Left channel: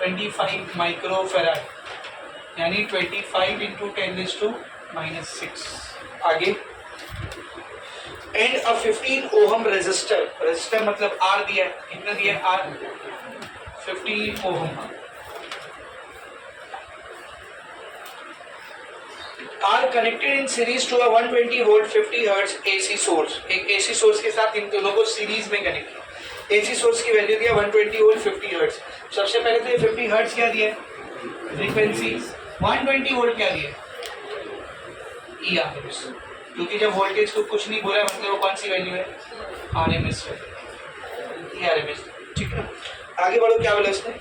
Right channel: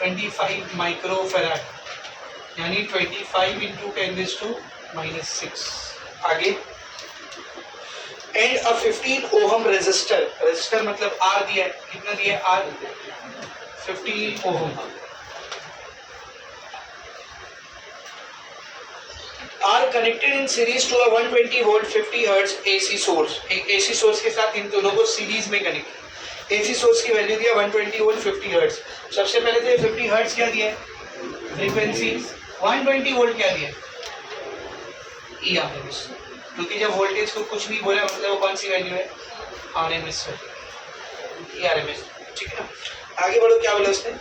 25 micro farad यानी 25 into 10⁻⁻⁶। आगे and a 15 ohm resistor, resistor मतलब आर दिया है, कितना दिया है R 15 ohm, are connected in series to a 120 volt 50 hertz AC source. एक एसी सोर्स के साथ इन दोनों को सीरीज में कनेक्ट। एसी सोर्स की वैल्यू दिया 120 वोल्ट 50 हर्ट्ज। सबसे पहले तो 50 हर्ट्ज क्या दिया है फ्रीक्वेंसी, 120 वोल्ट क्या दिया ई आर एम एस, क्योंकि जब वोल्टेज को कुछ नहीं बोला मतलब वो कौन सी वैल्यू है R M S value, E R M S, ठीक है ना। आगे बढ़ो, क्या बोला उसने,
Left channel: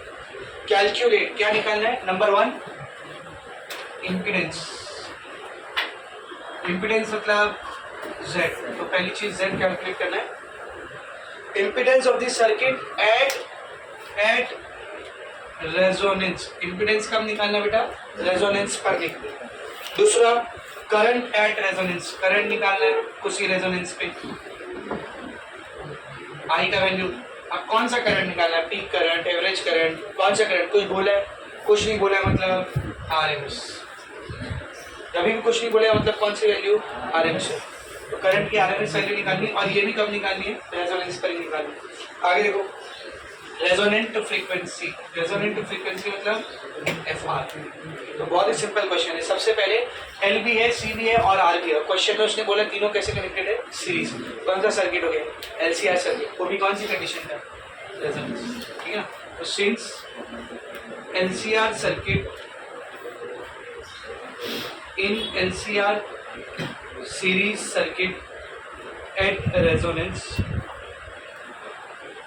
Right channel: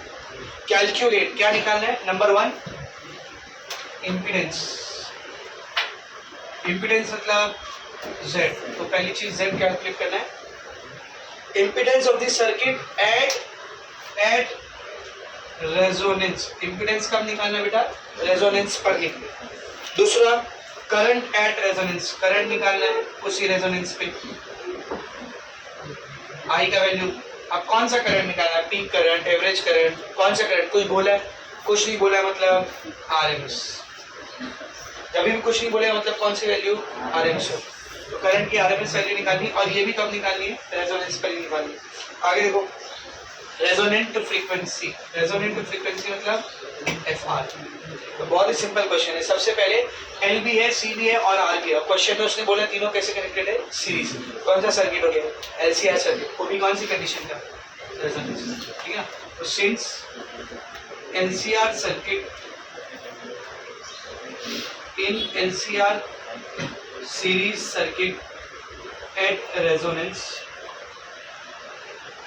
कैलकुलेट, क्या निकालना है, नंबर 1 इम्पीडेंस, इम्पीडेंस मतलब Z, तो पहली चीज Z कैलकुलेट करना है, impedance of the circuit at resonance, impedance कब निकालना है बेटा, रेजोनेंस पर निकले। दूसरा करंट एट रेजोनेंस, करंट निकालना है उसी रेजोनेंस पे, I का वैल्यू। अब कौन सा करंट निकालना है, पीक करंट, एवरेज करंट, कौन सा करंट, कुछ बोला है, कुछ नहीं बोला है मतलब RMS, जब भी कुछ नहीं बोलेगा मतलब कौन सी वैल्यू RMS। तो करंट की RMS वैल्यू निकालनी, और ये भी कब निकालनी है, रेजोनेंस पर ही निकालनी। आगे देखो रेजोनेंट फ्रीक्वेंसी, रेजोनेंट फ्रीक्वेंसी मतलब FR। तो बहुत ही सिंपल क्वेश्चन है, सबसे पहले L भी है, C भी है और R भी है। क्वेश्चन में उसने बोला तीनों कैसे कनेक्टेड है, सीरीज। कौन सा सर्किट हो गया, LCR सर्किट, वो भी कौन सी कंडीशन का, रेजोनेंस, ठीक है। तो since LCR circuit in LCR series circuit at resonance,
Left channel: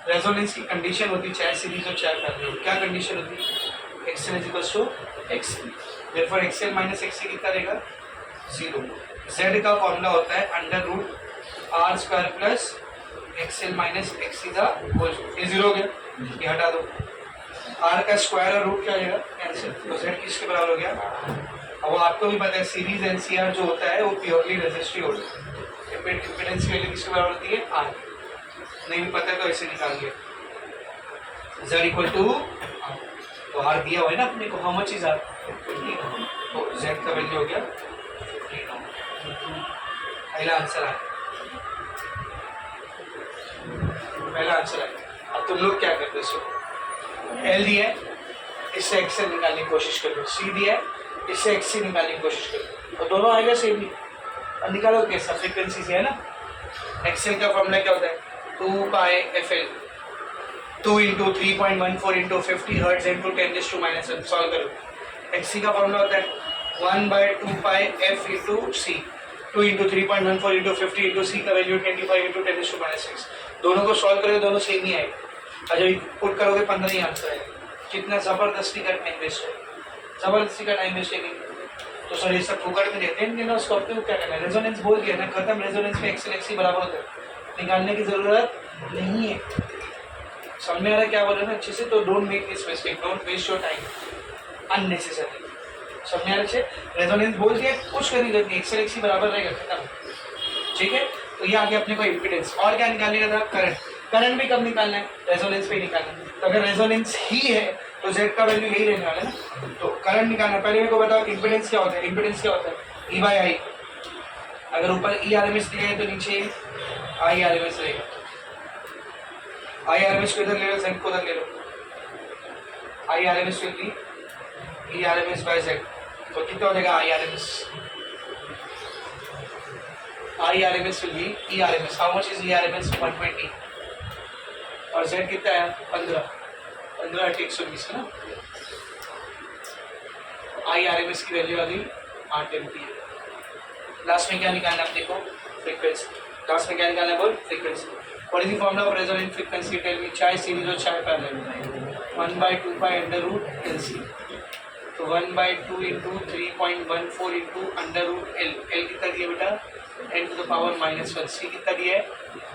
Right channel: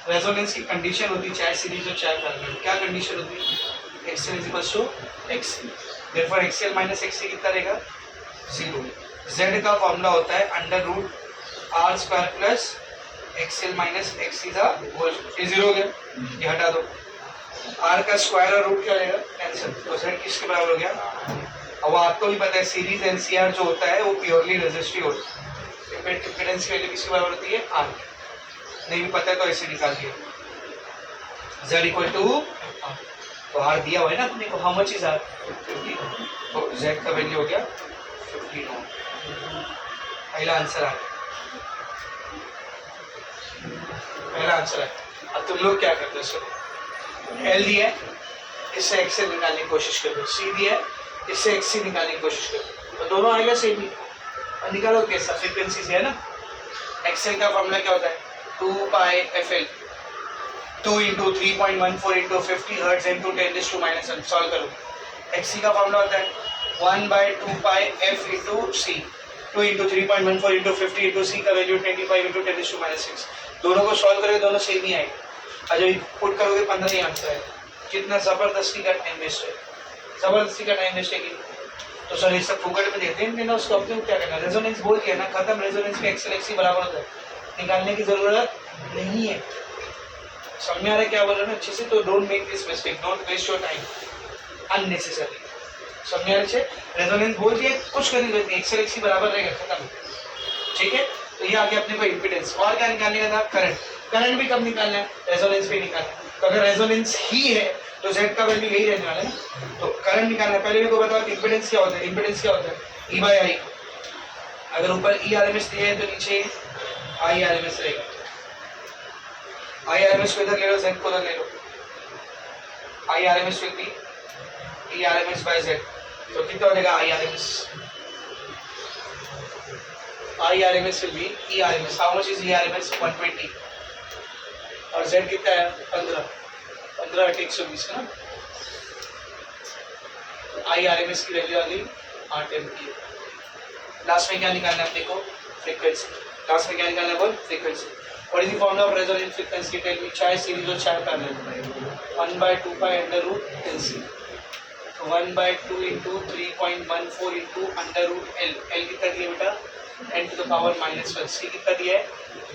resonance की कंडीशन होती है चाहे सीरीज और चाहे पैरेलल, क्या कंडीशन होती है, XL equals to XC, therefore XL minus XC कितना रहेगा 0। Z का फॉर्मूला होता है √R² plus XL minus XC का होल, ये 0 हो गया, ये हटा दो, R का स्क्वायर और रूट क्या रहेगा कैंसिल, तो Z किसके बराबर हो गया। अब आपको भी पता है सीरीज LCR जो होता है वो प्योरली रेजिस्टिव होता है, इम्पीडेंस की वैल्यू किसके बराबर होती है R, नहीं भी पता है तो ऐसे निकाल दिया Z इक्वल टू R, तो R दिया हुआ है ना अपने को, हाउ मच इज R 15, तो Z का वैल्यू हो गया 15 ओम। पहला आंसर आ गया, पहला आंसर आ गया। अब तुम लोग क्या करते हो, L दिया है इससे XL निकालने की कोशिश करो, C दिया है इससे XC निकालने की कोशिश करो, और दोनों आएगा सेम ही, और निकालो कैसा, फ्रीक्वेंसी से है ना। XL का फॉर्मूला क्या होता है 2πfL, 2 into 3.14 into 50 hertz into 10⁻⁻⁻⁻, solve करो। XC का फॉर्मूला होता है 1/2πf into C, 2 into 3.14 into 50 into C का वैल्यू 25 इंटू 10⁻⁻⁶। दोनों को सॉल्व करोगे दोनों सेम ही आएगा, और जब पुट करोगे 15 ही आंसर आएगा। कितना ज़बरदस्ती का टाइम वेस्ट है, जबरदस्ती का टाइम वेस्ट है। तो सर ये सब फुकट में देते हैं ना, उसको अपने क्या करना है, रेजोनेंस बोल दिया ना, खत्म, रेजोनेंस में XL XC बराबर होता है, निकालने की जरूरत नहीं है। समझ में आ रहा है क्या बोल रहे हैं अच्छे से, तो don't make this mistake, don't waste your time unnecessary. समझ में आ रहा है, रेजोनेंस बोल दिया, कुछ करने की जरूरत नहीं, XL XC बराबर रहेगा, खत्म, ठीक है। तो ये आगे अपने को इम्पीडेंस, और क्या निकालने का था, करंट, करंट भी कब निकालना है, रेजोनेंस पे निकालना है। तो अगर रेजोनेंस ही है तो Z का वैल्यू यही रहने वाला है ना, तो करंट निकालना है। पहले मेरे को बताओ इम्पीडेंस क्या होता है, इम्पीडेंस क्या होता है E/I, अगर ऊपर ERMS दिया है तो नीचे IRMS रहेगा, IRMS को इधर ले लो, Z को उधर ले लो, IRMS will be ERMS by Z, तो कितना हो जाएगा IRMS will be ERMS, how much is ERMS 120, और Z कितना है 15 120 है ना, IRMS की वैल्यू आ गई 8 एम्पीयर। लास्ट में क्या निकालना है अपने को, फ्रीक्वेंसी, लास्ट में क्या निकालना है बोल, frequency. What is the formula of resonant frequency, tell me, चाहे सीरीज और चाहे पैरेलल, 1/2π √LC, तो 1/2 इंटू 3.14 इंटू √L, L कितना दिया बेटा n⁻⁻⁻1, C कितना दिया है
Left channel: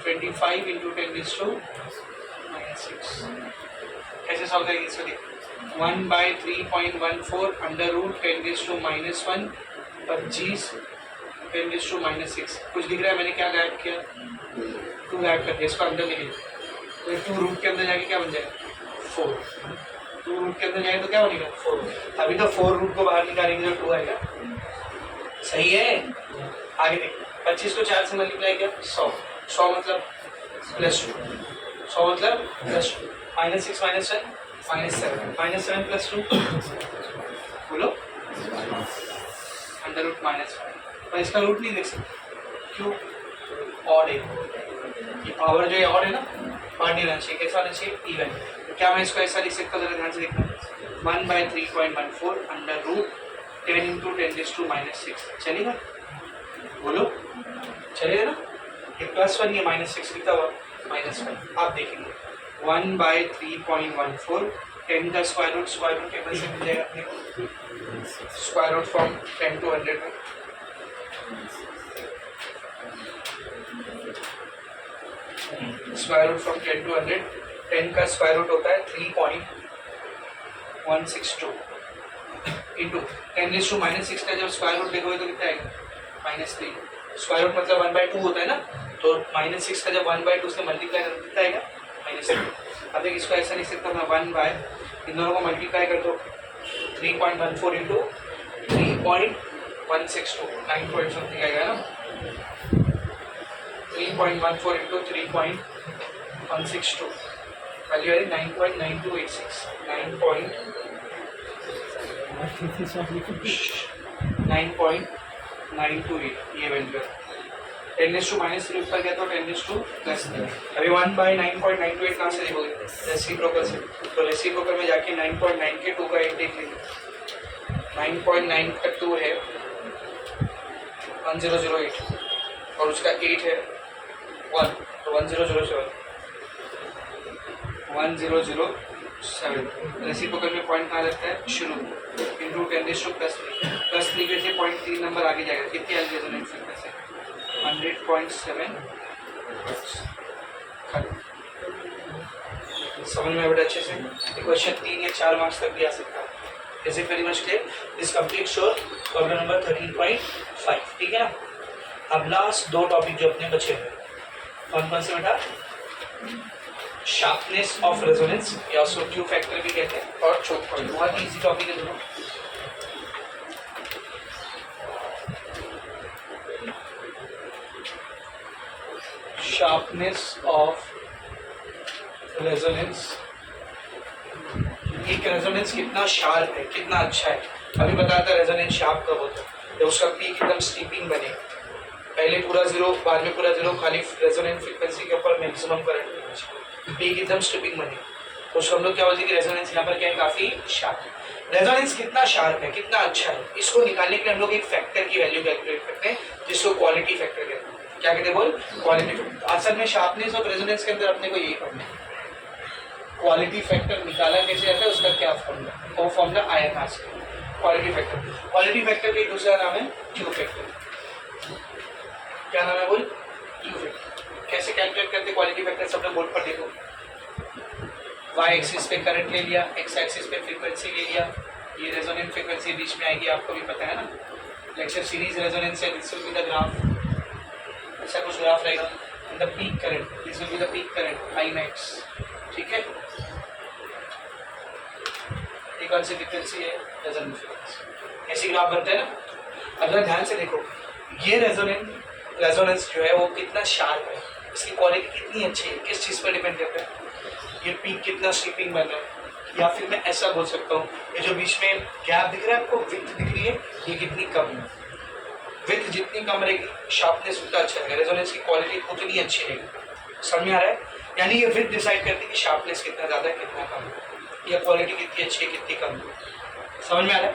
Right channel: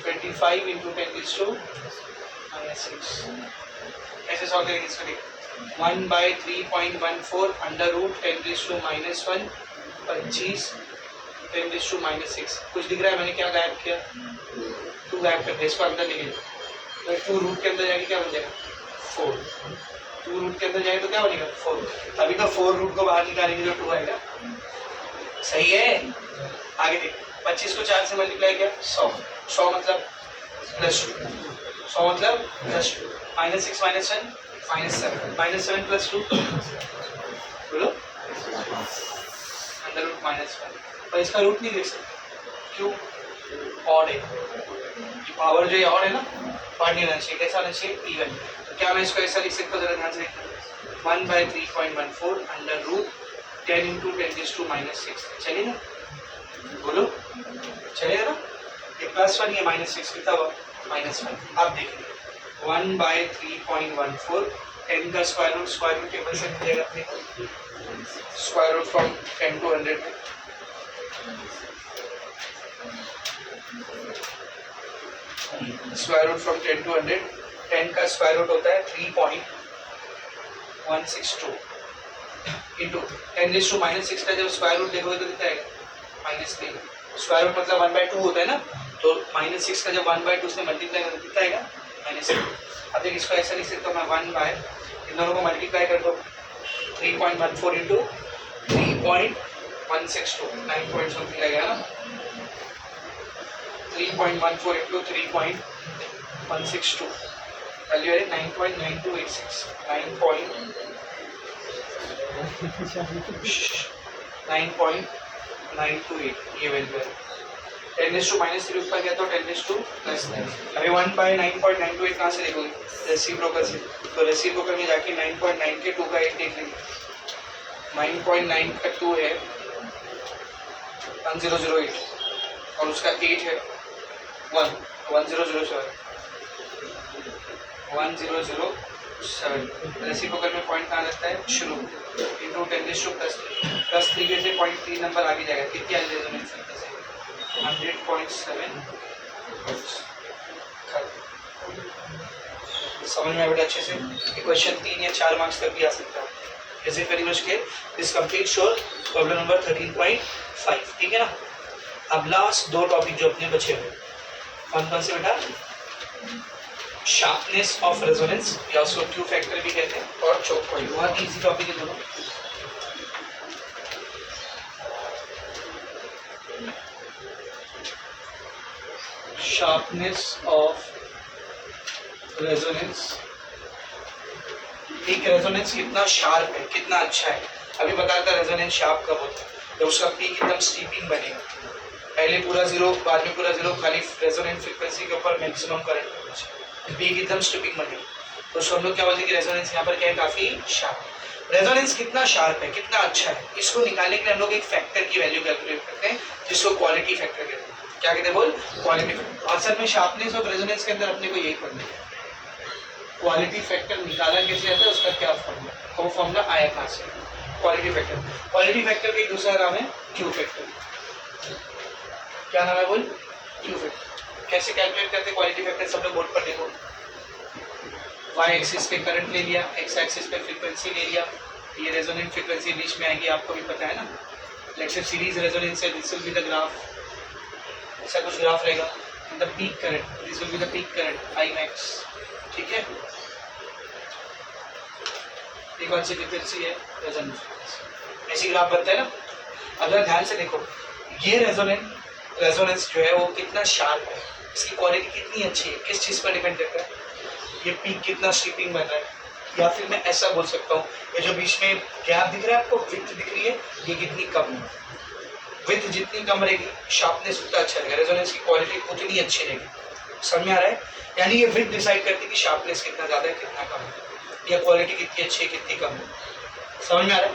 25 इंटू 10⁻⁻⁻⁶। कैसे सॉल्व करेंगे इसको, देख 1/3.14 √10⁻⁻1 25 10⁻⁻6, कुछ दिख रहा है, मैंने क्या गायब किया, 2 गायब कर दिया, इसको अंदर लिखे, तो 2 रूट के अंदर जाके क्या बन जाएगा 4, 2 रूट के अंदर जाए तो क्या बनेगा 4। अभी तो 4 रूट को बाहर निकालेंगे तो 2 आएगा। सही है। आगे देख 25 को 4 से मल्टीप्लाई किया 100। 100 मतलब +2। 100 मतलब +2। -6 -1 -7 -7 + 2 बोलो √-1। पर इसका रूट नहीं देख सकते क्यों? ऑड है। पावर जो है ऑड है ना, ऑड नहीं रहना चाहिए। कैसा रहना चाहिए? इवन। तो क्या मैं इसको ऐसा लिख सकता हूँ? जरा ध्यान से देखना। 1/3.14 √10 × 10⁻⁻6 चलेगा? बोलो चलेगा ना? ये +1 या -6 कितना हुआ? -1। आप देखेंगे 1/3.14 10 का स्क्वायर रूट टेबल से मिल जाएगा अपने को। स्क्वायर रूट फ्रॉम 10 to 100 में स्क्वायर रूट फ्रॉम 10 to 100। 10 का स्क्वायर रूट होता है 3.162 इंटू 10⁻⁻6 का जब स्क्वायर रूट देखोगे तो कितना आएगा? -3। स्क्वायर रूट मतलब 1/2 होता है ना, तो -6 का जब 1/2 से मल्टीप्लाई करो कितना आएगा? -3। अब देखिए इसको ऐसा लिख सकता हूँ मैं 1 बाय इन दोनों को मल्टीप्लाई कर दो 3.14 इंटू 3.162 9 पॉइंट समथिंग आएगा ना। 3.14 इंटू 3.162 वैल्यू है 9.9286 9.928 ये वैल्यू है। 10⁻³ ऊपर गया तो 10⁻+3। अभी 1/9.928 कहाँ से देखोगे? रेसिप्रोकल से। तो रेसिप्रोकल में जाके 9.9 के 2 का 8 देख लेंगे। 9.9 का 2 है 1008 और उसका 8 है 1 तो 1007 रेसिप्रोकल में पॉइंट कहाँ लगता है? शुरू इंटू 10⁻+3 के से 0.3 नंबर आगे जाएगा। कितनी आ रेजोनेंस है? 100.7। समझ में बेटा अच्छे से? क्वेश्चन 3 या 4 मार्क्स तक भी आ सकता है। Is it very much clear? This complete sure problem number 13.5। ठीक है ना? अब लास्ट 2 टॉपिक जो अपने बचे हुए कौन कौन से बेटा? शार्पनेस ऑफ रेजोनेंस या उसको क्यू फैक्टर भी कहते हैं और चोक पॉइंट। बहुत इजी टॉपिक है दोनों। Sharpness of resonance. एक रेजोनेंस कितना शार्प है, कितना अच्छा है। अभी बताता है रेजोनेंस शार्प कब होता है? तो उसका पीक एकदम स्टीपिंग बनेगा। पहले पूरा 0 बाद में पूरा 0 खाली रेजोनेंट फ्रीक्वेंसी के ऊपर मैक्सिमम करंट पीक एकदम स्टीपिंग बनेगा। तो उसको हम लोग क्या बोलते हैं कि रेजोनेंस यहाँ पर क्या है? काफी शार्प। रेजोनेंस कितना शार्प है, कितना अच्छा है, इसको निकालने के लिए हम लोग एक फैक्टर की वैल्यू कैलकुलेट करते हैं जिसको क्वालिटी फैक्टर कहते हैं। क्या कहते हैं? बोल क्वालिटी फैक्टर। असल में शार्पनेस और रेजोनेंस के अंदर अपने को यही पढ़ना है। क्वालिटी फैक्टर निकाला कैसे जाता है, उसका क्या फॉर्मूला? वो फॉर्मूला आया कहाँ से? Quality factor. क्वालिटी फैक्टर का एक दूसरा नाम है क्यू फैक्टर। क्या नाम है? बोल क्यू फैक्टर। कैसे कैलकुलेट करते क्वालिटी फैक्टर? सब लोग बोर्ड पर देखो। वाई एक्सिस पे करंट ले लिया, एक्स एक्सिस पे फ्रीक्वेंसी ले लिया। ये रेजोनेंट फ्रीक्वेंसी बीच में आएगी, आपको भी पता है ना। लेट्स से सीरीज रेजोनेंस है, this will be the graph. ऐसा कुछ ग्राफ रहेगा। And the peak current, this will be the peak current I max. ठीक है? ये कौन सी फ्रीक्वेंसी है? Resonant frequency. ऐसी ग्राफ बनता है ना। अगर ध्यान से देखो, ये रेजोनेंस जो है वो कितना शार्प है, इसकी क्वालिटी कितनी अच्छी है, किस चीज़ पर डिपेंड करता है? ये पीक कितना स्ट्रिपिंग बन रहा है। या फिर मैं ऐसा बोल सकता हूँ, ये जो बीच में गैप दिख रहा है आपको, विड्थ दिख रही है, ये कितनी कम है। विड्थ जितनी कम रहेगी शार्पनेस उतना अच्छा रहेगा, रेजोनेंस की क्वालिटी उतनी अच्छी रहेगी। समझ में आ रहा है? यानी ये विड्थ डिसाइड करती है कि शार्पनेस कितना ज़्यादा है कितना कम है, या क्वालिटी कितनी अच्छी है कितनी कम है। समझ में आ रहा है?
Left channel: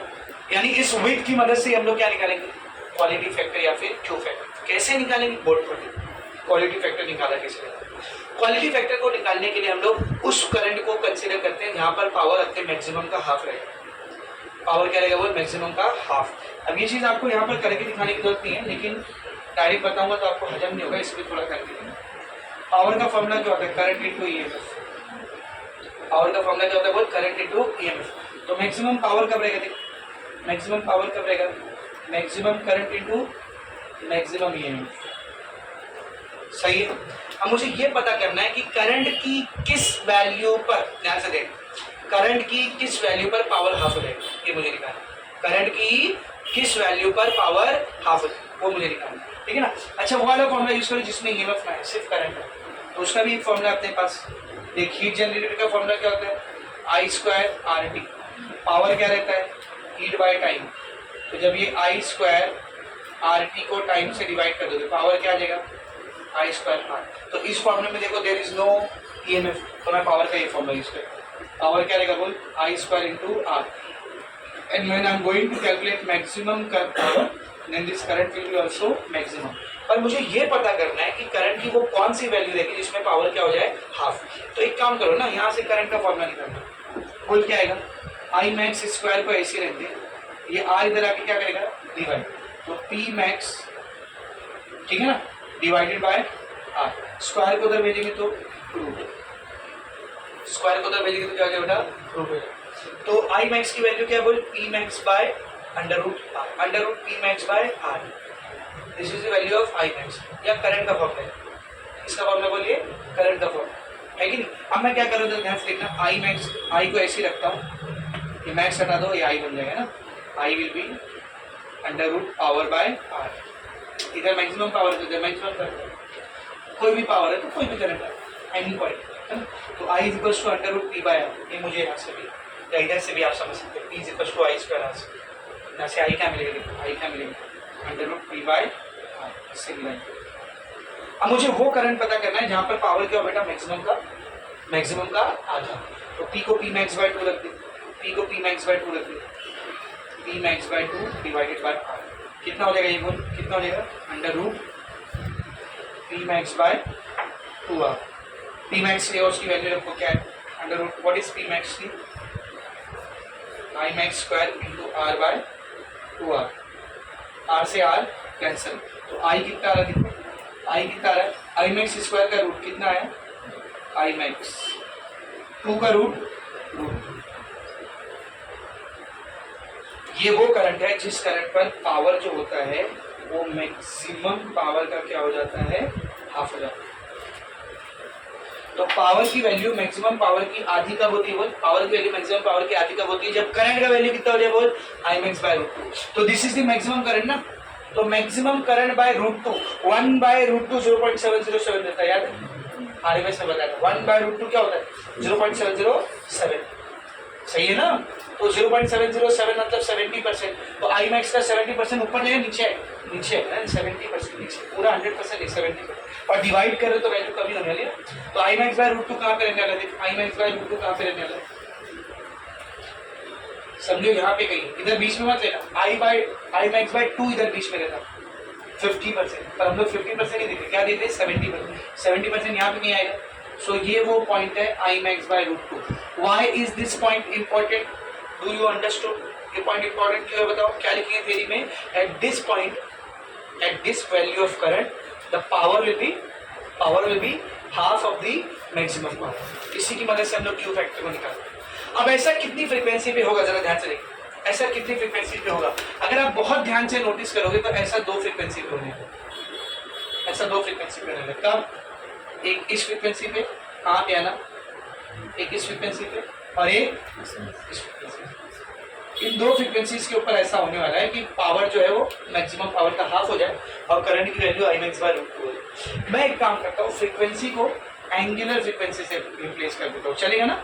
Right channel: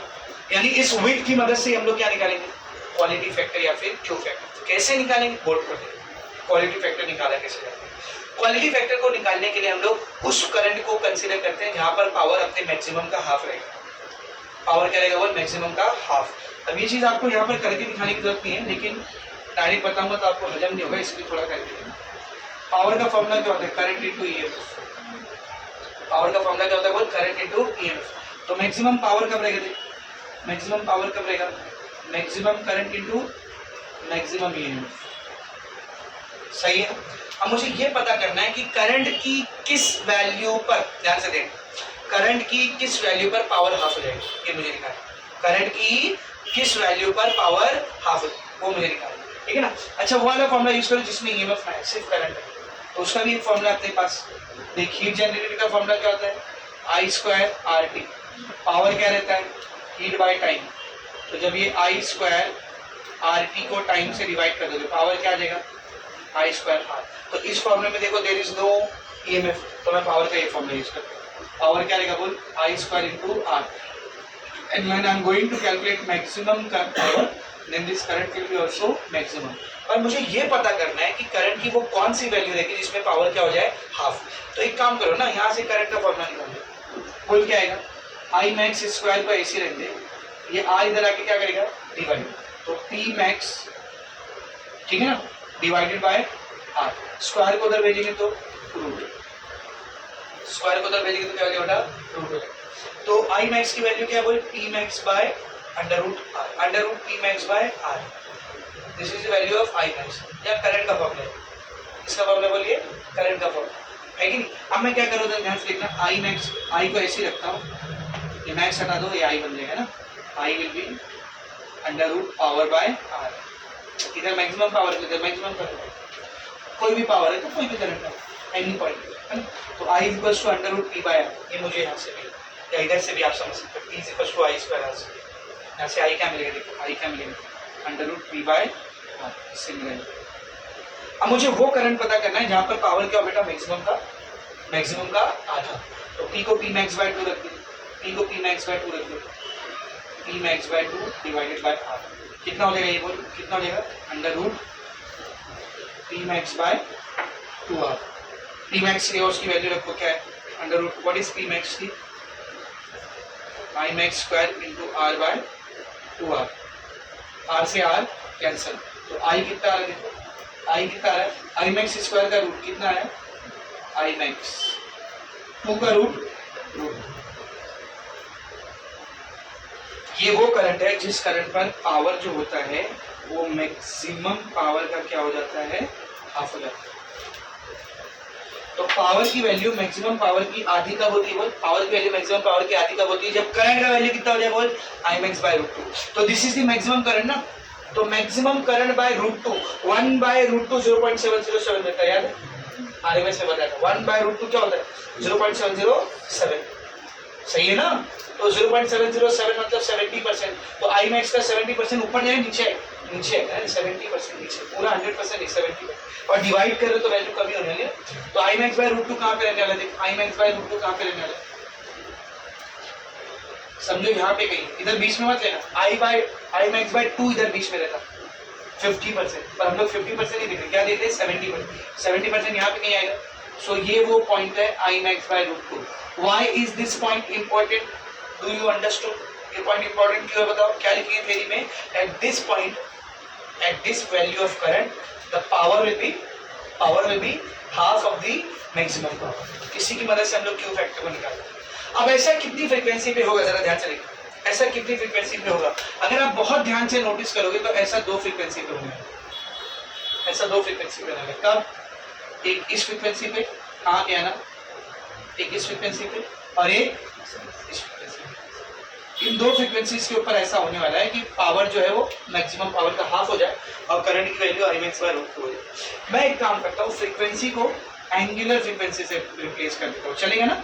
यानी इस विड्थ की मदद से हम लोग क्या निकालेंगे? क्वालिटी फैक्टर या फिर क्यू फैक्टर। कैसे निकालेंगे? बोर्ड पर क्वालिटी फैक्टर निकाला कैसे जाता है? क्वालिटी फैक्टर को निकालने के लिए हम लोग उस करंट को कंसीडर करते हैं जहाँ पर पावर अपने मैक्सिमम का हाफ रहेगा। पावर क्या रहेगा? वो मैक्सिमम का हाफ। अब ये चीज़ आपको यहाँ पर करके दिखाने की जरूरत नहीं है, लेकिन डायरेक्ट बताऊंगा तो आपको हजम नहीं होगा, इसलिए थोड़ा करके दिखाऊंगा। पावर का फॉर्मूला क्या होता है? Current into EMF. पावर का फॉर्मूला क्या होता है? वो करंट इंटू ईएमएफ। तो मैक्सिमम पावर कब रहेगा? मैक्सिमम पावर कब रहेगा? Maximum current into maximum EMF. सही है? अब मुझे ये पता करना है कि करंट की किस वैल्यू पर, ध्यान से देख, करंट की किस वैल्यू पर पावर हाफ हो जाएगी, ये मुझे निकालना। करंट की किस वैल्यू पर पावर हाफ हो जाएगी वो मुझे निकालना, ठीक है ना। अच्छा वो वाला फॉर्मूला यूज करो जिसमें ईएमएफ ना है, सिर्फ करंट है, तो उसका भी एक फॉर्मूला अपने पास। देख हीट जनरेटर का फॉर्मूला क्या होता है, आई स्क्वायर आर टी। पावर क्या रहता है, हीट बाय टाइम। तो जब ये आई स्क्वायर आर टी को टाइम से डिवाइड कर दोगे, पावर क्या आ जाएगा, आई स्क्वायर आर। तो इस फॉर्मूले में देखो देयर इज नो ईएमएफ, तो मैं पावर का ये फॉर्मूला यूज करता हूँ। पावर क्या रहेगा बोल, I square into R. And when I am going to calculate maximum power then this current will be also maximum. पर मुझे ये पता करना है कि करंट की वो कौन सी वैल्यू रहेगी जिसमें पावर क्या हो जाए, हाफ। तो एक काम करो ना, यहाँ से करंट का फॉर्मूला निकाल दो। बोल क्या आएगा, आई मैक्स स्क्वायर को ऐसे रहने दे, ये आर इधर आके क्या करेगा, डिवाइड। तो पी मैक्स, ठीक है ना, डिवाइडेड बाय आर। स्क्वायर को उधर भेजेंगे तो रूट, स्क्वायर को उधर भेजेंगे तो क्या हो जाएगा, रूट हो जाएगा। तो आई मैक्स की वैल्यू क्या है बोल, P max by under root R, under root P max by R. This is the value of I max, या करंट का फॉर्मूला है। इसका फॉर्मूला बोलिए करंट का फॉर्मूला है कि नहीं। अब मैं क्या कर रहा था, ध्यान से देखना, आई मैक्स, आई को ऐसे ही रखता हूँ, ये मैक्स हटा दो, ये आई बन जाएगा ना। I will be under root power by R. इधर मैक्सिमम पावर, इधर मैक्सिमम करंट, कोई भी पावर है तो कोई भी करंट है, एनी पॉइंट, है ना। तो I is equal to under root P by R, ये मुझे यहाँ से भी या इधर से भी आप समझ सकते हो, P is equal to I square R. यहाँ से आई क्या मिलेगा, देखो आई क्या मिलेगा, under root P by R, इससे मिलेगा। अब मुझे वो करंट पता करना है जहाँ पर पावर क्या हो बेटा, मैक्सिमम का आधा। तो पी को पी मैक्स बाय 2 रख दे, पी को पी मैक्स बाय 2 रख दे, P max by 2 divided by R. कितना हो जाएगा ये बोल, कितना हो जाएगा, under root P max by 2 R. P max की और उसकी वैल्यू रखो क्या है, under root, what is P max की, I max square into R by 2 R. R से आर कैंसिल, तो आई कितना आ रहा है, देखो आई कितना आ रहा है, आई मैक्स स्क्वायर का रूट कितना है, आई मैक्स 2 का रूट। ये वो करंट है जिस करंट पर पावर जो होता है वो मैक्सिमम पावर का क्या हो जाता है, हाफ हो जाता है। तो पावर की वैल्यू मैक्सिमम पावर की आधी कब होती है, बोल पावर की वैल्यू मैक्सिमम पावर की आधी कब होती है, जब करंट का वैल्यू कितना हो जाए, बोल आई मैक्स बाय रूट 2। तो this is the maximum current ना, तो maximum current by root 2, 1 by root 2 0.707 देता है, याद है आरएमएस में बताया था। 1 बाय रूट 2 क्या होता है, 0.707, सही है ना। तो 0.707 मतलब 70%। तो आई मैक्स का 70% ऊपर नहीं, नीचे है 70% नीचे, पूरा 100% नहीं, 70%। और डिवाइड करो तो वैल्यू कमी होने वाली है। तो आई मैक्स बाय रूट 2 कहाँ पे रहने वाला है, आई मैक्स बाय रूट 2 कहाँ पे रहने वाला है, समझो यहाँ पे कहीं, इधर बीच में मत लेना, आई मैक्स बाय 2 इधर बीच में रहता 50%, पर हम लोग 50% नहीं देते, क्या देते हैं 70%। 70% यहाँ पे नहीं आएगा। सो ये वो पॉइंट है I max by root 2। Why is this point important, do you understood, ये पॉइंट इंपॉर्टेंट क्यों है बताओ, क्या लिखेंगे थ्योरी में, at this point, at this value of current the power will be half of the maximum power. इसी की मदद से हम लोग क्यू फैक्टर को निकालते हैं। अब ऐसा कितनी फ्रीक्वेंसी पे होगा, जरा ध्यान से देखिए, ऐसा कितनी फ्रीक्वेंसी पे होगा। अगर आप बहुत ध्यान से नोटिस करोगे तो ऐसा 2 फ्रीक्वेंसी पे होने वाला, ऐसा 2 फ्रीक्वेंसी पे होने वाला। कब, एक इस फ्रीक्वेंसी पे, कहाँ पे आना, एक इस फ्रीक्वेंसी पे और एक इस फ्रीक्वेंसी पे। इन 2 फ्रीक्वेंसीज के ऊपर ऐसा होने वाला है कि पावर जो है वो मैक्सिमम पावर का हाफ हो जाए और करंट की value I max by root 2 हो जाए। मैं एक काम करता हूँ, फ्रीक्वेंसी को एंगुलर फ्रीक्वेंसी से रिप्लेस कर देता हूँ, चलेगा ना।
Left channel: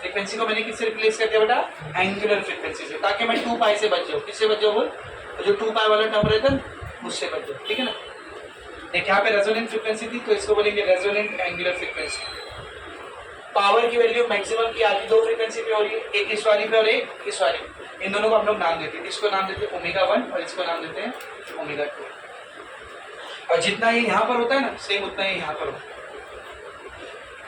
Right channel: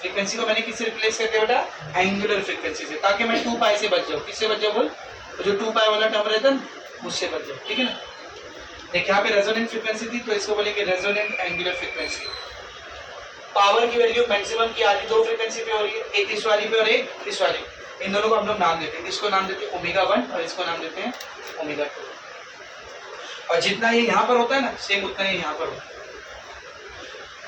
फ्रीक्वेंसी को मैंने किससे रिप्लेस कर दिया बेटा, एंगुलर फ्रीक्वेंसी से, ताकि मैं 2 पाई से बच जाऊँ। किससे बच जाऊँ बोल, तो जो 2 पाई वाला टर्म रहता है उससे बच जाऊँ, ठीक है ना। देख यहाँ पे रेजोनेंट फ्रीक्वेंसी थी तो इसको बोलेंगे रेजोनेंट एंगुलर फ्रीक्वेंसी। पावर की वैल्यू मैक्सिमम की आधी 2 फ्रीक्वेंसी पे हो रही है, एक इस वाली पे और एक इस वाली पे। इन दोनों को हम लोग नाम देते हैं, इसको नाम देते हैं ओमेगा 1 और इसको नाम देते हैं ओमेगा 2। और जितना ये यहाँ पर होता है ना, सेम उतना ही यहाँ पर होता है।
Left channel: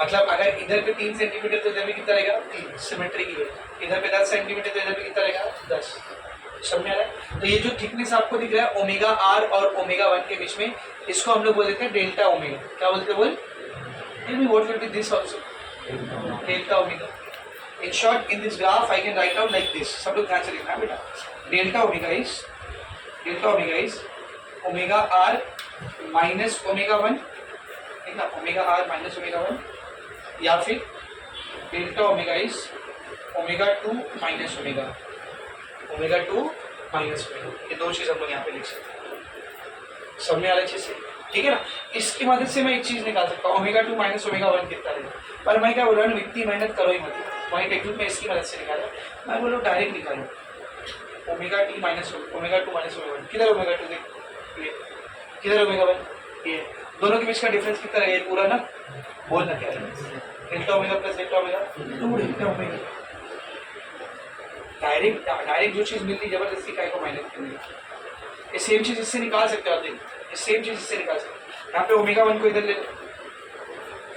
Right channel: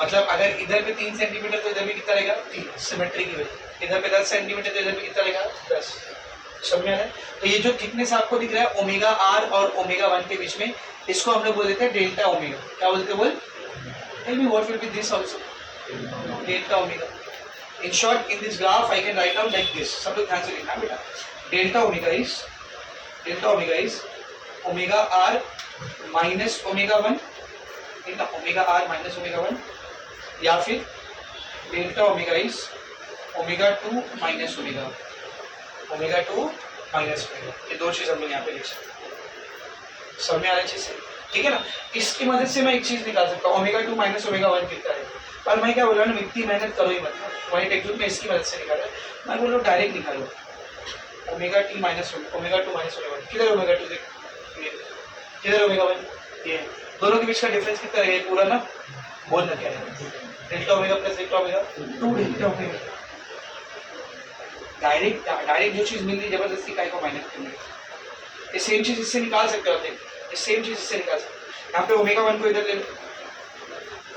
मतलब अगर इधर पे 3 सेंटीमीटर तो इधर भी कितना रहेगा 3, सिमेट्री की वजह। इधर पे 10 सेंटीमीटर तो इधर पे कितना रहेगा 10, समझ में आ रहा है। तो ये जो थिकनेस आपको दिख रहा है ओमेगा आर और ओमेगा 1 के बीच में, इसको हम लोग बोल देते हैं डेल्टा ओमेगा। क्या बोलते हैं बोल, maybe what will be this also, delta omega. In short, in this graph I can write down like this, सब लोग ध्यान से लिखना बेटा। Delta omega is omega R minus omega 1, ठीक ना, ओमेगा आर माइनस ओमेगा 1, या फिर delta omega is omega 2 minus omega 2 minus omega, ये दो चीज हम लोग यहाँ पे लिख सकते हैं। समझ में आ रहा है अच्छे से? ठीक है ना। इसकी मदद से मैं एक चीज निकाल सकता हूँ, ओमेगा 2 माइनस ओमेगा 1 कितना है। पर मैं क्या बोल रहा हूँ, इतनी मेहनत करो ही मत, वही टेक्निक में इसकी मदद से निकाला। मैं बोल रहा हूँ डायरेक्ट निकालो, ओमेगा 2 माइनस ओमेगा 1। किधर ओमेगा 2 देख, ये किधर ओमेगा 1, ये दोनों के बीच का डिफरेंस कितना है पूरा ना, बोलना क्या है, delta omega plus delta omega 2 delta omega. Direct जो चीज मिल रही जबरदस्ती काय को माइनस करनी है। ये सेम चीज इससे निकाल सकते हो आप, ये सेम चीज इससे निकाल सकते हो। यहाँ पे ओमेगा 1 को इधर ले लो,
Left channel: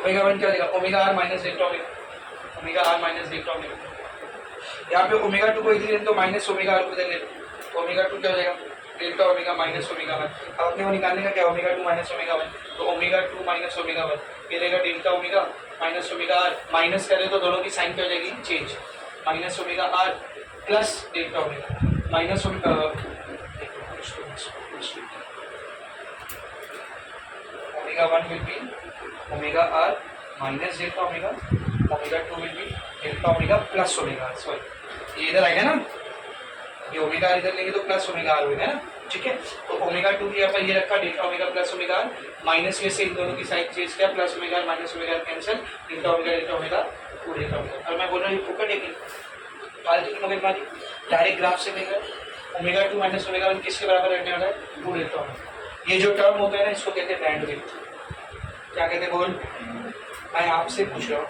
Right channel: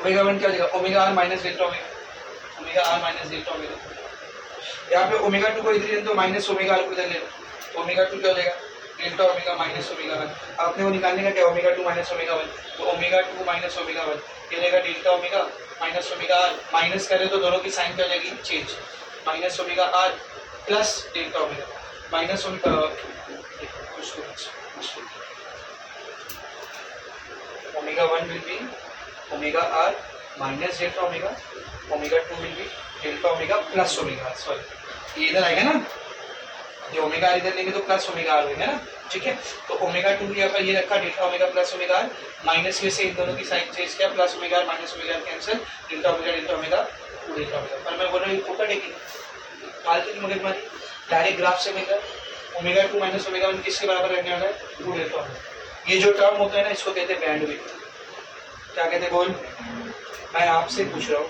ओमेगा 1 क्या लेगा, omega R minus delta omega, omega R minus delta omega. यहाँ पे ओमेगा 2 को इधर ले तो माइनस ओमेगा आर को इधर ले लो, तो ओमेगा 2 क्या हो जाएगा, डेल्टा ओमेगा माइनस ओमेगा 1। अब अपने को निकालने का क्या, ओमेगा 2 माइनस ओमेगा 1, तो ओमेगा 2 माइनस ओमेगा 1 ये रहेगा delta omega minus omega R. Minus करें तो दोनों की साइन क्या हो जाएगी, change, minus omega R plus delta omega minus omega, omega 1 will be omega R minus delta omega, omega 2 will be delta omega plus omega, sorry ये इधर आएगा ना, ये ओमेगा आर इधर लेंगे तो प्लस ओमेगा आर होगा ना, ठीक है। तो ओमेगा 2 यहाँ पर ये रखा delta omega plus omega R, minus में से इन दोनों की साइन चेंज किया, plus omega R minus omega R cancel, delta omega 2 delta omega. और मैं बोल रहा हूँ ऊपर देखिए फालतू की मगजमारी, डायरेक्ट ग्राफ से मिल ओमेगा 2 माइनस ओमेगा 1 किसके बराबर रहने वाला है, 2 डेल्टा ओमेगा। ये जो टर्म होता है ना इसको कहते हैं बैंडविड्थ। क्या कहते हैं बोल, मैं आपसे पूछ रहा हूँ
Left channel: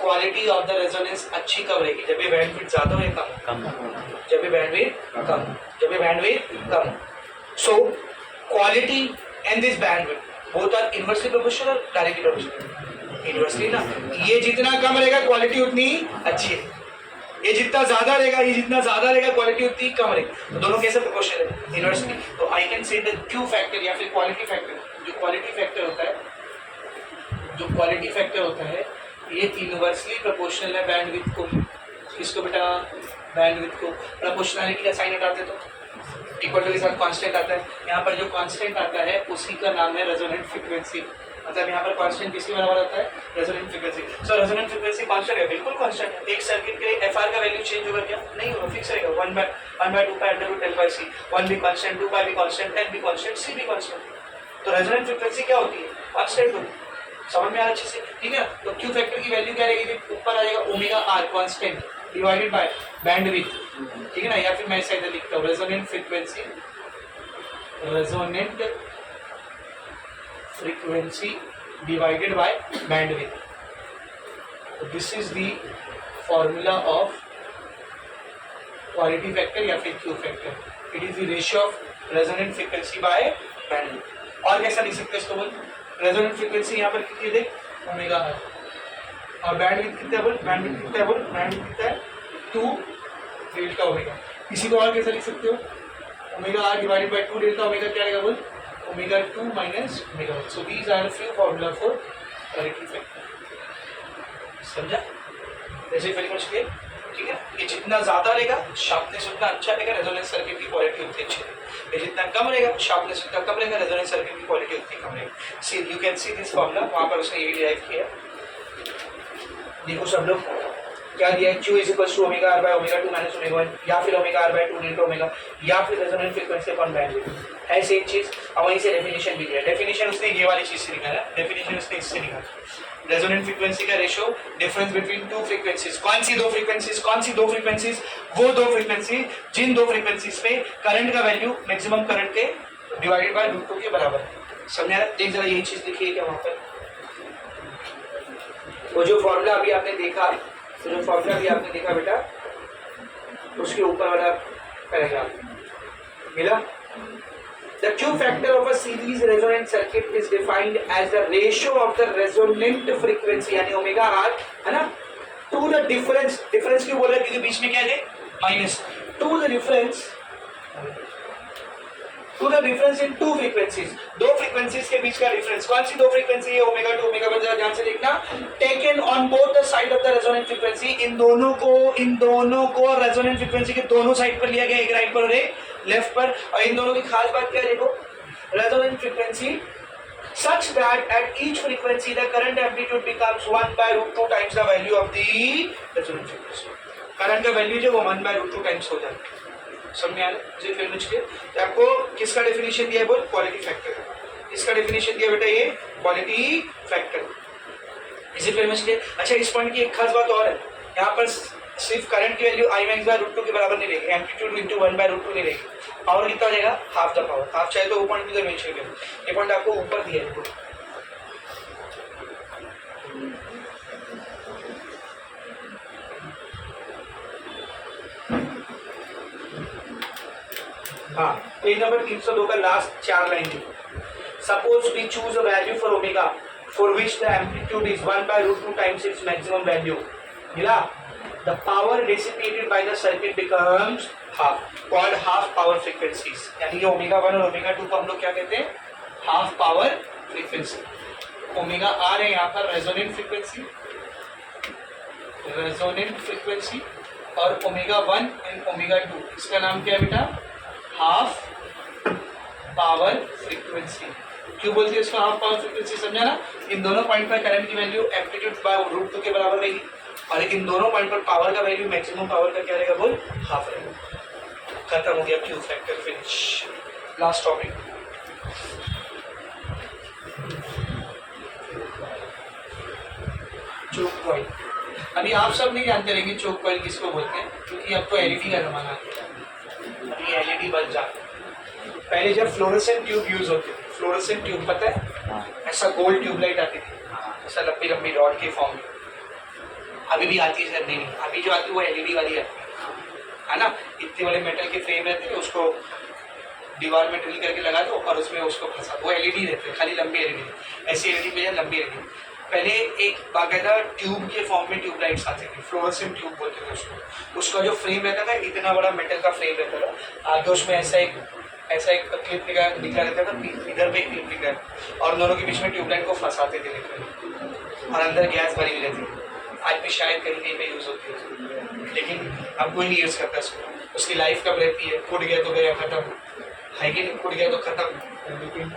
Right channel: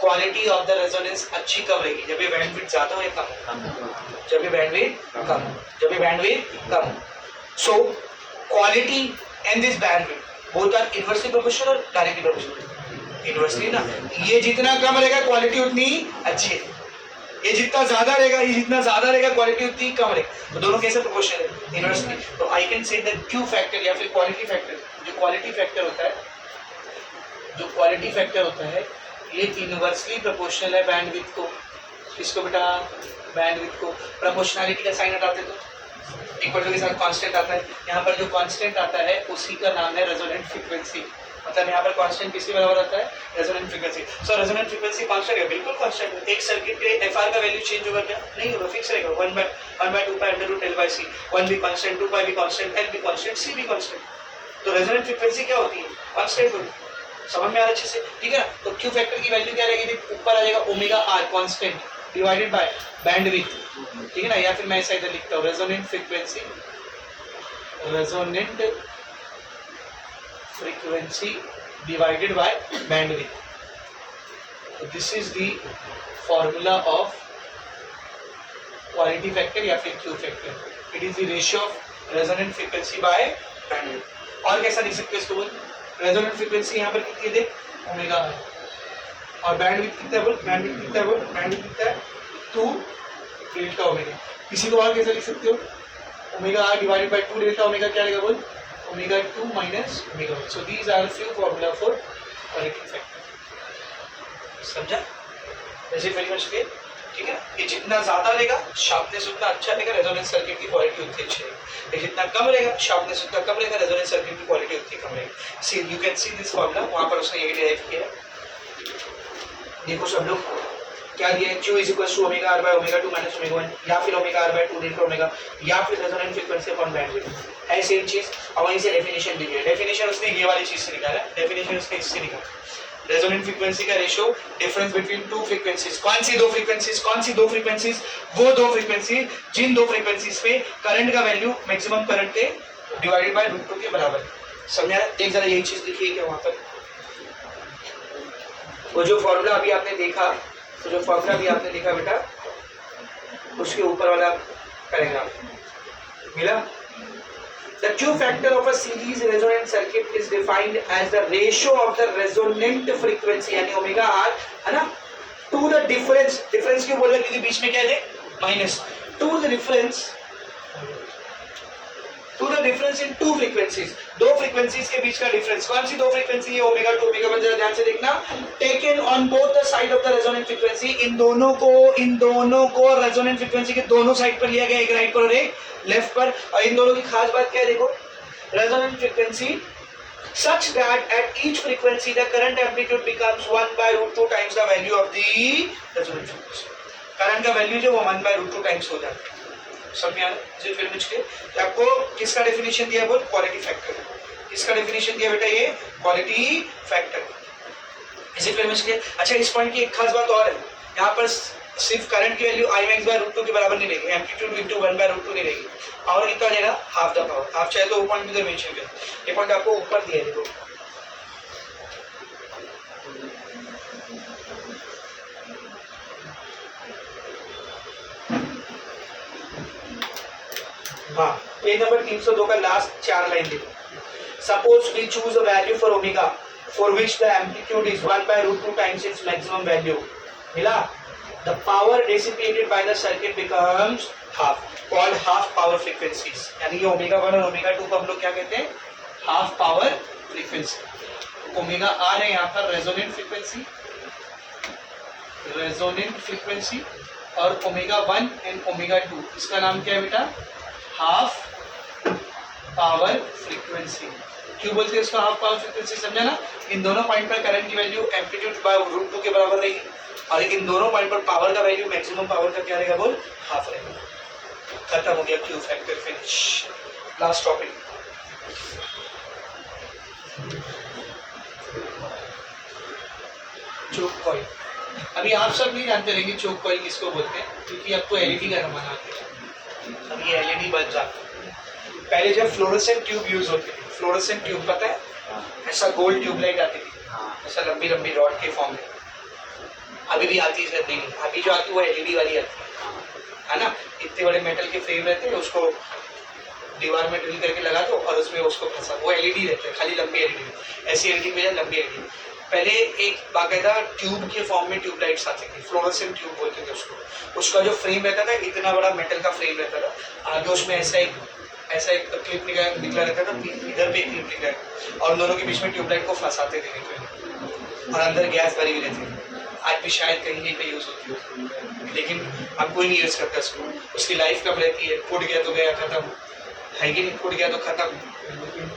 क्वालिटी ऑफ द रेजोनेंस अच्छी कब रहेगी, जब ये बैंडविड्थ ज्यादा हो या कम, जब ये बैंडविड्थ कम। So quality and this bandwidth both are inversely proportional और डायरेक्टली प्रोपोर्शनल। इनवर्सली ना, ये जितना कम रहेगा क्वालिटी उतनी अच्छी है, ये जितना ज्यादा रहेगा क्वालिटी उतनी कम रहेगी। तो दोनों कैसे प्रोपोर्शनल है, इनवर्सली। तो I can say that Q factor या फिर क्वालिटी फैक्टर, जो क्वालिटी फैक्टर होता है ये इनवर्सली प्रोपोर्शनल है बैंडविड्थ को। इसको बेटा बैंडविड्थ को प्रोपोर्शनलिटी का साइन हटाते तो इक्वल के साथ कांस्टेंट आता है, यहाँ पर जो कांस्टेंट आता है उसी का नाम है रेजोनेंट फ्रीक्वेंसी। मतलब यहाँ पर कांस्टेंट किसके बराबर आता है, रेजोनेंट फ्रीक्वेंसी। सो रेजोनेंट फ्रीक्वेंसी कांस्टेंट है, बिल्कुल कांस्टेंट है। एक सर्किट पे एफआर का वैल्यू चेंज होगा क्या, नहीं होगा, फिक्स रहेगा 1/2 pi under root L by C, 1 भी कांस्टेंट, 2 पाई भी कांस्टेंट, एल भी कांस्टेंट, सी भी कांस्टेंट। तो रेजोनेंट फ्रीक्वेंसी क्या होती है, कांस्टेंट होती है। समझ में आ रहा अच्छे से, ठीक है। तो क्यू फैक्टर की वैल्यू क्या रहेगी, ऊपर आ जाएगा omega R constant divided by bandwidth, ठीक है ना। या फिर मैं ऐसा इधर लिखता हूँ resonant frequency divided by bandwidth. So this is the formula of quality factor या फिर Q factor. It is the ratio of resonant frequency by bandwidth. और कैसा लिख सकते हैं इसको बोल, resonant frequency यहाँ पर कितनी है, ओमेगा है, और bandwidth कितना है बोल, bandwidth कितना है 2 डेल्टा ओमेगा। इसी को और कैसे लिख सकते हो, omega R divided by 2 delta omega क्या रहेगा बोल, omega 2 minus omega 1। So these are few formula for quality factor. समझा, जैसे वेरी मच क्लियर, ठीक है। ये जितना ज्यादा रहेगा शार्पनेस उतना अच्छा रहेगा, रेजोनेंस सर्किट की क्वालिटी उतनी अच्छी रहेगी। ये जितना कम रहेगा शार्पनेस उतना कम रहेगा, रेजोनेंस सर्किट की क्वालिटी उतनी कम रहेगी। See you can see this formula, वहां पर उसने यही डिराइव किया। देखो सब लोग क्या दिया है, Q is equal to omega R by omega 2 minus omega 1, या फिर omega R by 2 delta omega, या फिर रेजोनेंट फ्रीक्वेंसी अपॉन बैंडविड्थ है, सेम चीज। अब वहीं से डेफिनेशन भी दिया, डेफिनेशन उसने ये वाली चीज से निकाला, डेफिनेशन उसने इससे निकाला। रेजोनेंट फ्रीक्वेंसी का ratio difference between two frequencies. कौन सी दो फ्रीक्वेंसीज, वो दो फ्रीक्वेंसी जिन दो फ्रीक्वेंसीज पे करंट का वैल्यू मैक्सिमम करंट के डिवाइडेड बाय √2 के बराबर है। समझा, एक जरा यही चीज लिखी है क्या वहां पर, वो जो फॉर्मूला अभी आपने देखा, बेटा उसके ऊपर वाला पैराग्राफ मिला। The Q factor of a series resonant circuit is defined as the ratio of the resonant frequency यानी ओमेगा आर है ना, to the difference क्यों बोल रहे हैं, क्योंकि बीच में क्या है minus, to the difference in two frequencies, दो फ्रीक्वेंसीज के बीच का डिफरेंस। कौन सी दो फ्रीक्वेंसी है, ओमेगा 2 ओमेगा 1, जरा ध्यान से देखना। Taken on both the side of the resonant frequency, इन दोनों को रेजोनेंट फ्रीक्वेंसी के दोनों साइड पर लिया गया, एक राइट पर और एक लेफ्ट पर। और इन दोनों की खास बात क्या है देखो, resonant frequency such that at each frequency the current amplitude becomes 1 by root 2 times the value of the resonant frequency. Current का वैल्यू जो वो 1 by root 2 टाइम्स हो जाता है. समझ आ रहा है? इसे फिर मुझे आपको किसका डेफिनेशन दिया है? बोल क्वालिटी फैक्टर. इसका डेफिनेशन दिया बेटा ये क्वालिटी फैक्टर. इसे फिर मुझे अच्छा इस पॉइंट की एक खास बात और है. यहाँ पर सिर्फ करंट की value I max by root 2 के बराबर नहीं रहेगी, एम्पलीट्यूड इनटू 1 बाय रूट 2 नहीं रहेगी. पावर कितना रहेगा? Half the power. आप चाहे तो वो पॉइंट भी मेंशन करें. ये पॉइंट आपको ऊपर दिया है. देखो हाँ, पेज नंबर 302 का लास्ट 4 लाइन देखो. Suppose we choose a value for omega for which the amplitude is 1 by root 2 times its maximum value. मिला? The power dissipated by the circuit becomes half, called half power frequencies. यानी ये omega 1 और omega 2 को हम लोग क्या कहते हैं? Half power frequency. Omega R है यहाँ पर रेजोनेंट फ्रीक्वेंसी, और ओमेगा 1 एंड ओमेगा 2 इसका नाम क्या है बेटा? Half power frequency. क्यों बोलते हैं इसका हाफ पावर फ्रीक्वेंसी? समझा ना? इन दोनों पॉइंट पर करंट की वैल्यू एम्पलीट्यूड बाय रूट 2 के बराबर रहेगी, और इन दोनों पॉइंट पर पावर का वैल्यू मैक्सिमम पावर का क्या रहेगा? बोल हाफ रहेगा. खत्म हो गया Q factor. Finish. Last topic. Choke coil. अभी आप सब नहीं जानते रहेंगे चोक कॉइल किसको बोलते हैं, क्योंकि अब तो एलईडी का जमाना आ गया. अभी एलईडी बल्ब जाते हैं. पहले जब फ्लोरोसेंट ट्यूब यूज होती थी, फ्लोरोसेंट ट्यूब पता है? ऐसा गोल्ड ट्यूबलाइट आती थी, ऐसा लंबी लंबी रॉड के फॉर्म में. अभी भी आती है? नहीं, अभी जो आती है वो एलईडी वाली आती है ना. इतने बड़े मेटल के फ्रेम रहते हैं, उसको दीवार में ड्रिल करके लगा दो और उसमें उसको फंसा, वो एलईडी रहते हैं, खाली लंबी एलईडी. ऐसी एलईडी में लंबी एलईडी. पहले एक बाकायदा ट्यूब के फॉर्म में ट्यूबलाइट्स आती थी, फ्लोरोसेंट ट्यूब बोलते थे उसको. उसका जो फ्रेम रहता था इतना बड़ा मेटल का फ्रेम रहता था, आगे उसमें ऐसा एक क्लिप निकला रहता था, इधर पे एक क्लिप निकला, और दोनों के बीच में ट्यूबलाइट को फंसाते थे लिटरली, और अंदर गैस भरी हुई रहती थी. आज भी शायद कहीं कहीं पे यूज होती है, लेकिन अब कोई नहीं यूज करता उसको. उसकी लाइफ कब रहती है? फूट गया तो गया, खत्म है कि नहीं? फूट गया तो खत्म.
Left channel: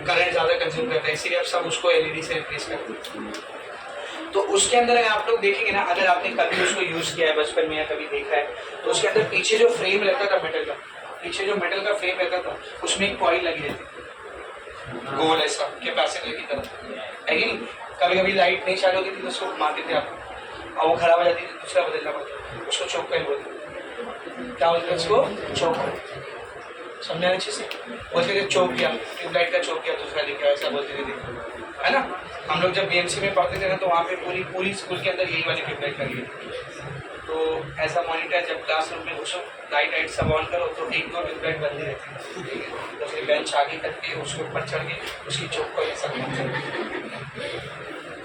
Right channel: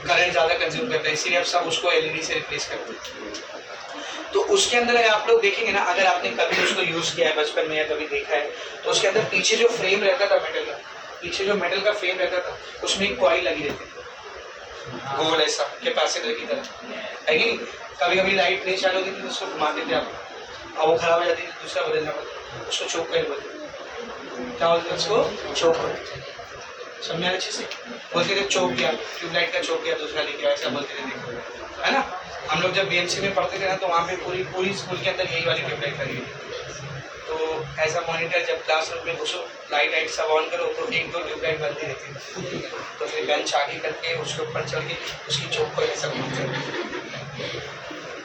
करंट ज्यादा कंज्यूम करता है, इसीलिए अब सब उसको एलईडी से रिप्लेस करते हैं. तो उसके अंदर अगर आप लोग देखेंगे ना, अगर आपने कभी उसको यूज किया है बचपन में या कभी देखा है, तो उसके अंदर पीछे जो फ्रेम रहता था मेटल का, पीछे जो मेटल का फ्रेम रहता था उसमें एक कॉइल लगी रहती थी, गोल ऐसा कैपेसिटर की तरह, है कि नहीं? कभी कभी लाइट नहीं चालू होती थी तो उसको घुमाते थे आप, और वो खराब हो जाती थी, दूसरा बदलना पड़ता. उसको चोक कॉइल बोलते. क्या बोलते हैं उसको? Choke coil. समझा अच्छे से? बोलते थे चोक गया, ट्यूबलाइट का चोक गया, दूसरा लेके ऐसा बोलते थे, है ना? हम लोग जब बीएमसी में पढ़ते थे ना, तो वहाँ पे पूरी स्कूल के अंदर यही वाली ट्यूबलाइट लगी थी. तो ऐसा मॉनिटर जब क्लासरूम में घुसो, लाइट सब ऑन करो, तो एक दो ट्यूबलाइट बंद ही रहती थी. तो फिर बेंच आगे करके उसके ऊपर चढ़ के उसकी चोक को ऐसा घूमते.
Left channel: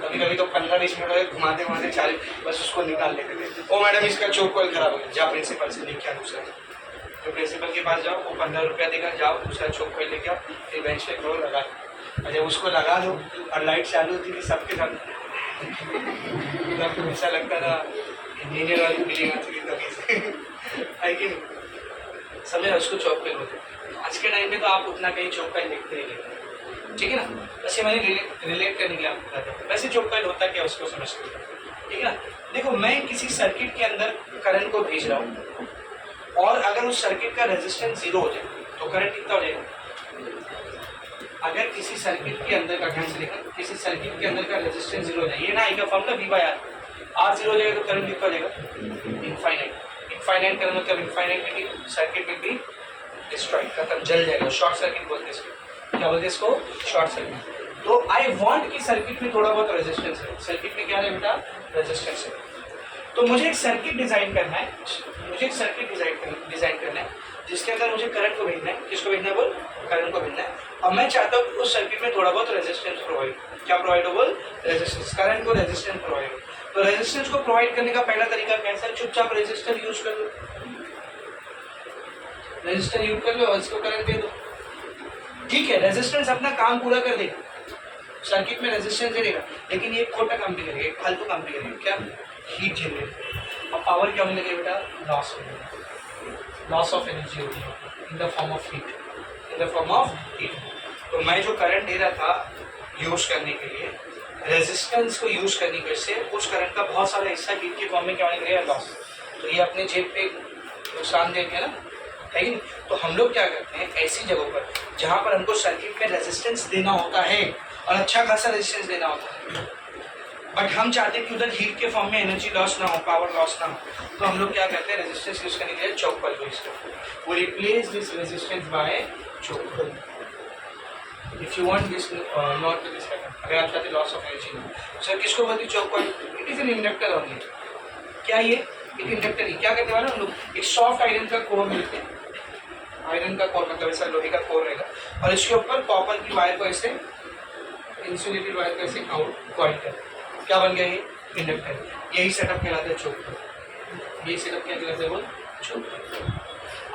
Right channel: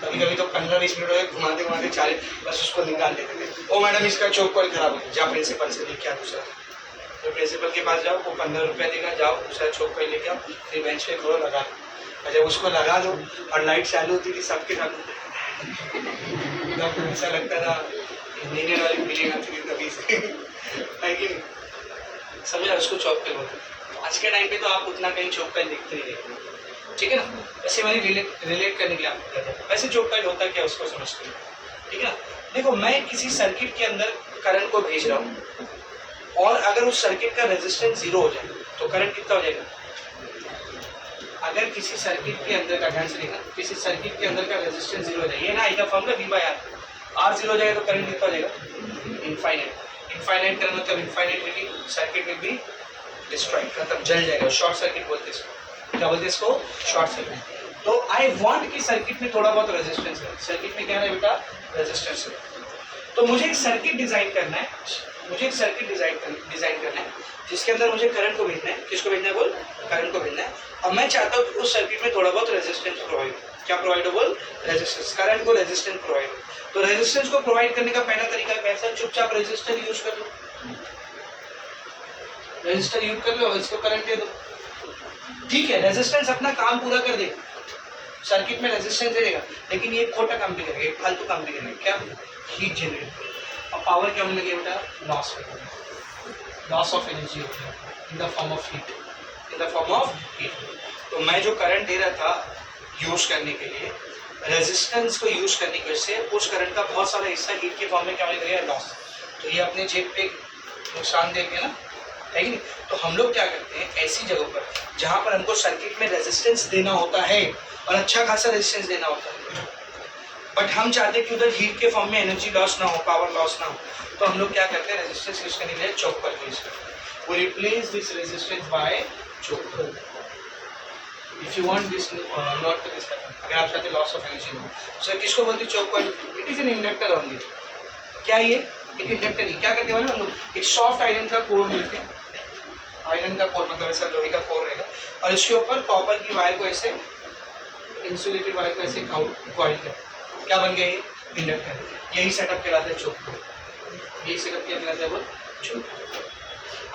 कभी कभी तो 15-20 मिनट हो गए घुमाते घुमाते 40, बस उसको निकाल लेते थे. ओ मैडम इसका चोक कॉइल खराब हो गया, जा प्रिंसिपल से लेके आ दूसरा. तो प्रिंसिपल के पास जाओ, वो 15 रुपया देगा, जाओ दूसरा चोक कॉइल लेके आओ, फिर बेंच पे खोलो, लगा. और जब उसको लगा दो और लाइट चालू होती थी सबके साथ, ऐसा लगता था इंजीनियर वाली फीलिंग आती थी तभी से, है कि नहीं? समझा? उसको चौक कॉइल बोलते. आज के टाइम पे तो आप उतना कहीं चौक कॉइल देखते नहीं देखते, ठीक है ना? वैसे मैंने रिलेट करने के लिए आपको बताया. वैसे चौक कॉइल होता क्या उसको समझते हैं, ठीक है ना? देखो, मैं किसी सर्किट के अंदर करंट को भेज रहा हूँ, और अगर उस सर्किट का रेजिस्टेंस 0 हो जाए तो करंट कितना हो जाएगा? अगर किसी सर्किट के अंदर का, ध्यान से देखना, किसी सर्किट के अंदर का रेजिस्टेंस 0 हो जाए, ये ना आएगा फॉर्मूला V/R. R 0 हो जाएगा तो करंट कितना हो जाएगा? इनफाइनाइट. इनफाइनाइट करंट मतलब infinitely circuit will be destroyed, खत्म, जल जाएगा. शॉर्ट सर्किट बोलते हैं इसको. क्या बोलते हैं इसको? Short circuit. तो आई वांट कि सर्किट में थोड़ा बहुत रेजिस्टेंस है. सर्किट में क्या है बेटा? रेजिस्टेंस है. तो मुझे एक सर्किट डिजाइन करना है, जिसके अंदर मुझे करंट को भेजना है. किसको भेजना है? बोल, करंट को भेजना है. और मैं चाहता हूँ कि उस सर्किट में थोड़ा बहुत रेजिस्टेंस प्रोवाइड. क्या प्रोवाइड हो? बोल, रेजिस्टेंस. करंट को रेजिस्टेंस प्रोवाइड हो. तो रेजिस्टेंस को प्रोवाइड करने का पहला तरीका कैसा है? चुपचाप रेजिस्टर यूज कर लो. रेजिस्टर यूज कर लो और इसको करंट दे दो. ठीक है, रेजिस्टेंस अपना काम पूरा कर देगा, सर्किट में रेजिस्टेंस दे देगा, लेकिन ये खोटा काम भी करेगा, एक फालतू काम भी करेगा. क्या? Heat generate. और पावर क्या होने लगे बेटा? लॉस ऑफ एनर्जी होती है in the form of heat. तो मैं जो करंट दे रहा था यूज करने के लिए, रेजिस्टेंस को यूज करने की वजह से उस करंट का बहुत सारा हिस्सा हीट के फॉर्म में क्या होने लगेगा, लॉस। तो ये अपने जेब पे नुकसान दे दिया ना, है कि नहीं। तो हम लोग क्या करते हैं ऐसी जगहों पर जहाँ पर हमको सर्किट में रेजिस्टेंस देना होता है और अच्छा खासा रेजिस्टेंस देना होता है, बट हम चाहते हैं कि उधर हीट के फॉर्म में एनर्जी लॉस ना हो, पावर लॉस ना हो, तो हम लोग क्या करते हैं, रेजिस्टेंस यूज करने के लिए चोक कॉइल यूज करते हैं। वो replace this resistance by choke coil. If you want this not to this happen, अगर आप चाहते लॉस ऑफ एनर्जी ना, सो किसको बोलते हैं choke coil? It is an inductor only. क्या ये एक इंडक्टर ही, क्या करते वाले हम लोग, एक सॉफ्ट आयरन का कोर मिलते हैं, आयरन का कोर मतलब ऐसा लोहे का कोर रहेगा, और इसके ऊपर कॉपर की वायर को ऐसे, इंसुलेटेड वायर को ऐसे कॉइल कर, क्या बन गया ये इंडक्टर। यही सेटअप कहलाता है चोक कॉइल, यही सेटअप क्या कहलाता है वो चोक कॉइल।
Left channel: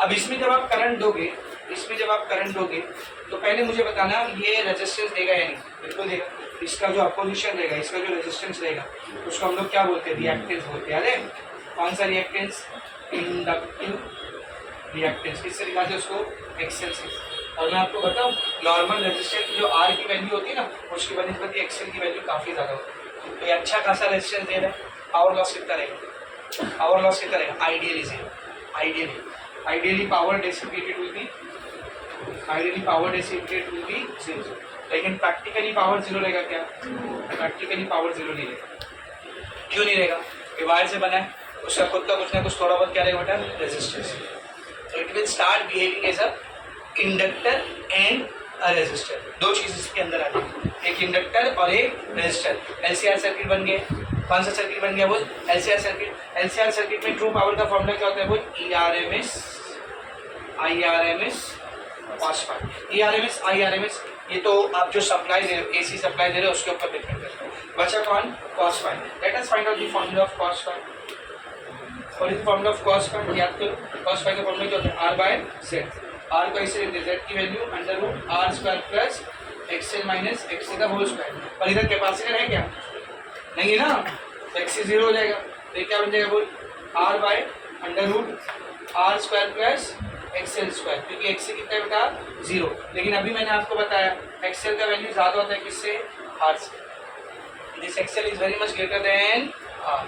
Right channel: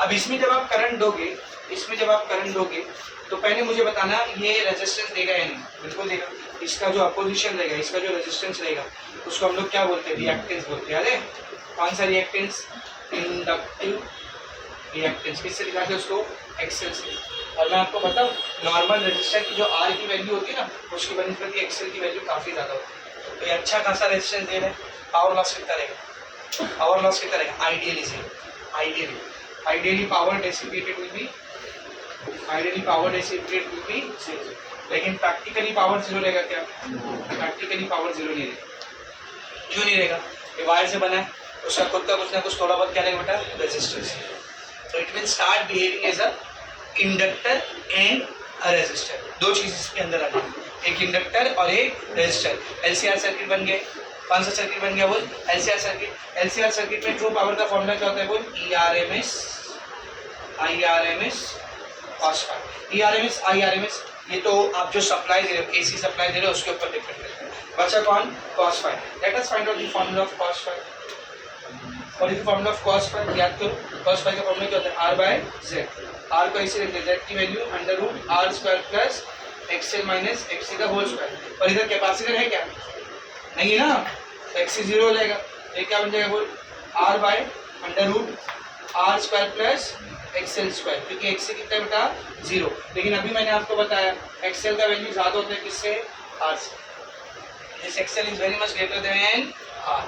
अब इसमें जब आप करंट दोगे, इसमें जब आप करंट दोगे तो पहले मुझे बताना ये रेजिस्टेंस देगा या नहीं। बिल्कुल देगा। इसका जो अपोजिशन रहेगा, इसका जो रेजिस्टेंस रहेगा, उसको हम लोग क्या बोलते हैं, रिएक्टेंस बोलते हैं। अरे कौन सा रिएक्टेंस? Inductive reactance. किससे दिखाते हैं उसको? एक्सेल से। और मैं आपको बताऊं, नॉर्मल रेजिस्टेंस की जो आर की वैल्यू होती है ना, उसकी बनिस्बत एक्सेल की वैल्यू काफ़ी ज़्यादा होती है। तो ये अच्छा खासा रेजिस्टेंस दे रहे हैं। पावर लॉस कितना रहेगा? पावर लॉस कितना रहेगा? Ideally zero. Ideally power dissipated will be, zero. लेकिन प्रैक्टिकली पावर जीरो रहेगा क्या? प्रैक्टिकली पावर जीरो नहीं रहेगा। क्यों नहीं रहेगा? ये वायर से बना है, उसका खुद का कुछ ना कुछ थोड़ा बहुत क्या रहेगा बेटा? Resistance. So it will start behaving as a inductor and a resistor। दो चीज इसके अंदर आ जाएगी, एक इंडक्टर और एक रेजिस्टर। एलसीआर सर्किट बन गए। कौन सा सर्किट बन गया बोल? LCR circuit. एलसीआर सर्किट में ट्रू पावर का फॉर्मूला क्या होता है बोल? ईआरएमएस, आईआरएमएस, कॉस फाई। ईआरएमएस, आईआरएमएस, ये तो आप जो सप्लाई दे रहे हो, एसी सप्लाई दे रहे हो, उसके ऊपर डिपेंड करता है। बचा कौन? Cos phi. Let us find out the formula of cos phi. और इस फॉर्मूला ऑफ कॉस फाई याद करो। कॉस फाई का फॉर्मूला क्या होता है? Are bye Z. आर को ऐसे लेते हैं, जेड की value under root R square plus XL minus XA का होल स्क्वायर। और इधर कैपेसिटर है क्या? नहीं है ना, तो एक्सए जीरो हो जाएगा। तो ये क्या बन जाएगा बोल? R by under root R square plus XL square, क्योंकि एक्सए कितना है बेटा? जीरो। लेकिन अभी मैंने आपको बताया एक्सएल का वैल्यू ज़्यादा होता है किससे? आर से। This XL is very much greater than R.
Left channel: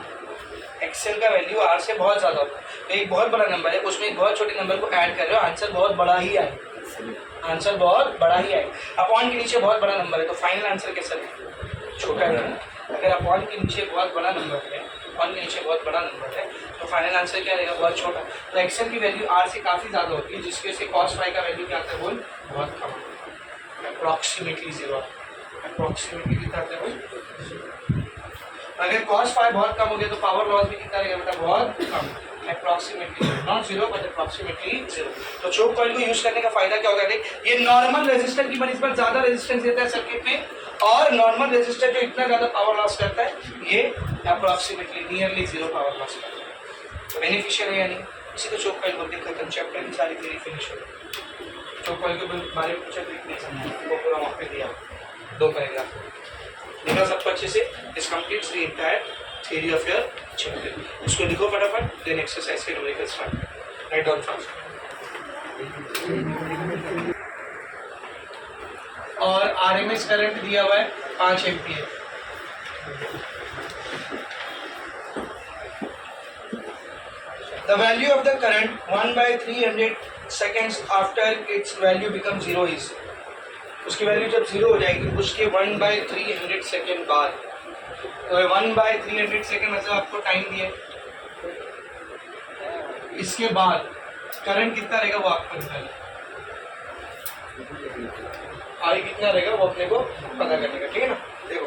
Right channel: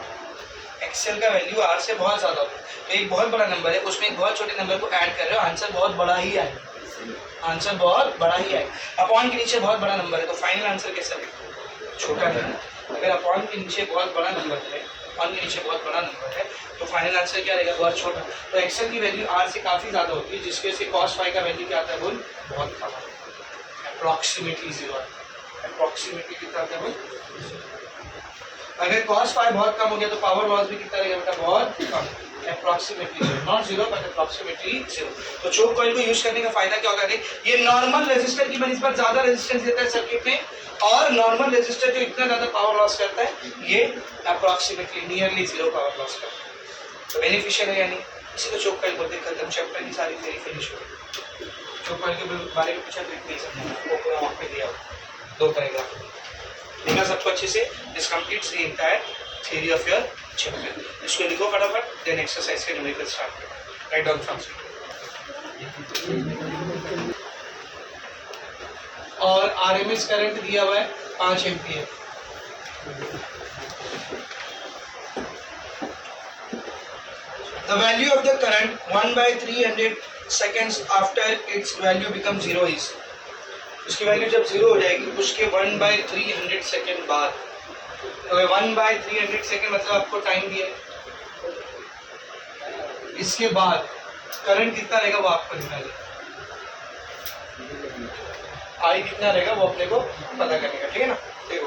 XL का वैल्यू आर से बहुत ज़्यादा होता है। तो एक बहुत बड़ा नंबर है, उसमें एक बहुत छोटे नंबर को ऐड कर रहे हो, आंसर बहुत बड़ा ही आएगा। आंसर बहुत बड़ा ही आएगा। अपॉन के नीचे बहुत बड़ा नंबर है, तो फाइनल आंसर कैसा है? छोटा है ना। अगर अपॉन के नीचे बहुत बड़ा नंबर है, अपॉन के नीचे बहुत बड़ा नंबर है, तो फाइनल आंसर क्या रहेगा? बहुत छोटा। तो एक्सएल की वैल्यू आर से काफ़ी ज़्यादा होती है, जिसकी वजह से कॉस फाई का वैल्यू क्या आता है बोल? बहुत कम आता है, अप्रॉक्सीमेटली जीरो आता है। अप्रॉक्सीमेटली कितना आता है बोल? अगर कॉस फाई बहुत कम हो गया तो पावर लॉस भी कितना रहेगा बेटा? बहुत कम, approximately zero. Not zero but approximately zero. तो चोक कॉइल को यूज करने का फायदा क्या होता है? ये नॉर्मल रेजिस्टर की बनिस्बत ज्यादा रेजिस्टेंस देता है सर्किट में, और नॉर्मल रेजिस्टर जो इतना ज्यादा पावर लॉस करता है, ये approximately nearly zero power loss करता है। तो बेनिफिशियल है या नहीं? इसी को चोक कॉइल बोलते हैं। खत्म, चैप्टर की सारी थ्योरी फिनिश हो गई। चोक कॉइल के बारे में पूछा तो इतने समझना, वो पूरा वहाँ पे दिया, 2 पैराग्राफ देखा सबको अच्छे से। This completes the entire theory of your chapter. इसको लिखो फटाफट, देन एक्सरसाइज के numerical start. Write down fast. और आरएमएस करंट दिया हुआ है 5 ampere. The value of the current 1/300 seconds after its value becomes 0 is, उसकी वैल्यू जब 0 हो जाएगी उसके 1/300 सेकेंड बाद। तो 1/300 सेकेंड मतलब आपको टाइम दिया, इसके बाद करंट कितना रहेगा वो आपको निकालना, आई कितना रहेगा वो अपने को पता करने का। ठीक है ना। देखो,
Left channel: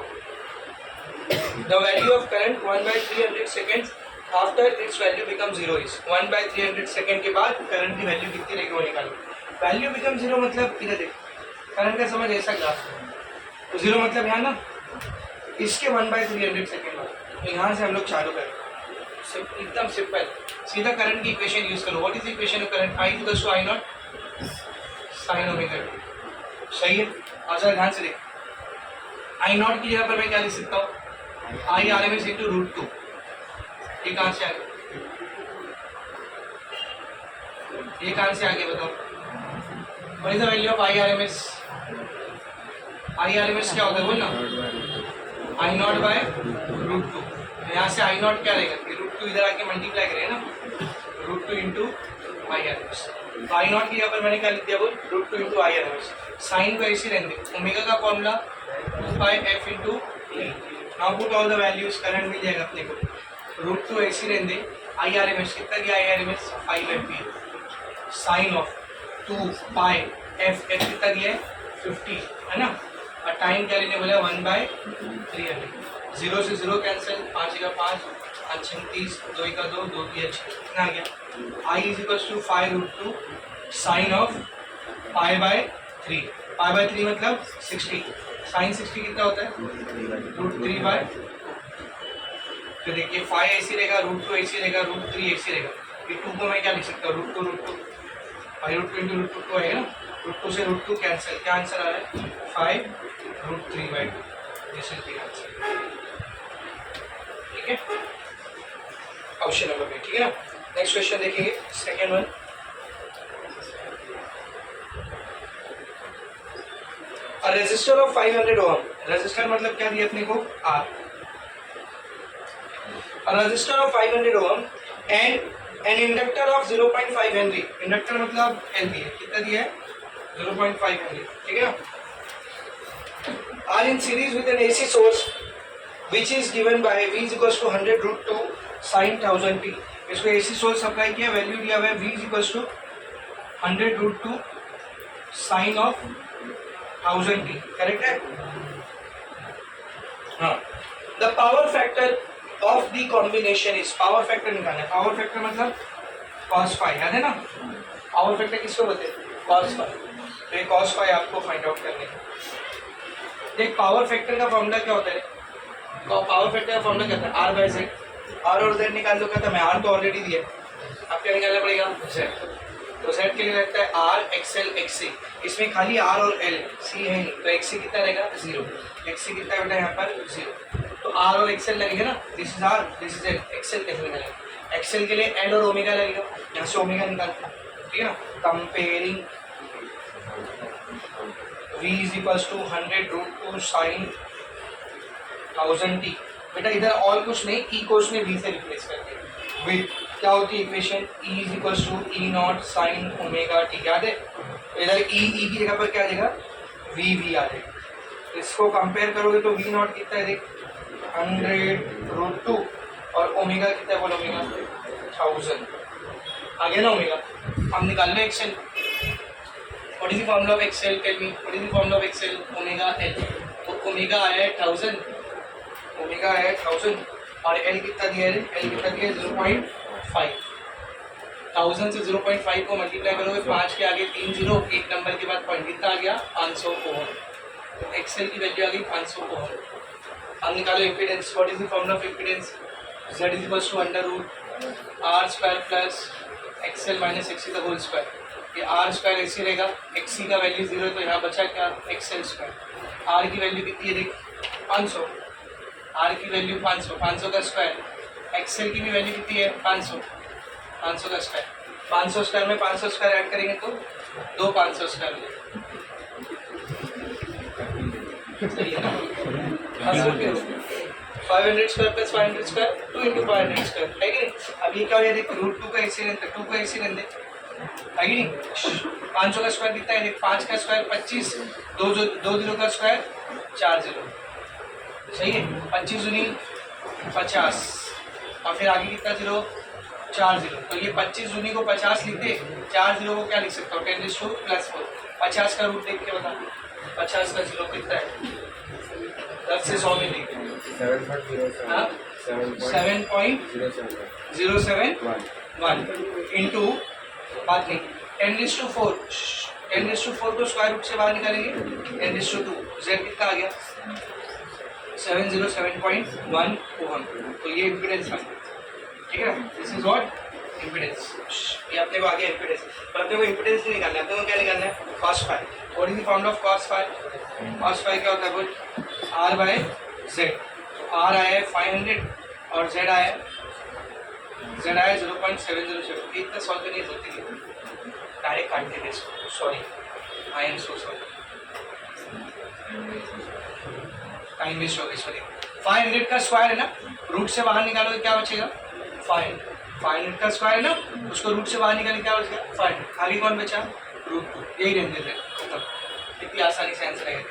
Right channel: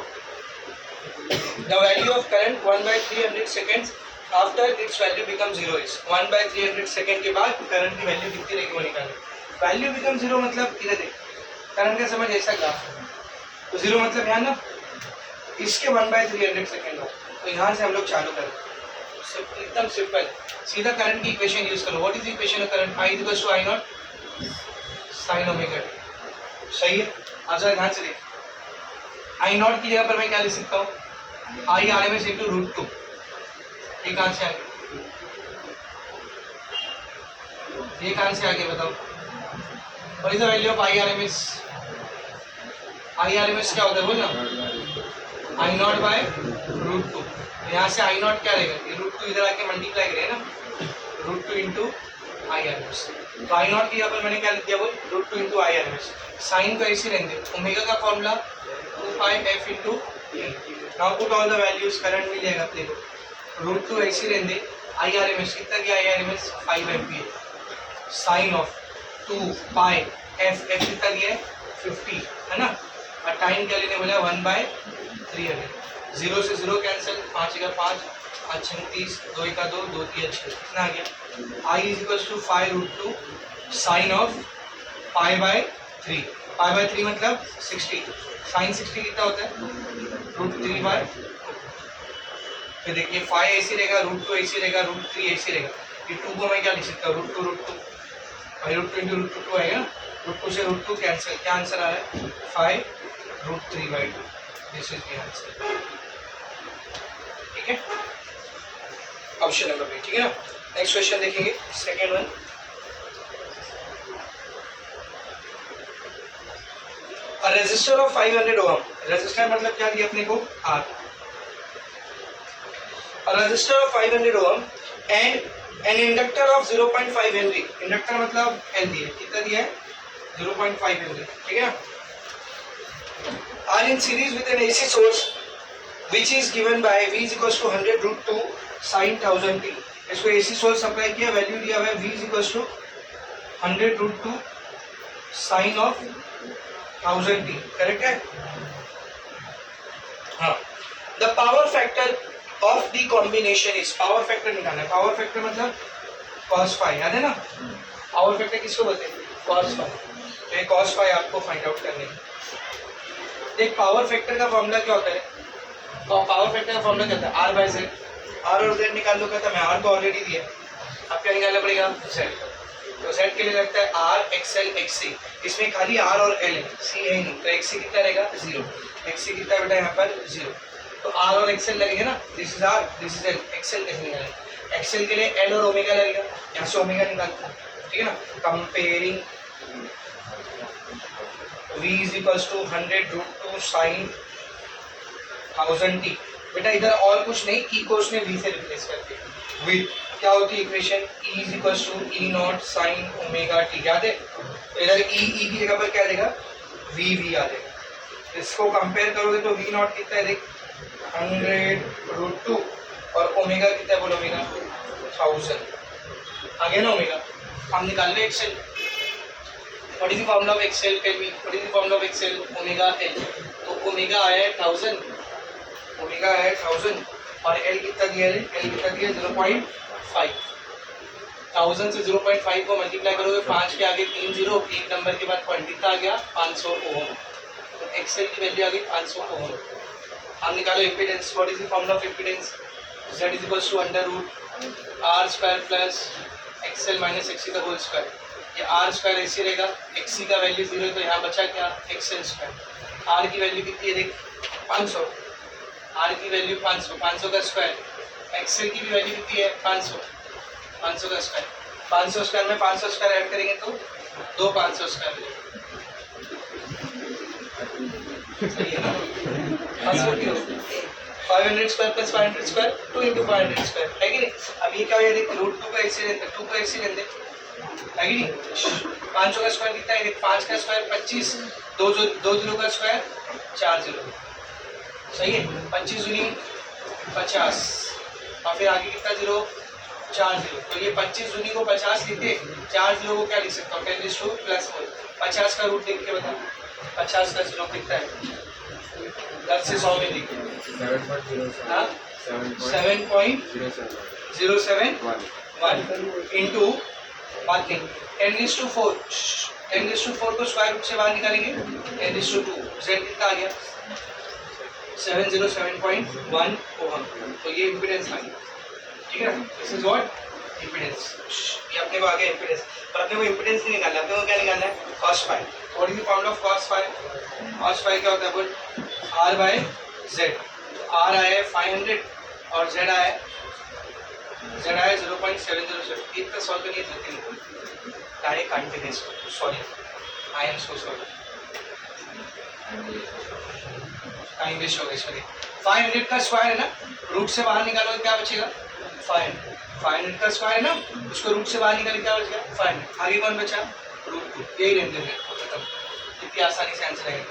the value of current 1/300 seconds after it's value become 0 is, 1/300 second के बाद करंट की वैल्यू कितनी रहेगी वो निकालो। वैल्यू बिकम 0 मतलब इधर देखो, करंट का समझ ऐसा ग्राफ है, तो 0 मतलब यहाँ ना, इसके 1/300 सेकेंड बाद। तो यहाँ से हम लोग चालू करें, एकदम सिंपल, सीधा करंट की इक्वेशन यूज करो। What is the equation of current? I equals to I0 sin omega t। सही है। आंसर ध्यान से देख, I0 की जगह पर मैं क्या लिख सकता हूँ? I RMS into √2। ये कहाँ से आ गया? ये कहाँ से आ गया बताओ? What is the value of I RMS? I R M S क्या होता है बोल ना, I naught by root two. यहाँ से आई नॉट क्या रहेगा, ये रूट टू इधर आके मल्टीप्लाई करेगा ना, root two into I R M S. तो आई नॉट की यहाँ पर मैंने क्या लिख दिया बोल, root two into I R M S. Sine को ऐसे रहने दे, ओमेगा का formula 2πf into T. Now put all the values, current मिल जाएगा अपने को, रूट टू ऐसे रहने दे, आई आर एम एस कितना गया, I R M S 5 ampere, sine of 2πf, F कितना दिया है 50 है ना, और टाइम क्या लेने बोला 1/300। 0 से 0 कैंसिल, 5 का 5, 5 36, 2 का 2, 2 3 6, कितना आ गया, I is equals to 5 root two sine of π/3। π/3 मतलब 60, साइन 60 कितना होता है रूट 3/2। फिर देखिए 5 ऐसी रहेगा, रूट 2 ऐसी रहेगा, रूट 3 ऐसी रहेगा, ये 2 को मैं क्या लिख सकता हूँ, root two root two into root two आएगा ना, रूट 2 से रूट 2 कैंसिल, क्या आंसर आ रहा है 5 root 3/2। This is the answer. ठीक है, ऑप्शन नंबर बी। ठीक है ना, नेक्स्ट क्वेश्चन देखेंगे, second one. A resistor of 500 ohm, resistor मतलब क्या दिया अपने को R, a resistor of 500 ohm and an inductor of 0.5 Henry, inductor मतलब L दिया, कितना दिया है 0.5 Henry। ठीक है ना, are in series with an AC source which is given by V is equals to 100 root 2 sin 1000 t। इसको AC source supply किया, वैल्यू दिया हुआ है V is equals to 100 root 2 sin of 1000 t, correct है। हाँ, the power factor of the combination is, power factor निकालना है, power factor मतलब cos फाई, याद है ना, पावर फैक्टर किसको बोलते हैं cos फाई, तो ये cos फाई आपको फाइंड आउट करने है। देख पावर फैक्टर का फॉर्मूला क्या होता है, पावर फैक्टर का फॉर्मूला क्या होता है R/Z, R और Z निकाल लो, कहता है मैं R तो ऑलरेडी दिया, अब क्या निकालना पड़ेगा Z, तो Z के लिए लगता है R XL XC, इसमें खाली R और L है, C है नहीं, तो XC कितना रहेगा 0, XC कितना है बेटा यहाँ पर 0, तो R और XL लगेगा ना, this is R this is L, XL कैसे निकालेंगे, XL के लिए L और ओमेगा लगेगा, यहाँ से ओमेगा निकालते हैं। ठीक है ना, comparing V is equals to 100 root 2 sin 1000 t, बेटा इधर और कुछ नहीं, की को उसने V से रिप्लेस कर दिया, विद क्या होती है equation E is equals to E naught sin omega t, याद है, तो इधर E की जगह पर क्या देगा V आ जाएगा, इसको कंपेयर करोगे तो V naught कितना है देख 100 root 2 और ओमेगा कितना है बोलो, ओमेगा 1000 आ गया ना ओमेगा। हम निकाल लो XL, what is the formula of XL, tell me what is the formula of XL, omega L, तो ओमेगा आया है 1000, ओमेगा है 1000 और L कितना दिया है, L कितना दिया है 0.5, 1000 से 0.5 को मल्टीप्लाई करोगे, 5 के आगे 3 जीरो, एक नंबर के बाद पॉइंट कितना आ गया 500 ओम, तो एक्सेल की वैल्यू आ गई 500 ओम। अब निकालो impedance, what is the formula of impedance, Z is equals to under root R square plus XL minus XC का होल स्क्वायर, ये R स्क्वायर ऐसे रहेगा, XC का वैल्यू 0 तो यहाँ बचा क्या XL स्क्वायर, R की वैल्यू कितनी है देख 500, R की वैल्यू 500, 500 का स्क्वायर, XL की भी वैल्यू कितनी है 500, 500 का स्क्वायर, 500 स्क्वायर में 500 स्क्वायर ऐड करेंगे तो 2 500 स्क्वायर सही है ना, 500 square plus 500 square 2 into 500 square है कि नहीं। अब ये क्या हो जाए रूट 2 का एक्सीडेंट, 2 का एक्सीडेंट है कि नहीं, 500 का स्क्वायर कितना है 5 का स्क्वायर 25, 2 जीरो का स्क्वायर 4 जीरो, सही है, 25 दूनी 50 और फिर आगे कितना जीरो 4 जीरो, तो ये 25 दूनी को 50 लिखते, 4 जीरो को क्या लिख सकता हूँ 10⁻⁴, 50 का रूट देख के बता, 50 का जीरो कितना है 10 से 100 में लिख 7.071 इंटू बात नहीं 10⁴ को स्क्वायर रूट से बाहर निकालेंगे 10⁻², Z कितना आ गया 707.1 ओम, तो ये इम्पीडेंस आ गया। ठीक है ना, दिस इज व्हाट इम्पीडेंस, ये अपने को आ गया इम्पीडेंस, पर अपने को इम्पीडेंस नहीं निकालना, अपने को क्या निकालना है cos phi. What is the formula of cos phi, cos phi क्या होता है बोल R/Z, R आया है 500 और Z आया है 0.707, इतना सॉल्व करने की जरूरत नहीं, डायरेक्ट काट के दे, sorry I am so sorry. Time waste हो गया इसमें। 500 का स्क्वायर है ना, रूट से बाहर निकालो तो क्या बचेगा 500। 500 का स्क्वायर है ना, उसको रूट से बाहर निकाले क्या बचेगा 500। आगे कौन बचा √2, यही रहने देते खत्म। कितनी आसानी से आंसर आएगा।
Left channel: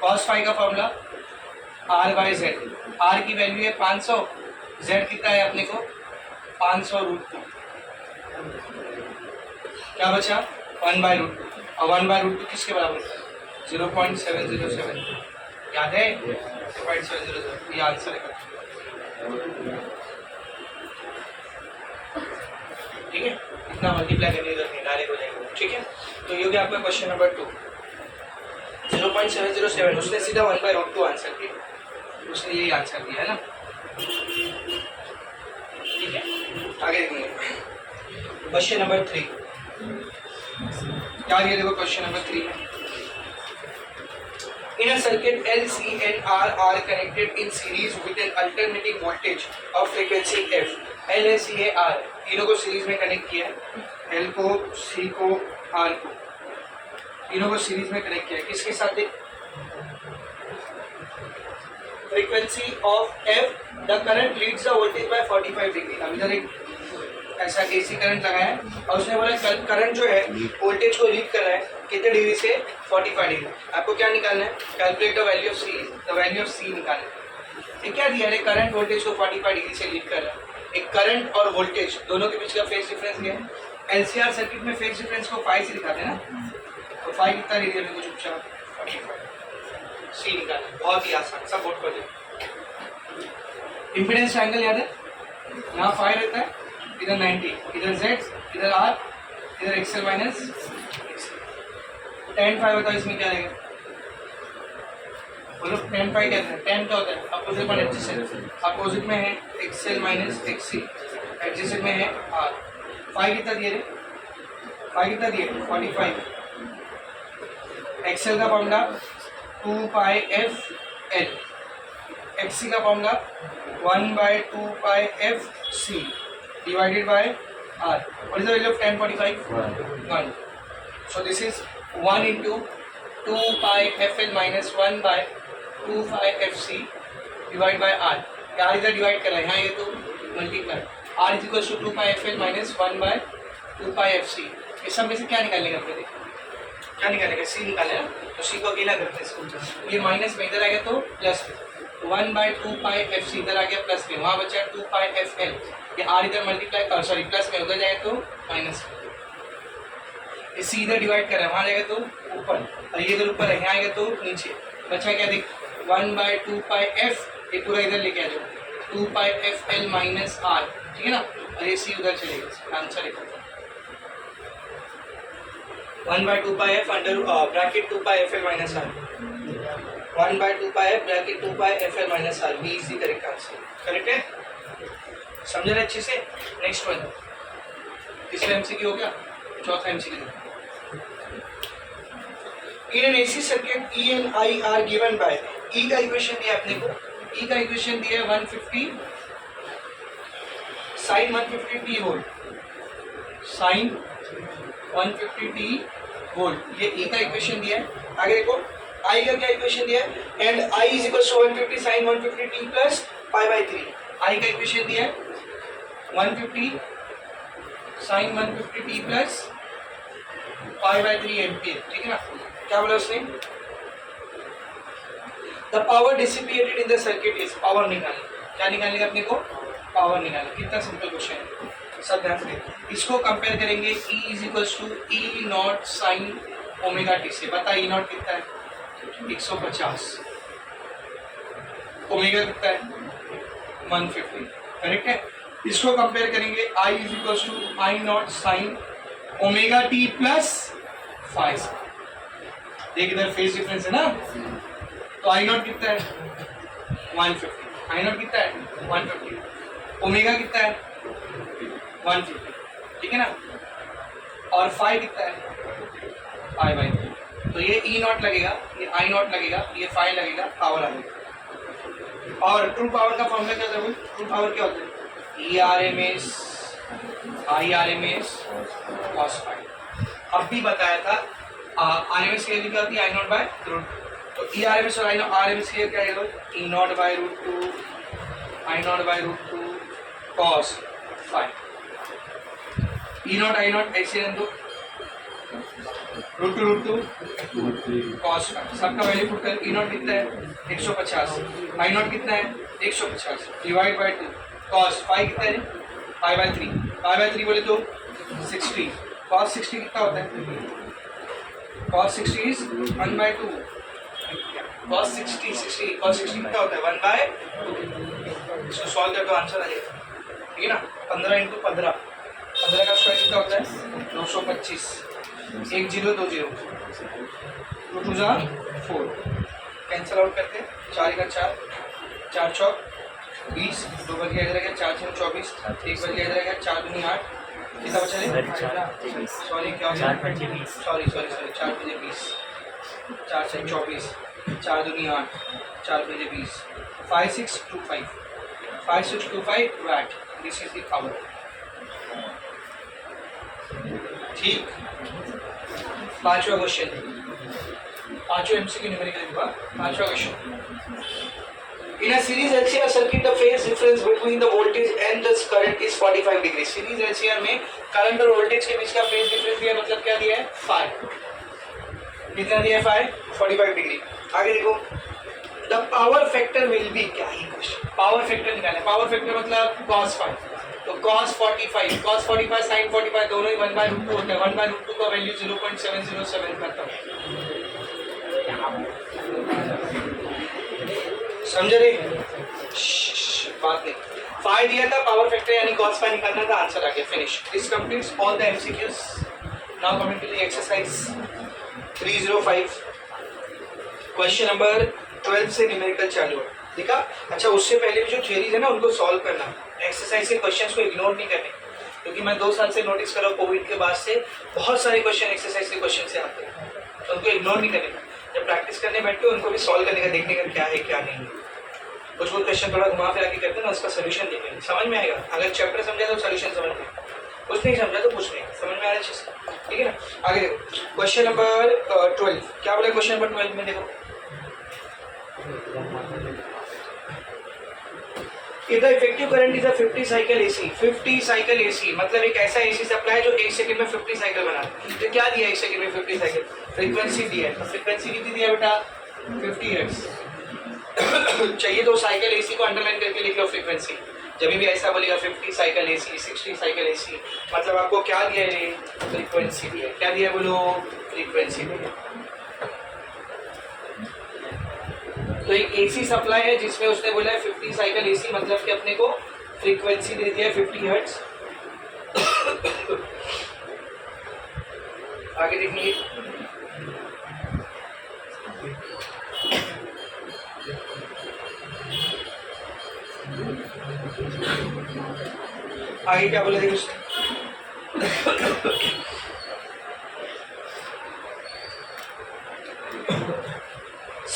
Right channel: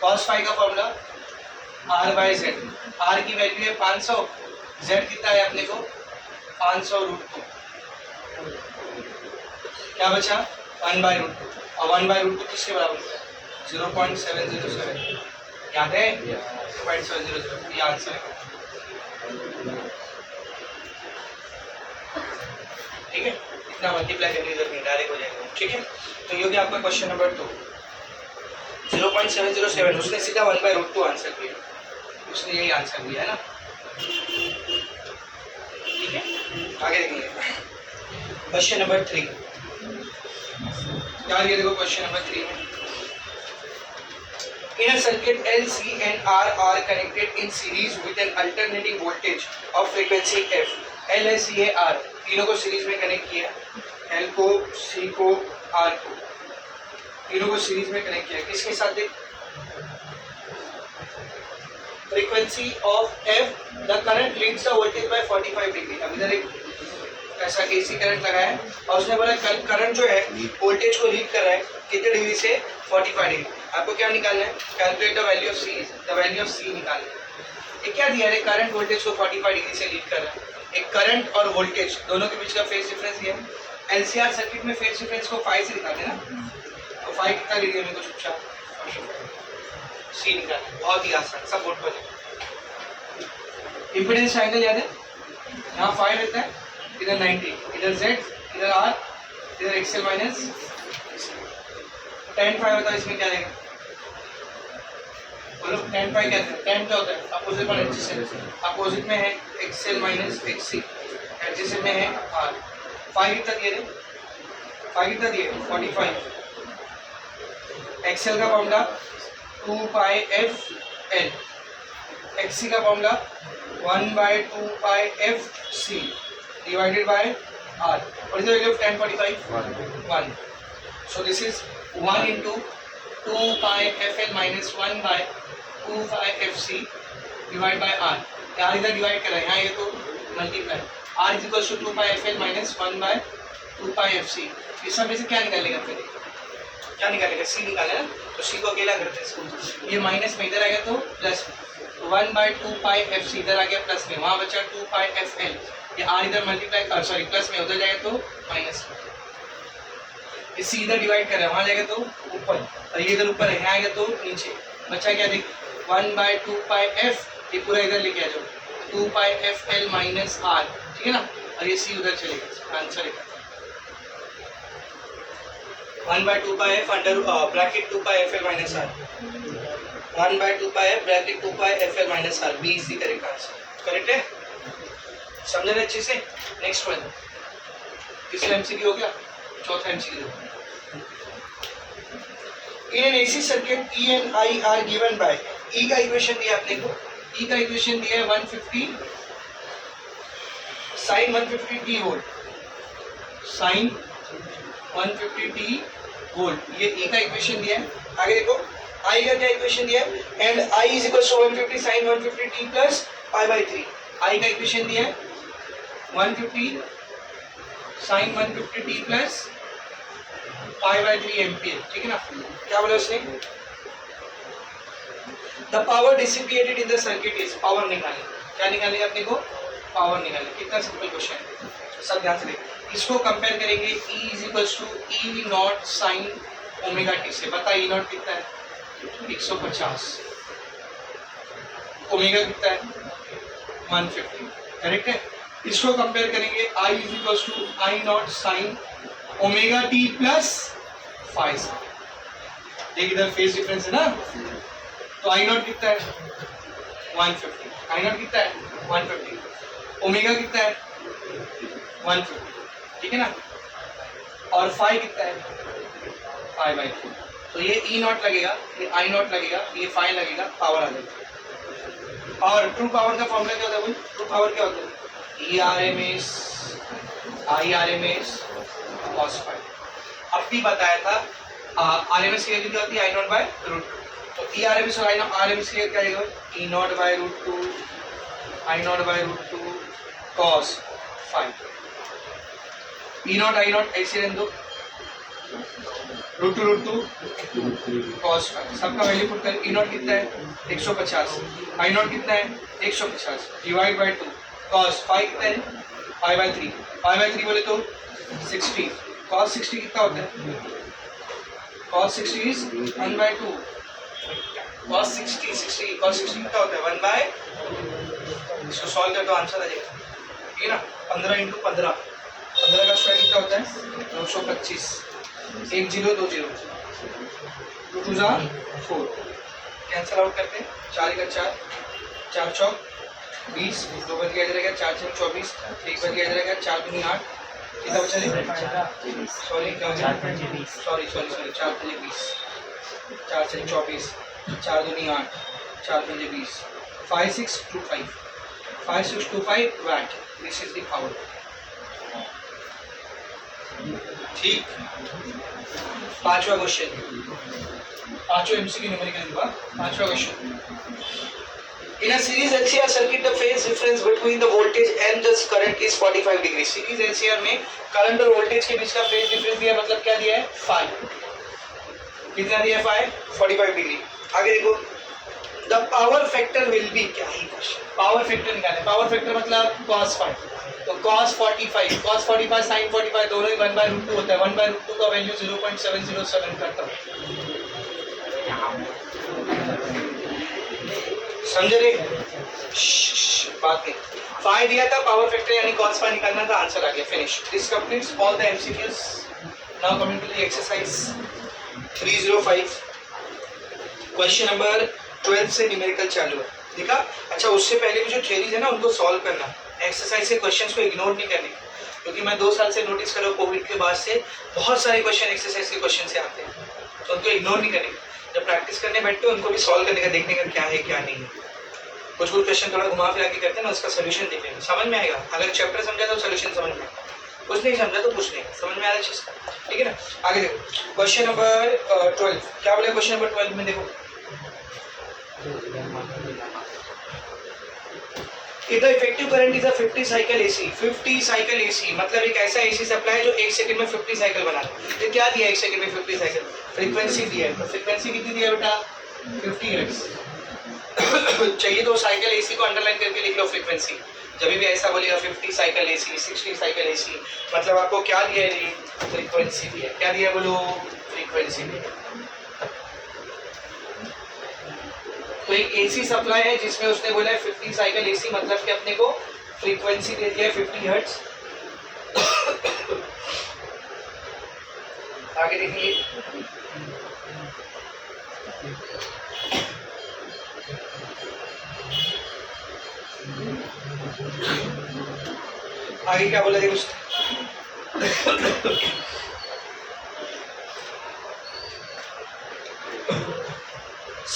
cos फाई का फॉर्मूला r/z, r की वैल्यू है 500, z कितना है अपने को 500 √2, क्या बचा 1/√2, और 1/√2 किसके बराबर है 0.707, याद है 0.707, ये आंसर है। ठीक है, इतना मल्टीप्लाई करने की जरूरत नहीं, डायरेक्ट हो जाएगा। ठीक है, तो ये हो गया आपका क्वेश्चन नंबर 2। 0.707, उसने सीधा 1/√2 आंसर किया, उसने यही आंसर दिया है ना। ठीक है, आगे देखेंगे क्वेश्चन नंबर 3। यार ये देखो क्वेश्चन नंबर 3 में, in a circuit L, C and R are connected in series with an alternating voltage of frequency f। L है, C है, R, तीनों को सीरीज में कनेक्ट किया, L को, C को, R को, तीनों को सीरीज में कनेक्ट किया, किसके साथ देख, frequency of f, the current leads the voltage bye 45 degree. अब इधर एक ऐसा एसी करंट लगा है और उसने बोला करंट जो है वोल्टेज को लीड कर रहा है कितने डिग्री से 45 डिग्री। आपको क्या निकालना है, calculate the value of C, the value of C निकालना है। ये क्या दिया है, करंट वोल्टेज को 45 डिग्री से लीड कर रहा है। एक करंट और वोल्टेज दोनों के बीच का फेज डिफरेंस दिया है। एलसीआर सर्किट में फेज डिफरेंस को 5 से निकालते हैं ना, तो 5 कितना ले लिया मेरे को चुपचाप 45, सी निकालना बहुत ही आसान, सब बोर्ड पर। इम्पीडेंस ट्रायंगल याद है, यहाँ 5 रहता है, इधर 90, इधर Z, इधर R, इधर XL माइनस tan फाई होता है, इसमें क्या रहेगा बोलो, tan फाई क्या है, tan क्या होता है अपोजिट पर एडजेसेंट, अपोजिट में है XL माइनस XC, एडजेसेंट में है R। फाई कितना दिए रे, फाई कितना दिए 45, XL का फॉर्मूला 2πfL, XC का formula 1/2πfC divided by R. What is the value of tan 45? 1. So this is 1 into 2πfL minus 1/2πfC divided by R. R इधर डिवाइड कर रहा है, यहाँ ये तो multiply, R is equals to 2πfL minus 1/2πfC। इस सब में से क्या निकालेगा फिर, क्या निकालेगा, C निकालेगा, तो C को अकेला करते हैं इसको, ये माइनस में इधर आ गया तो प्लस में, 1/2πfC इधर आ गया प्लस में, वहाँ बचा 2πfL, ये R इधर मल्टीप्लाई सॉरी प्लस में, उधर जाएगा तो माइनस में, ये C इधर डिवाइड कर रहा है, वहाँ जाएगा तो ऊपर, और ये इधर ऊपर है, यहाँ आएगा तो नीचे, बचा क्या देख 1/2πf, ये पूरा इधर लेके आ जाओ 2πfL माइनस R, ठीक है ना, और ये C उधर चलेगा, आंसर है 1/2πf under bracket 2πfL minus R, 1/2πf bracket 2πfL minus R, B इसी तरह का आंसर करेक्ट है। समझ रहे अच्छे से। नेक्स्ट वन, तीसरा एमसीक्यू हो गया, चौथा MCQ. In an AC circuit E and I are given by, E का इक्वेशन दिया अपने को, ई का इक्वेशन दिया है 150 sine 150t volt, sign 150t volt, ये ई का इक्वेशन दिया है। आगे देखो आई का क्या इक्वेशन दिया है, and I is equal to 150 sine 150t plus π/3, I का इक्वेशन दिया है 150 साइन 150t प्लस π/3 एम्पियर, ठीक है ना। क्या बोला उसने, the power dissipated in the circuit is, power निकालनी, क्या निकालेगा अपने को, पावर निकालना। कितना सिंपल क्वेश्चन है, सब ध्यान से इसको कंपेयर करेंगे, E is equals to E naught sine omega t से। बता ई नॉट कितना है 150, ओमेगा कितना है 150, करेक्ट है। इसको कंपेयर करेंगे I is equals to I naught sine omega T plus five. देख इधर फेज डिफरेंस है ना, तो आई नॉट कितना है 150, आई नॉट कितना है 150, ओमेगा कितना है 150, ठीक है ना, और फाइव कितना है π/3, तो ये ई नॉट लगेगा, ये आई नॉट लगेगा, ये फाइव लगेगा, पावर आ जाएगा। और ट्रू पावर का फॉर्मूला क्या होता है, ट्रू पावर क्या होता है, ERMS IRMS cos फाइव। अब भी बताया था RMS की वैल्यू क्या होती है I0/√2, तो ई आर एम एस और आर एम एस क्या आएगा? E naught by root two I naught by root two cos five. E naught I naught ऐसे रहने दो, रूट टू कॉस फाइव। सबका वैल्यू पुट कर। ई नॉट कितना है? 150। आई नॉट कितना है? 150 डिवाइड बाई 2 कॉस फाइव कितना है? 5/3। 5/3 बोले तो 60। कॉस 60 कितना होता है? Cos 60 is 1/2। कॉस 60 कितना होता है? 1/2। इसको सॉल्व कर तो आंसर आ जाएगा, ठीक है ना। 15 × 15 का स्क्वायर कितना होता है? 225। 1 0 2 0 2 2 जा 4 कैंसल आउट करते हैं। 4 का 4 4 चौक 20 2 बच गया इधर, 4 6 24 1 बच गया इधर, 4 दूनी 8 कितना बचा? सॉरी क्या हो गया? सॉरी 4 बजे 20 4 6 24 4 दूनी 8 4 बजे 20 5625 watt. This is the power. ठीक। पांचवा क्वेश्चन, पांचवा एमसीक्यू न्यूमेरिकल हुआ। पांचवा question, in a series LCR circuit the phase difference between the voltage and the current is 45 degree। Series LCR में करंट और वोल्टेज के बीच का फेज डिफरेंस दिया, मतलब क्या दिया है? 5। कितना दिया है? 5 45 डिग्री। आगे देखो, the power factor will be, क्या ही क्वेश्चन, पावर फैक्टर निकालना है। पावर फैक्टर मतलब cos 5, तो cos 45 sin 45 दोनों ही 1/√2 होता है। 1/√2 का वैल्यू 0.707 करता है। समझे रे? बात नहीं। 5 दिया था, पावर फैक्टर यानी cos 5 निकालना था, आंसर आ गया। Finish. This completes all the MCQs. Now coming to the exercise 305। Question number 12 से न्यूमेरिकल चालू है, देखा? अच्छा, उससे पहले भी जो थ्योरीज है ना उनको सॉल्व करना। एक्सरसाइज के क्वेश्चंस को इग्नोर नहीं करने, क्योंकि मैं 2 साल से नोटिस कर रहा हूँ कोविड के बाद से बहुत सारे क्वेश्चन एक्सरसाइज के क्वेश्चन से आते हैं, तो उनको इग्नोर नहीं करने का। जब प्रैक्टिस करने बैठते हो उनको भी सॉल्व करने का, देखने का क्या है क्या नहीं है। कुछ क्वेश्चन थोड़ा घुमा फिरा के करते हैं ना, उसका सोल्यूशन देखेंगे, समझ में आएगा। अगर चैप्टर समझा तो सोल्यूशन समझ में आएगा, कुछ नहीं समझा तो कुछ नहीं, समझ में आ रहा चीज, ठीक है ना। आगे देखो, क्वेश्चन नंबर 12 क्या बोले? क्वेश्चन नंबर 12 में देखो, if the effective current is a 50 cycle AC, 50 cycle AC मतलब एक ऐसा AC सप्लाई जो 1 सेकंड में 50 साइकिल बना रहा है। क्या दिया 1 सेकंड में 50 साइकिल? फ्रीक्वेंसी दिया है। तो फ्रीक्वेंसी कितनी दिया बेटा? 50 हर्ट्ज। चाहिए तो साइकिल AC को अंडरलाइन करके लिख लो फ्रीक्वेंसी। जब भी ऐसा बोलेगा 50 साइकिल AC, 60 साइकिल AC, मतलब आपको क्या दिया है? फ्रीक्वेंसी दिया है। क्या दिया बोलो? फ्रीक्वेंसी दिया। तो एक एसी सप्लाई है जिसमें उसने बोला है 50 साइकिल एसी, मतलब कि अपने को फ्रीक्वेंसी दे दिया है 50 हर्ट्ज। आगे देखिए, आगे क्या बोला? देखो,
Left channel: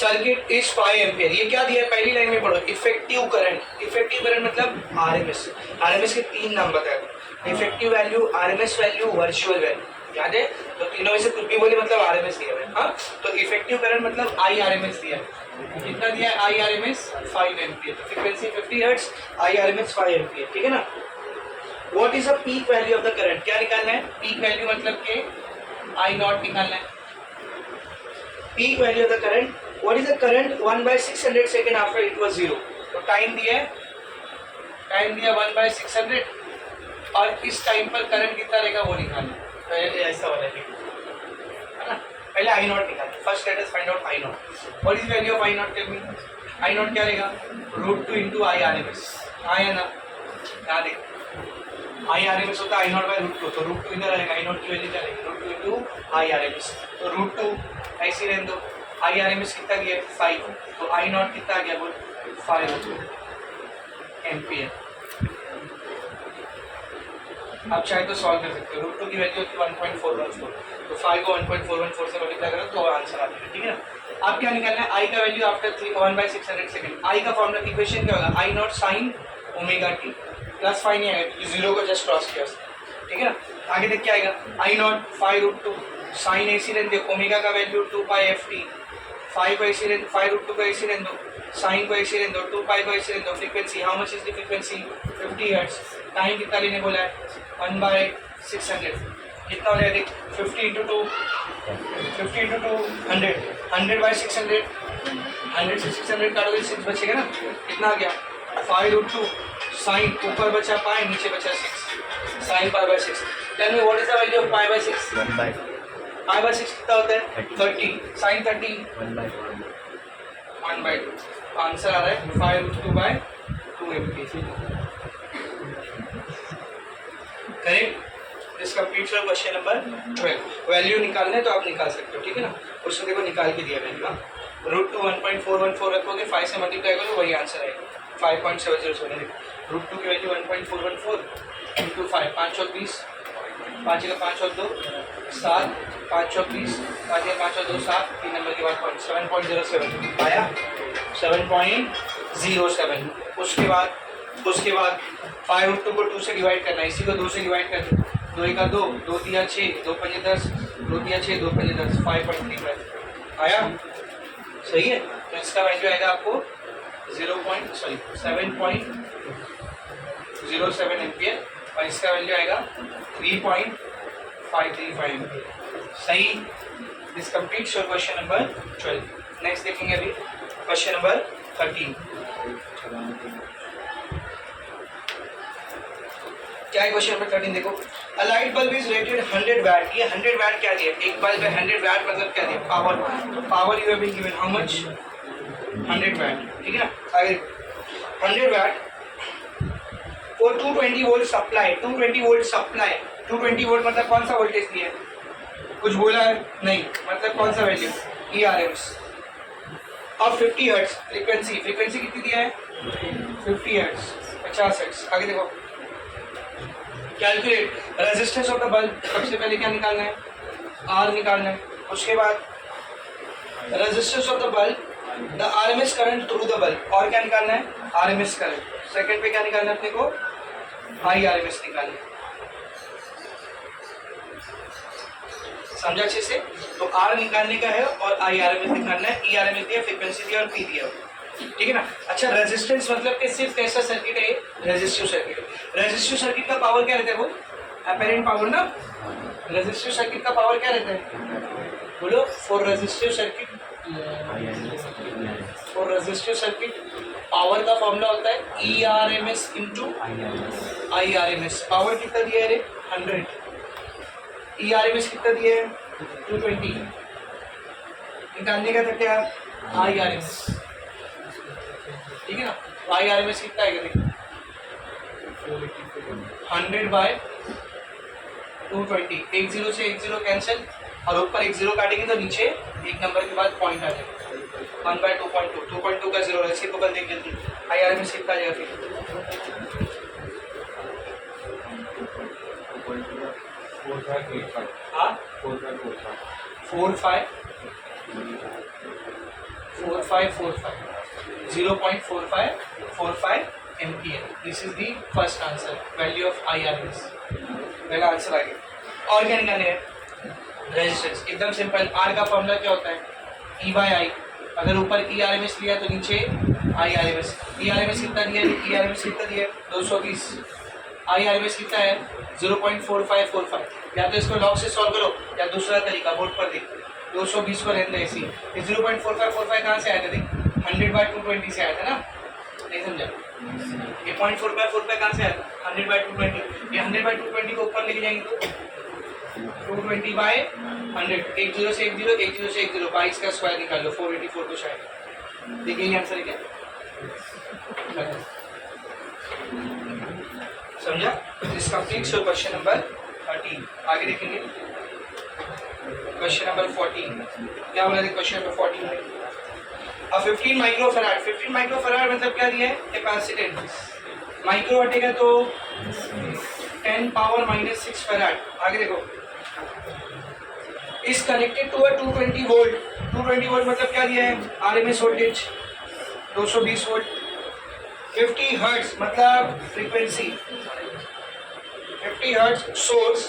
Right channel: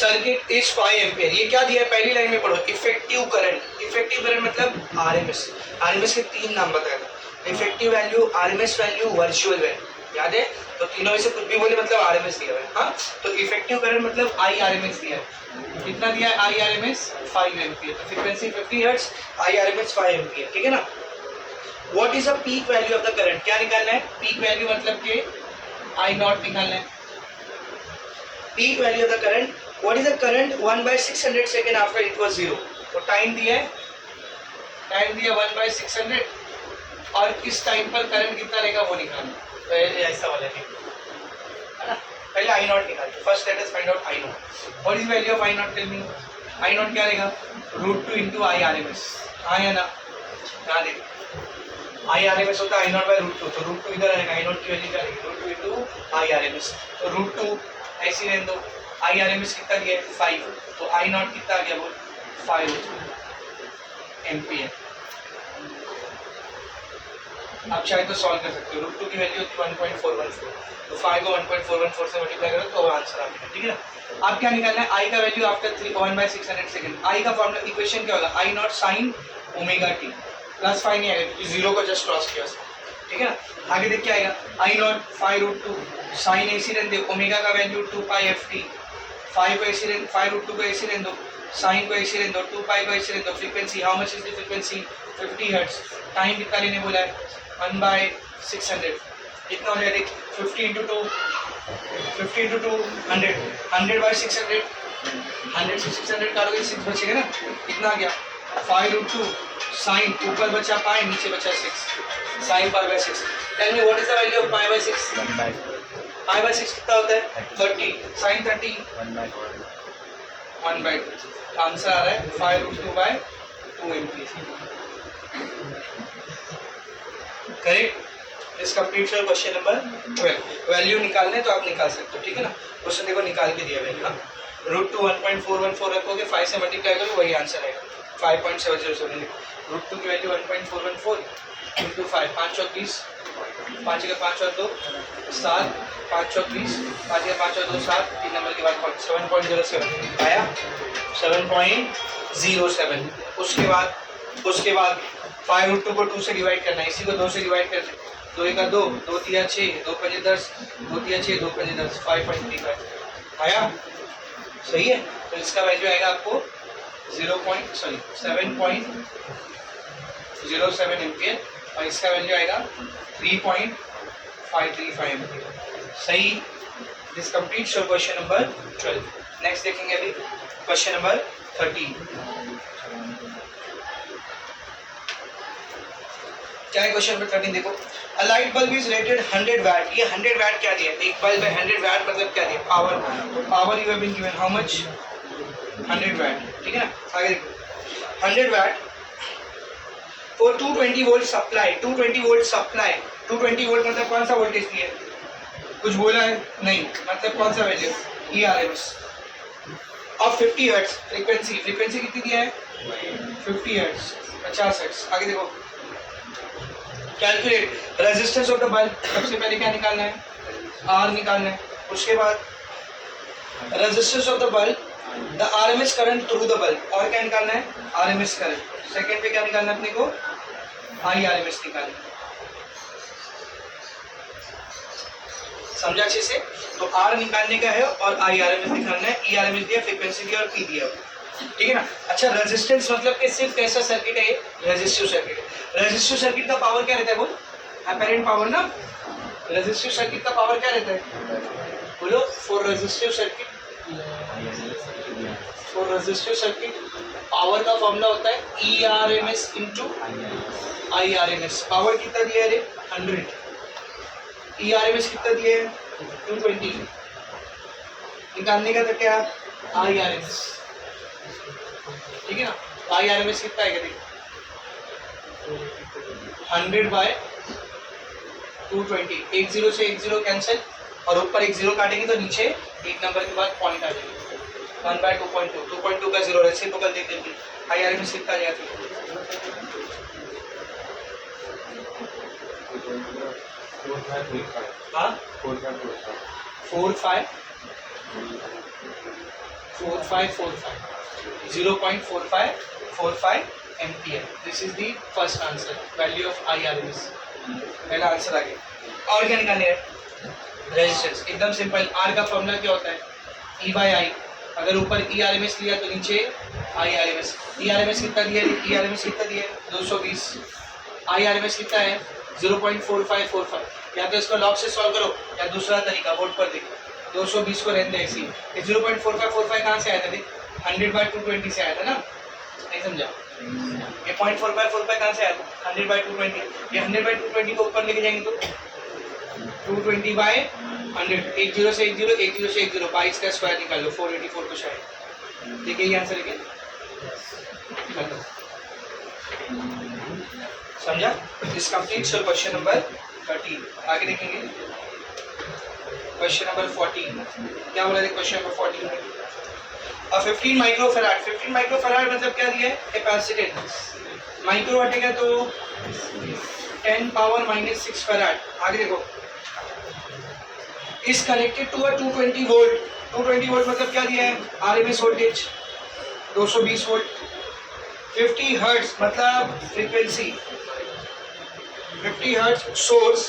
सर्किट इज 5 एम्पियर। ये क्या दिया है? पहली लाइन में पढ़ो, इफेक्टिव करंट। इफेक्टिव करंट मतलब आरएमएस। आरएमएस के 3 नाम बताए, effective value, RMS value, virtual value. याद है? तो तीनों में से कुछ भी बोले मतलब आरएमएस दिया है। हाँ, तो इफेक्टिव करंट मतलब आई आरएमएस दिया है। कितना दिया है? आई आरएमएस 5 एम्पियर। तो फ्रीक्वेंसी 50 हर्ट्ज, आई आरएमएस 5 एम्पियर, ठीक है ना। What is the peak value of the current? क्या निकालना है? पीक वैल्यू मतलब कि आई नॉट निकालना है। Peak value of the current, what is the current 1/600 second after it was 0? तो टाइम दिया है, टाइम दिया 1/600 और किस टाइम पर करंट कितना रहेगा वो निकालना। तो ऐसा वाला है ना। पहले आई नॉट निकालते, first let us find out I naught. What is value of I naught? Tell me. I naught क्या रहेगा? √2 × आई आरएमएस। हाँ या ना? यहाँ देखो, आई आरएमएस होता है आई नॉट बाई √2, तो √2 इधर आएगा, आई नॉट की वैल्यू क्या रहेगी? √2 × आई आरएमएस। तो √2 ऐसे रहने दो। आई आरएमएस कितना गया? 5, तो आई नॉट कितना गया? बोल 5 एम्पियर। आप चाहे तो सॉल्व कर सकते हो। √2 की वैल्यू होती है 1.414, तो 5 को 1.414 से मल्टीप्लाई करो तो आंसर आ जाएगा, ठीक है ना। आप क्या निकालना है? आई का वैल्यू आफ्टर 1/600 सेकंड। आई का फॉर्मूला, इक्वेशन क्या होगा? I naught sine omega T, plus 5 नहीं आएगा, 0 को जस्ट क्रॉस किया, ठीक है ना। आगे देख क्या आएगा? आई नॉट 5 √2 साइन AC रहने दे, ओमेगा का वैल्यू 2π/ft, फाइव को ऐसे रहने, 5√2 को ऐसे रहने दो, साइन को ऐसे रहने दो, 2 पाई को ऐसे रहने दो। Frequency, how much is the frequency? 50 hertz. Time कितना लेने बोला है? 1/600। कितना हो जाएगा देख, 50 × 2, 50 × 2 100, 100/600, 100 से 600 काटोगे 6 बचेगा ना। कितना आ गया? 5√2 साइन, ऊपर बचा पाई, नीचे बचा 6, sine π/6। Tell me what is the value of π/6? π/6 कितना होता है? 30, साइन 30, 1/2। आंसर आ रहा है 5√2/2 MP। Correct. This completes your question number 12। Value निकालना है तो आप निकाल सकते हो, ठीक है ना। क्वेश्चन देखो निकाल के दिया मैंने ना, √2 1.414 रखोगे, 5 से मल्टीप्लाई करो, वही आंसर आएगा 5.707। √2 की वैल्यू 1.414 × 5, 5 और 20, 5 का 5 और 2 7, 5 और 20, 5 का 5 और 2 7, 3 नंबर के बाद 7.07 आया, 7.07। उसके बाद 5√2 को 2 से डिवाइड करना है, इसी को 2 से डिवाइड करते हैं, 2 × 2, 2 × 3 = 6, 2 × 5 = 10, 2 × 3 = 6, 2 × 5 = 10, 5.35 आया। सही है, तो इसका वैल्यू आएगा आपको 7.07 एम्पियर और इसका वैल्यू आएगा 3.535 एम्पियर। सही। This completes your question number 12। Next देखेंगे अभी क्वेश्चन नंबर 13। क्या है क्वेश्चन नंबर 13? देखो, a light bulb is rated 100 watt. ये 100 वैट क्या दिया? एक बल्ब है 100 वैट, मतलब क्या दिया? पावर। तो power you have been given how much? 100 watt, ठीक है ना। आगे देखो, 100 watt for 220 volt supply. 220 volt supply, 220 volt मतलब कौन सा वोल्टेज दिया है? कुछ बोला है? नहीं, मतलब कौन सा वैल्यू? ERMS और 50 हर्ट्ज फ्रीक्वेंसी। फ्रीक्वेंसी कितनी दिया है? 50 हर्ट्ज, 50 हर्ट्ज। आगे देखो, calculate resistance of the bulb. सबसे पहले क्या निकालना है? R निकालना है। उसके बाद resistance of the bulb, the RMS current through the bulb, और क्या निकालना है? RMS current. सेकंड पे क्या निकालना है अपने को? IRMS निकालना है। समझा अच्छे से? तो R निकालने का है और IRMS निकालना है। ERMS दिया, फ्रीक्वेंसी दिया और P दिया, ठीक है ना। अच्छा, रेजिस्टेंस मतलब कि सिर्फ कैसा सर्किट है? रेजिस्टिव सर्किट है। रेजिस्टिव सर्किट का पावर क्या रहता है? वो अपेरेंट पावर ना। रेजिस्टिव सर्किट का पावर क्या रहता है? बोलो। फॉर रेजिस्टिव सर्किट पावर का फॉर्मूला होता है ERMS × IRMS। पावर कितना दिया है? 100। ERMS कितना दिया है? 220। निकालने का था क्या? IRMS, ठीक है ना। IRMS कितना है? 100/220। 1 0 से 1 0 कैंसिल, और ऊपर 1 0 काटेंगे तो नीचे एक नंबर के बाद पॉइंट आ जाएगा। 1/2.2, 2.2 का 0 रेसिप्रोकल देख लेते हैं। IRMS कितना आ जाएगा फिर? 0.4545 ampere. This is the first answer, value of IRMS। पहला आंसर आ गया। और क्या निकालने है? रेजिस्टेंस। एकदम सिंपल। R का फॉर्मूला क्या होता है? E/I। अगर ऊपर ERMS लिया तो नीचे IRMS। ERMS कितना दिया है? ERMS कितना दिया है? 220। IRMS कितना है? 0.4545। या तो इसको लॉग से सॉल्व करो या दूसरा तरीका बोर्ड पर देख, 220 को रहने ऐसी। 0.4545 कहाँ से आया था? 100/220 से आया था ना। नहीं समझा? ये 0.4545 कहाँ से आया था? 100/220। ये 100/220 को ऊपर लेके जाएंगे तो 220/100। 1 0 से 1 0, 1 0 से 1 0, 22 का स्क्वायर निकाल लो, 484 कुछ आएगा। देखिए ये आंसर है क्या? समझा? This completes your question number 13। आगे देखेंगे क्वेश्चन नंबर 14। क्या बोला था क्वेश्चन नंबर 14 में? 15 माइक्रोफैराड। 15 माइक्रोफैराड मतलब क्या दिया है? कैपेसिटेंस। माइक्रो हटेगा तो 10⁻⁻6 फैराड। आगे देखो, is connected to a 220 volt. 220 volt मतलब क्या दिया है? RMS voltage 220 volt. 50 हर्ट्ज मतलब frequency, 50 hertz source.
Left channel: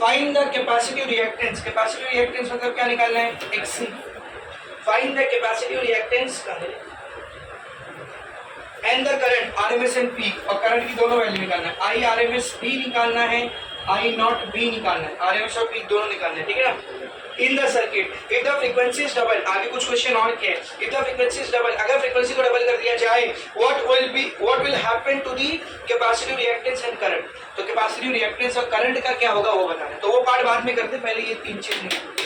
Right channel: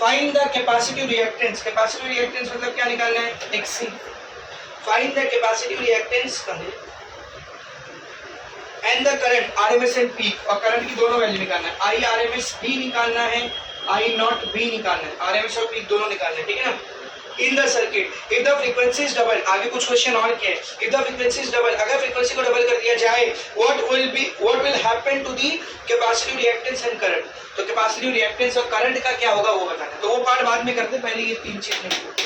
Find the capacitive reactance. Capacitive reactance मतलब क्या निकालना है? XC। Find the capacitive reactance and the current RMS and peak, और करंट की दोनों वैल्यू निकालना है। आई आरएमएस भी निकालना है, आई नॉट भी निकालना है, आरएमएस और पीक दोनों निकालना है, ठीक है ना। In the circuit if the frequency is double, आगे कुछ क्वेश्चन और क्या है, if the frequency is double, अगर फ्रीक्वेंसी को डबल कर दिया जाए what will happen to the capacitive reactance and current, तो कैपेसिटिव रिएक्टेंस और करंट का क्या होगा वो बताना है, तो वो पार्ट बाद में करते, पहले ये तीन चीज निकालते।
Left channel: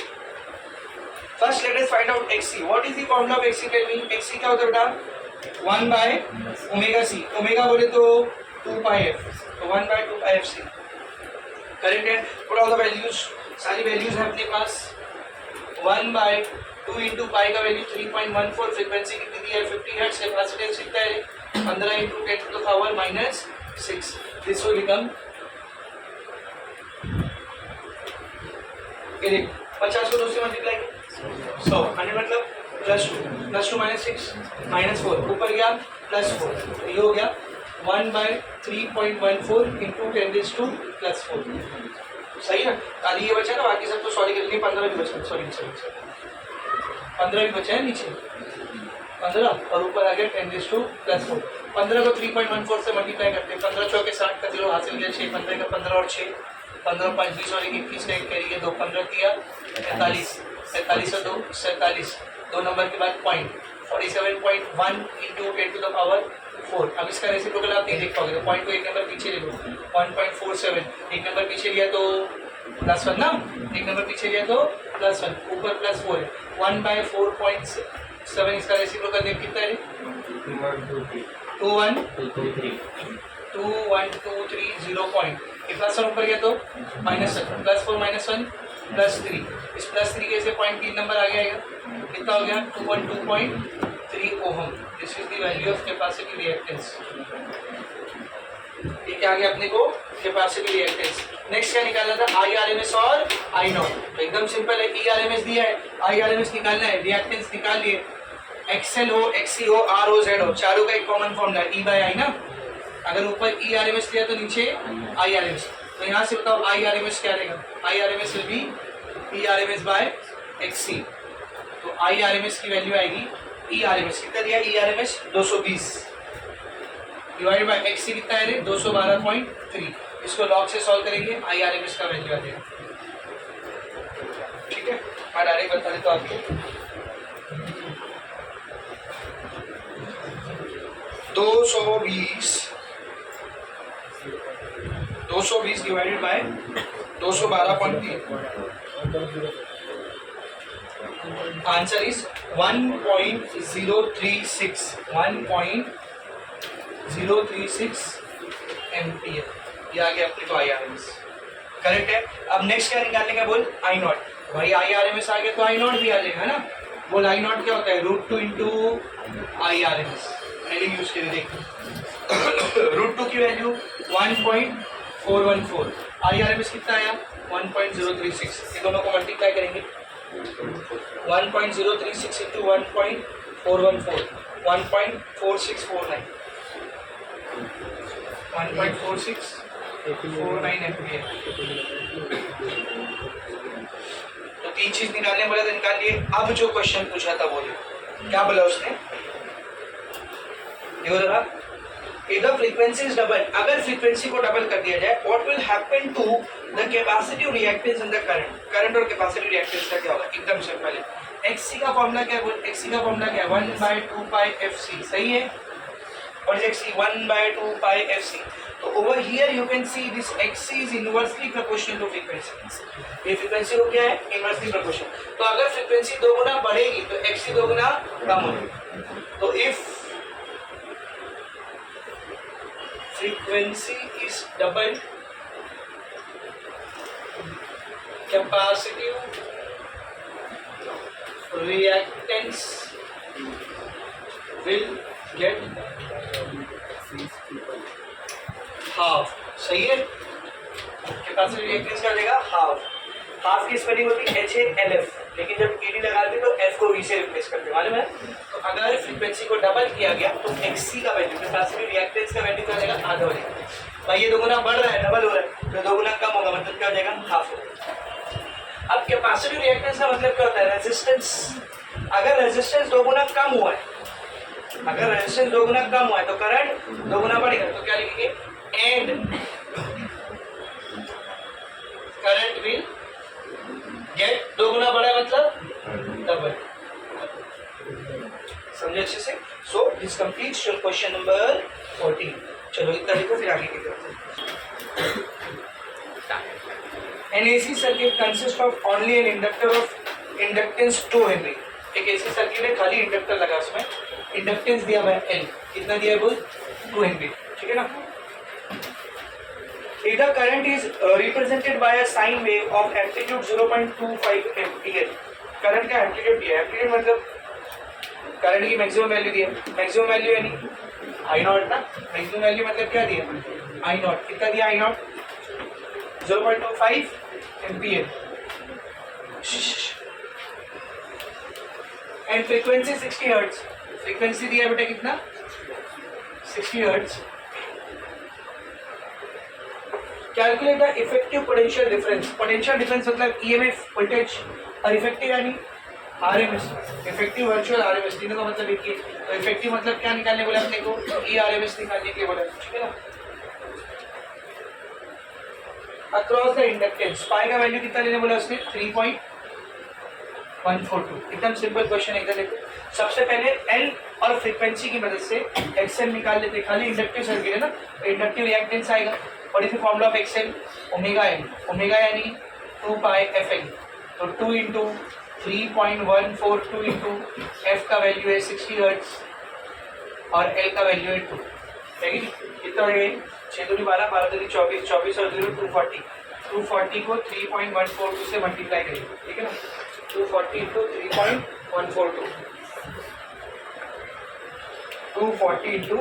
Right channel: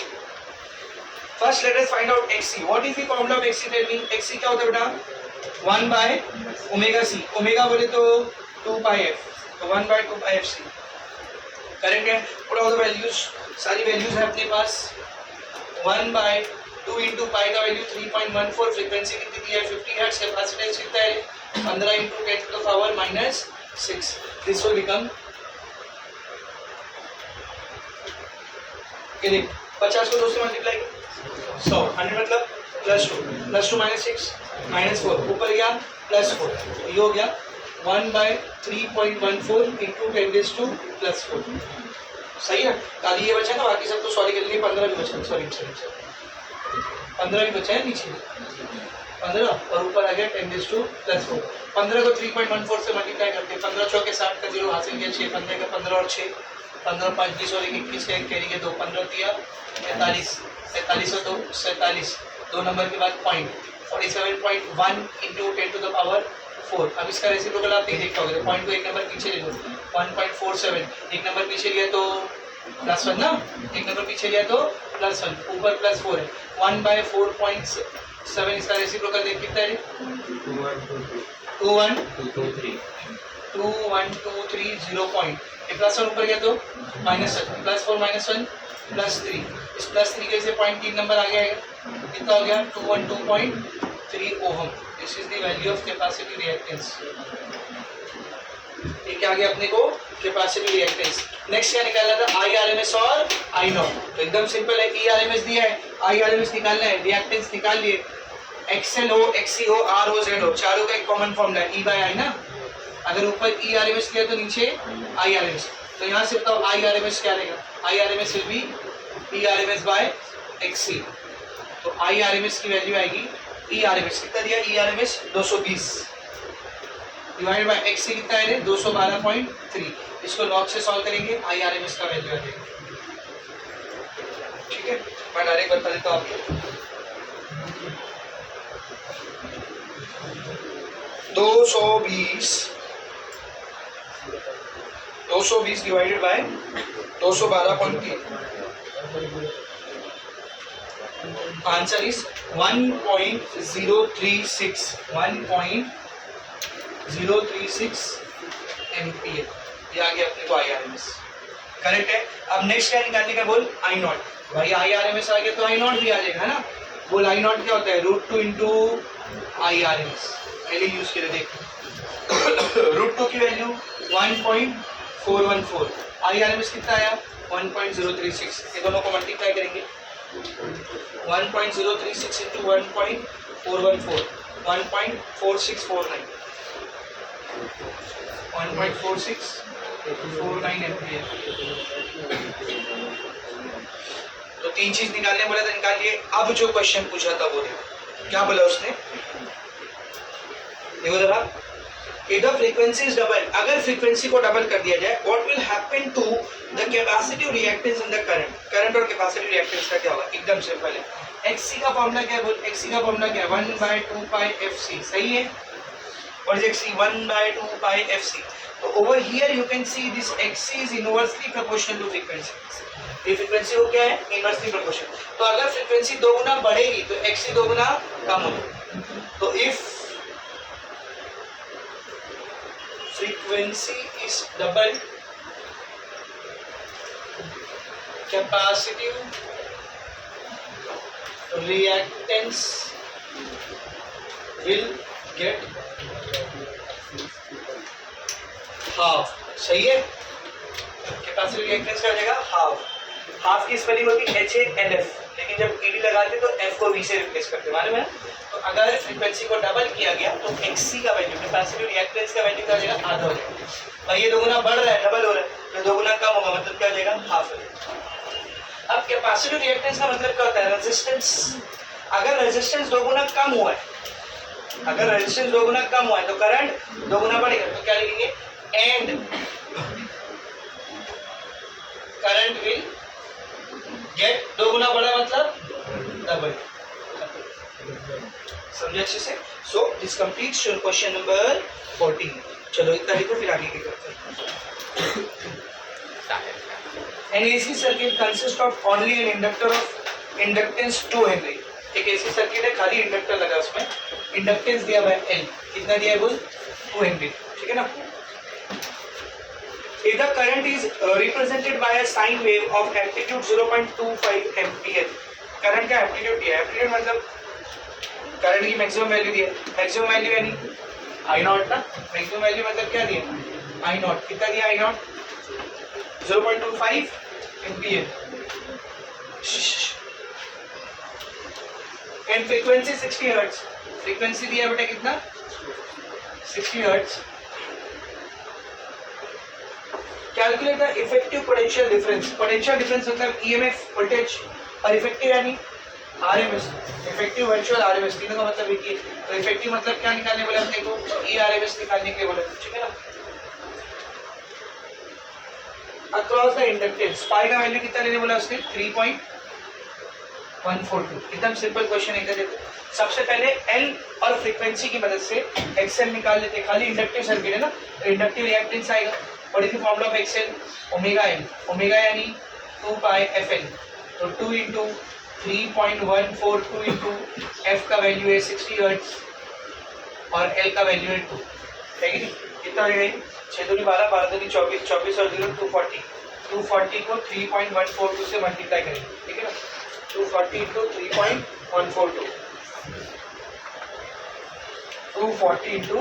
First let us find out XC, what is the formula of XC, tell me. XC क्या होता है बेटा, 1 बाय ओमेगा सी, ओमेगा बोले तो 2 पाई एफ, तो 1 by 2 pi F C, correct है। पुट ऑल द वैल्यूज, सारी वैल्यूज है अपने पास। 1 बाय 2 इंटू पाई का वैल्यू 3.14, फ्रीक्वेंसी कितनी दी है 50 हर्ट्ज, कैपेसिटेंस कितना है 15 into 10 to the power -6, this will become, ये देख 50 को 2 से मल्टीप्लाई 100, 100 मतलब +2 -6 -4, ऊपर गया +4, तो ये हो गया 1 बाय 3.14 इंटू 10⁻⁴, सही ना। खाली ये बचा ना, बाकी सब तो सॉरी कर लिए, 15 भी बचा, सॉरी 15 भी बचा है नीचे, 15 और ऊपर आ गया 10⁻⁴। 15 को 3.14 से मल्टीप्लाई करते हैं, 15 चौके 60 का 0 हासिल किया, 6 15 का 15 और 6 15 और 5 20 और 21 का 1 कैरी के 2 15 दिया 45, 45 और 2 47, 2 नंबर के बाद point 47.1 into 10 to the power 4। अब इसका रेसिप्रोकल आप नहीं देख पाओगे, तो पॉइंट को एक नंबर पीछे ले लो, 1.47, एक नंबर पीछे लिया तो +1 ना, एक नंबर पीछे लिया तो +1, ऊपर +4 है, 1 बाय 4.7, इसका रेसिप्रोकल देख कितना है 2 1 2 3 0 पॉइंट, +1 ऊपर गया तो -1, +4 -1 +3, इस +3 के से पॉइंट 3 नंबर आ गया है, कितना हो गया 212.3 ohm. This is the value of capacity reactance. ये क्या आ गया अपने को, कैपेसिटी रिएक्टेंस। नेक्स्ट क्या निकालना था, आई आरएमएस और आई नॉट, तो एकदम सिंपल है, ई आरएमएस दिया है, आई आरएमएस निकालना है, रिएक्टेंस निकाल लिए, एक्सएल हो, एक्सी हो, आर हो, जेड हो, चारों का एक कॉमन फॉर्मूला ई बाय आई ना, अगर ऊपर ई आरएमएस लिया तो नीचे आई आरएमएस, तो यहाँ से बताओ आई आरएमएस क्या रहेगा, I RMS will be E RMS by XC, तो आई आरएमएस की वैल्यू आएगी, ई आरएमएस कितना दिया, ई आरएमएस 220 डिवाइड बाय एक्सी कितना है रे 212.3, इसको लॉग से सॉल्व करेंगे, आई आरएमएस का वैल्यू आ जाएगा, ठीक है। मैं डायरेक्ट बता देता हूँ आपको, 220 divided by 212.3, answer is 1.036 ampere, ये आ गया अपने को आई आरएमएस, करेक्ट है। अब नेक्स्ट क्या निकालने का बोल, आई नॉट, भाई आई आरएमएस आ गया तो आई नॉट भी आ जाएगा, है ना। बोल आई नॉट क्या होता है, √2 इंटू आई आरएमएस, पहले यूज करें देख, √2 की वैल्यू 1.414, आई आरएमएस कितना आया 1.036, ये दोनों को मल्टीप्लाई करेंगे, 1.036 इंटू 1.414, 1.4649, 1.4649 एम्पियर। तो तीन चीज निकालने बोला था, निकाल लिए। अब जो क्वेश्चन पूछा था वो देखो क्या बोला उसने, देखो जरा, if the frequency is double, अगर फ्रीक्वेंसी को डबल कर दिया जाए what will happen to the capacitive reactance and the current, current और कैपेसिटिव रिएक्टेंस का क्या होगा, एकदम सिंपल है। XC का फॉर्मूला क्या है बोल, XC का फॉर्मूला क्या है 1 बाय 2 पाई FC, सही है, और XC 1 बाय 2 पाई FC, तो over here you can see this XC is inversely proportional to frequency, ये फ्रीक्वेंसी को क्या है इनवर्सली प्रोपोर्शनल, तो अगर फ्रीक्वेंसी 2 गुना बढ़ेगी तो XC 2 गुना कम होगी, तो if frequency is double, capacitive reactance will get half, सही है, कैपेसिटिव रिएक्टेंस कर देगा हाफ की स्पेलिंग होती है HALF, लेकिन जब ED लगाते तो F को V से रिप्लेस करते, मालूम है। तो अगर फ्रीक्वेंसी को डबल किया गया तो XC का वैल्यू, कैपेसिटिव रिएक्टेंस का वैल्यू क्या हो जाएगा, आधा हो जाएगा। भाई ये 2 गुना बढ़ रहा है, डबल हो रहा है, तो 2 गुना कम होगा, मतलब क्या हो जाएगा, हाफ हो जाएगा। अब कैपेसिटिव रिएक्टेंस का मतलब क्या होता है, रेजिस्टेंस, अगर रेजिस्टेंस दोगुना कम हुआ है, अगर रेजिस्टेंस दोगुना कम हुआ है तो करंट दोगुना बढ़ेगा, तो क्या लिखेंगे, एंड करंट विल गेट, दोगुना बढ़ा मतलब डबल। समझे अच्छे से? So this completes your question number 14। चलो इतना लिखो, फिर आगे क्या करते हैं। An AC circuit consists of only an inductor of inductance 2 Henry। एक AC सर्किट है, खाली इंडक्टर लगा उसमें, इंडक्टेंस दिया हुआ है L, कितना दिया है बोल, 2 Henry, ठीक है ना। If the current is represented by a sine wave of amplitude 0.25 ampere, current का एम्पलीट्यूड दिया है, एम्पलीट्यूड मतलब करंट की मैक्सिमम वैल्यू दी है, मैक्सिमम वैल्यू यानी आई नॉट ना, मैक्सिमम वैल्यू मतलब क्या दिया, आई नॉट, कितना दिया I naught, 0.25 ampere, and frequency 60 hertz, frequency दिया बेटा कितना, 60 hertz. Calculate the effective potential difference, potential difference मतलब ईएमएफ वोल्टेज, और इफेक्टिव यानी आरएमएस, इफेक्टिव वर्चुअल आरएमएस, तीनों का मतलब एक ही है। तो इफेक्टिव मतलब क्या निकालने बोला अपने को, ई आरएमएस निकालने के बोला, ठीक है ना। अक्रॉस द इंडक्टेंस, पाई का वैल्यू कितना लेने बोला उसने, 3.142। एकदम सिंपल क्वेश्चन है, देखो सबसे पहले एल और फ्रीक्वेंसी की मदद से एक्सएल निकाल लेते, खाली इंडक्टिव सर्किट है ना, इंडक्टिव रिएक्टेंस आएगा, what is the formula of XL, omega M, omega यानी 2 पाई एफ एल, तो 2 इंटू 3.142 इंटू एफ का वैल्यू है 60 हर्ट्ज और एल का वैल्यू है 2, है कि नहीं, कितना हो जाएगा, 6 दूनी 12, 12 दूनी 24, 24 और 0 240, 240 को 3.142 से मल्टीप्लाई करेंगे, ठीक है ना, 240 इंटू 3.142, 240 इंटू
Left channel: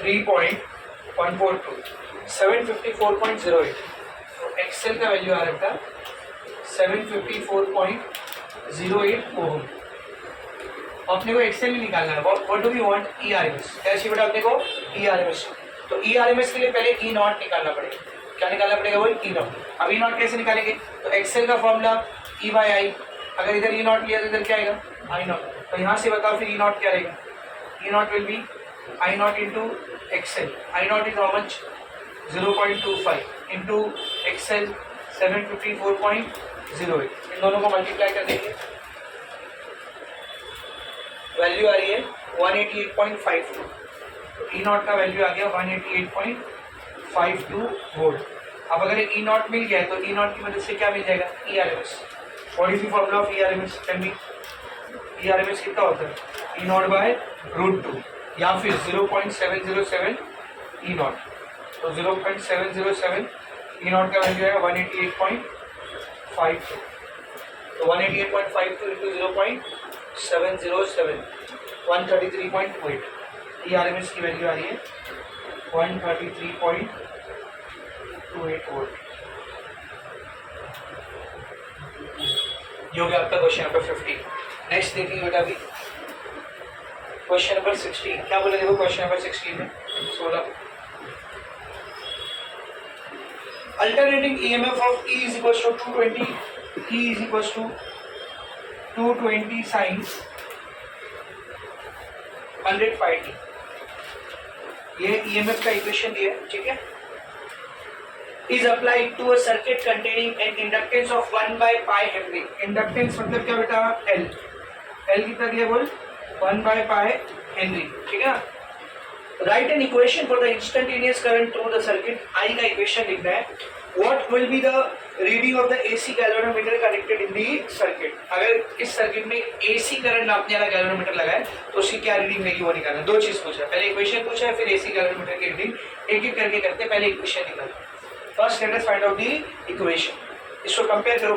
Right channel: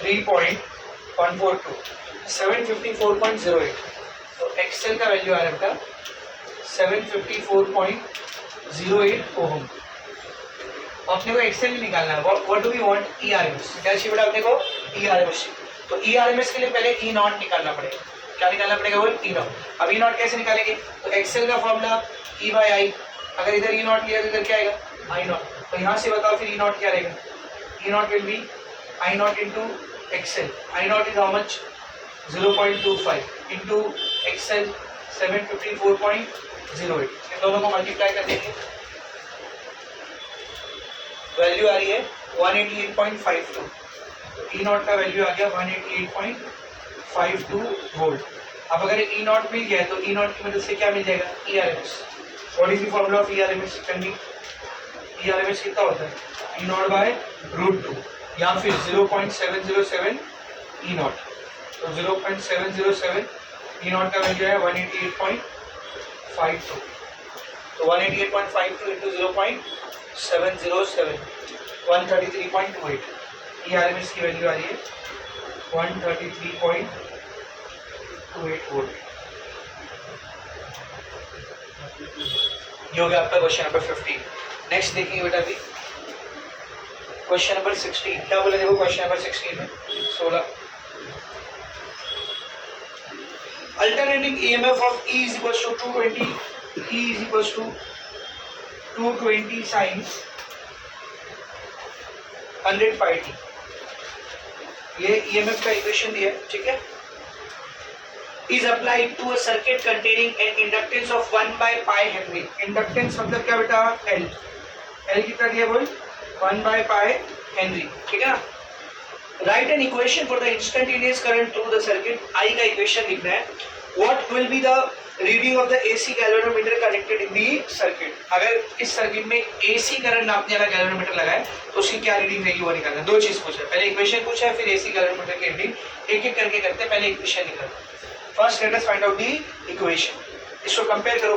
3.142, 754.08, तो एक्सएल का वैल्यू आ रहा है 754.08 ओम। अपने को एक्सएल ही निकालना है, what do we want, E RMS, क्या चाहिए बेटा अपने को, ई आरएमएस। तो ई आरएमएस के लिए पहले ई नॉट निकालना पड़ेगा, क्या निकालना पड़ेगा बोल, ई नॉट। अब ई नॉट कैसे निकालेंगे, तो एक्सएल का फॉर्मूला ई बाई आई, अगर इधर ई नॉट लिया तो इधर क्या आएगा, आई नॉट, तो यहाँ से बताओ फिर ई नॉट क्या रहेगा, E naught will be I naught into XL, I naught is how much, 0.25 into XL 754.08, इन दोनों को मल्टीप्लाई कर देंगे, वैल्यू आ रही है 188.52, ई नॉट का वैल्यू आ गया 188.52 वोल्ट। अब अगर ई नॉट मिल गया तो ई नॉट की मदद से क्या मिल जाएगा, E R M S, what is the formula of E R M S, can be, E R M S कितना होता है, ई नॉट बाय √2 या फिर 0.707 ई नॉट, तो 0.707 ई नॉट का वैल्यू है 188.52, तो 188.52 into 0.707, 133.28, E R M S की वैल्यू आ रही है 133.28 वोल्ट। ये हो गया आपका क्वेश्चन नंबर 15। नेक्स्ट देखिए बेटा अभी क्वेश्चन नंबर 16, क्या बोले देखो क्वेश्चन नंबर 16 में 16, alternating EMF of E is equals to 220, E is equals to 220 sin 100 pi t, ये EMF का इक्वेशन दिया है, ठीक है, is applied to a circuit containing an inductance of 1 by pi Henry, inductance मतलब क्या बेटा, L, L कितना दिया बोल, 1 by pi Henry, ठीक है ना। Write an equation for the instantaneous current through the circuit, I का इक्वेशन लिखना है, what will be the reading of the AC galvanometer connected in the circuit, अगर इस सर्किट में AC करंट नापने वाला गैल्वेनोमीटर लगा है तो उसकी क्या रीडिंग रहेगी वो निकालना है। दो चीज पूछा है, पहले इक्वेशन पूछा है, फिर AC गैल्वेनोमीटर की रीडिंग, एक एक करके करते हैं, पहले इक्वेशन निकालो। First let us find out the equation, इसको कंपेयर करो,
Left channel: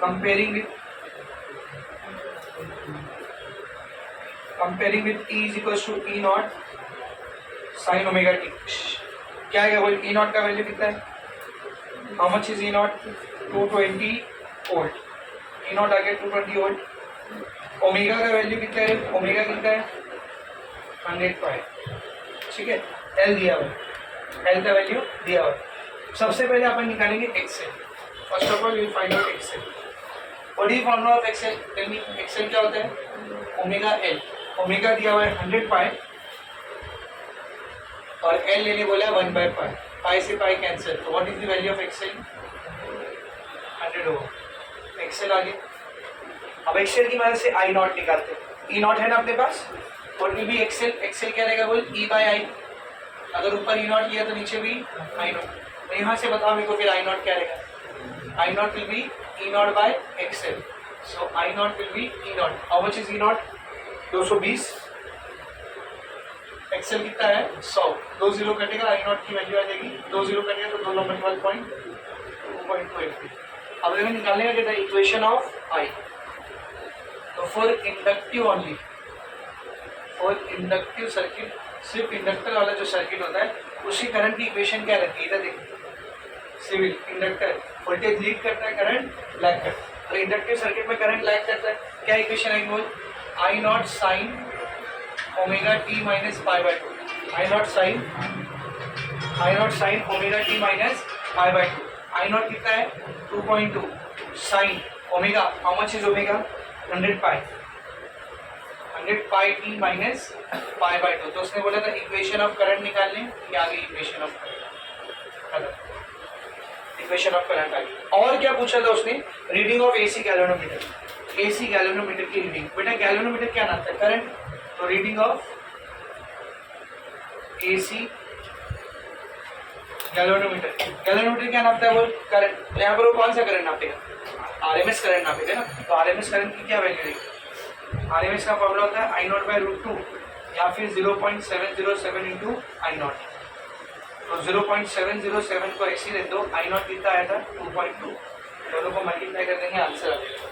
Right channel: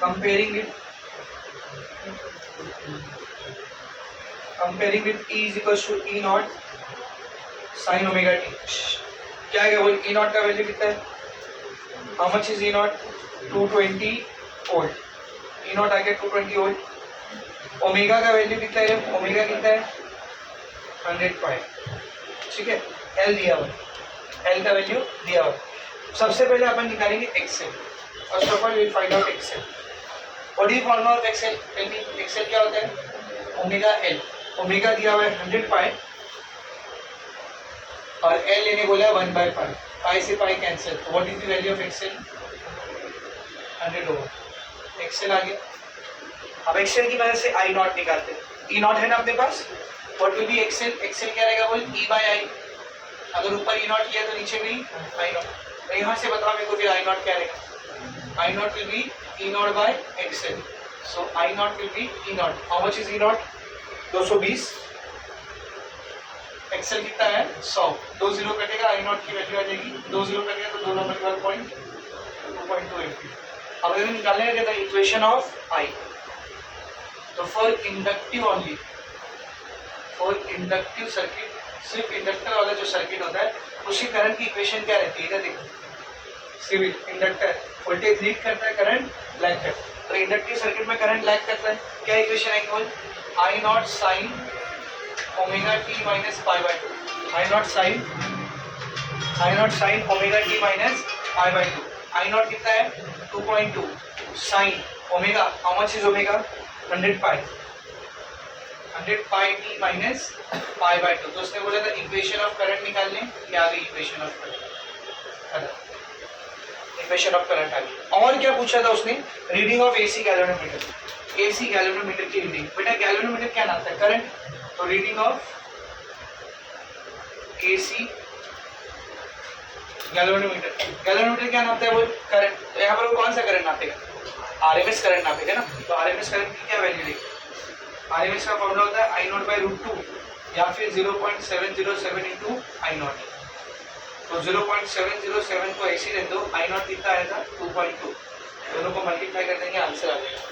comparing with E is equals to E not sin omega t, क्या है वो E नॉट का वैल्यू कितना है, how much is E naught, 220 volt, E naught आ गया 220 वोल्ट, ओमेगा का वैल्यू कितना है, ओमेगा कितना है 100 पाई, ठीक है, L दिया हुआ, L का वैल्यू दिया हुआ। सबसे पहले अपन निकालेंगे XL, first of all we find out XL, what is formula of XL? Tell me, XL क्या होता है? Omega L. ओमेगा दिया हुआ है 100 पाई और एल लेने बोला है 1 बाई पाई। पाई से पाई कैंसिल, तो what is the value of XL? 100 होगा। एक्सएल आ गया। अब एक्सएल की मदद से आई नॉट निकालते हैं। ई नॉट है ना अपने पास, what will be XL? XL क्या रहेगा बोल? E by I. अगर ऊपर ई नॉट किया तो नीचे भी आई नॉट। तो यहाँ से बताओ मेरे को फिर आई नॉट क्या रहेगा? I naught will be E naught by XL. So I naught will be E naught. How much is E naught? 220। XL कितना है? 100। 2 जीरो कटेगा, आई नॉट की वैल्यू आ जाएगी। 2 जीरो कटेगा तो 2 नंबर के बाद पॉइंट 2.283। अब अगर निकालने का कहता है इक्वेशन ऑफ आई, तो for inductive only, for inductive circuit, सिर्फ इंडक्टर वाला जो सर्किट होता है उसकी करंट की इक्वेशन क्या रहती है? इधर देखो, सिविल इंडक्टर वोल्टेज लीड करता है, करंट लैग करता है। तो इंडक्टिव सर्किट में करंट लैग करता है, क्या इक्वेशन है? बोल I naught sine omega T minus pi by 2। I naught sine omega T minus pi by 2। I naught कितना है? 2.2 sine omega. How much is omega? 100 pi. 100 pi T minus pi by 2। तो उसने बोला था equation of current निकालने, ये आ गई equation of current. Equation of current आ गई। और क्या पूछा था उसने? Reading of AC galvanometer. AC galvanometer की रीडिंग। बेटा गैल्वेनोमीटर क्या नाम था? करंट। तो reading of AC galvanometer. Galvanometer क्या नापता है? वो करंट। तो यहाँ पर वो कौन सा करंट नापेगा? आरएमएस करंट नापेगा ना। तो आरएमएस करंट की क्या वैल्यू रहेगी? आरएमएस का फॉर्मूला होता है आई नॉट बाई रूट 2 या फिर 0.707 इंटू आई नॉट। तो 0.707 को ऐसे रख दो, आई नॉट कितना आया था? 2.2। दोनों को मल्टीप्लाई कर देंगे, आंसर आ जाएगा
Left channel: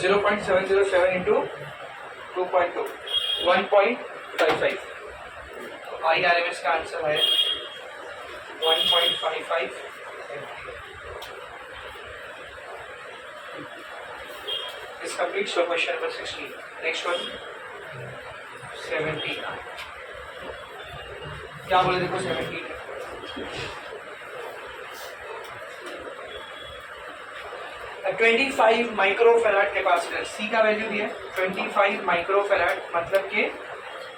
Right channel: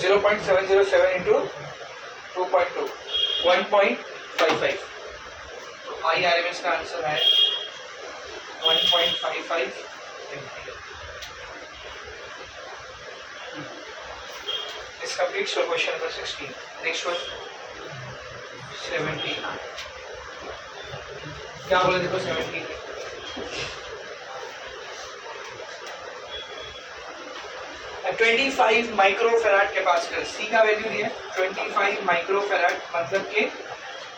0.707 इंटू 2.2 1.55। तो आई आर एम एस का आंसर है 1.55 ampere. This completes your question number 16. Next one 17. क्या बोले देखो 17? A 25 माइक्रोफैराड कैपेसिटर, सी का वैल्यू दिया 25 माइक्रोफैराड, मतलब के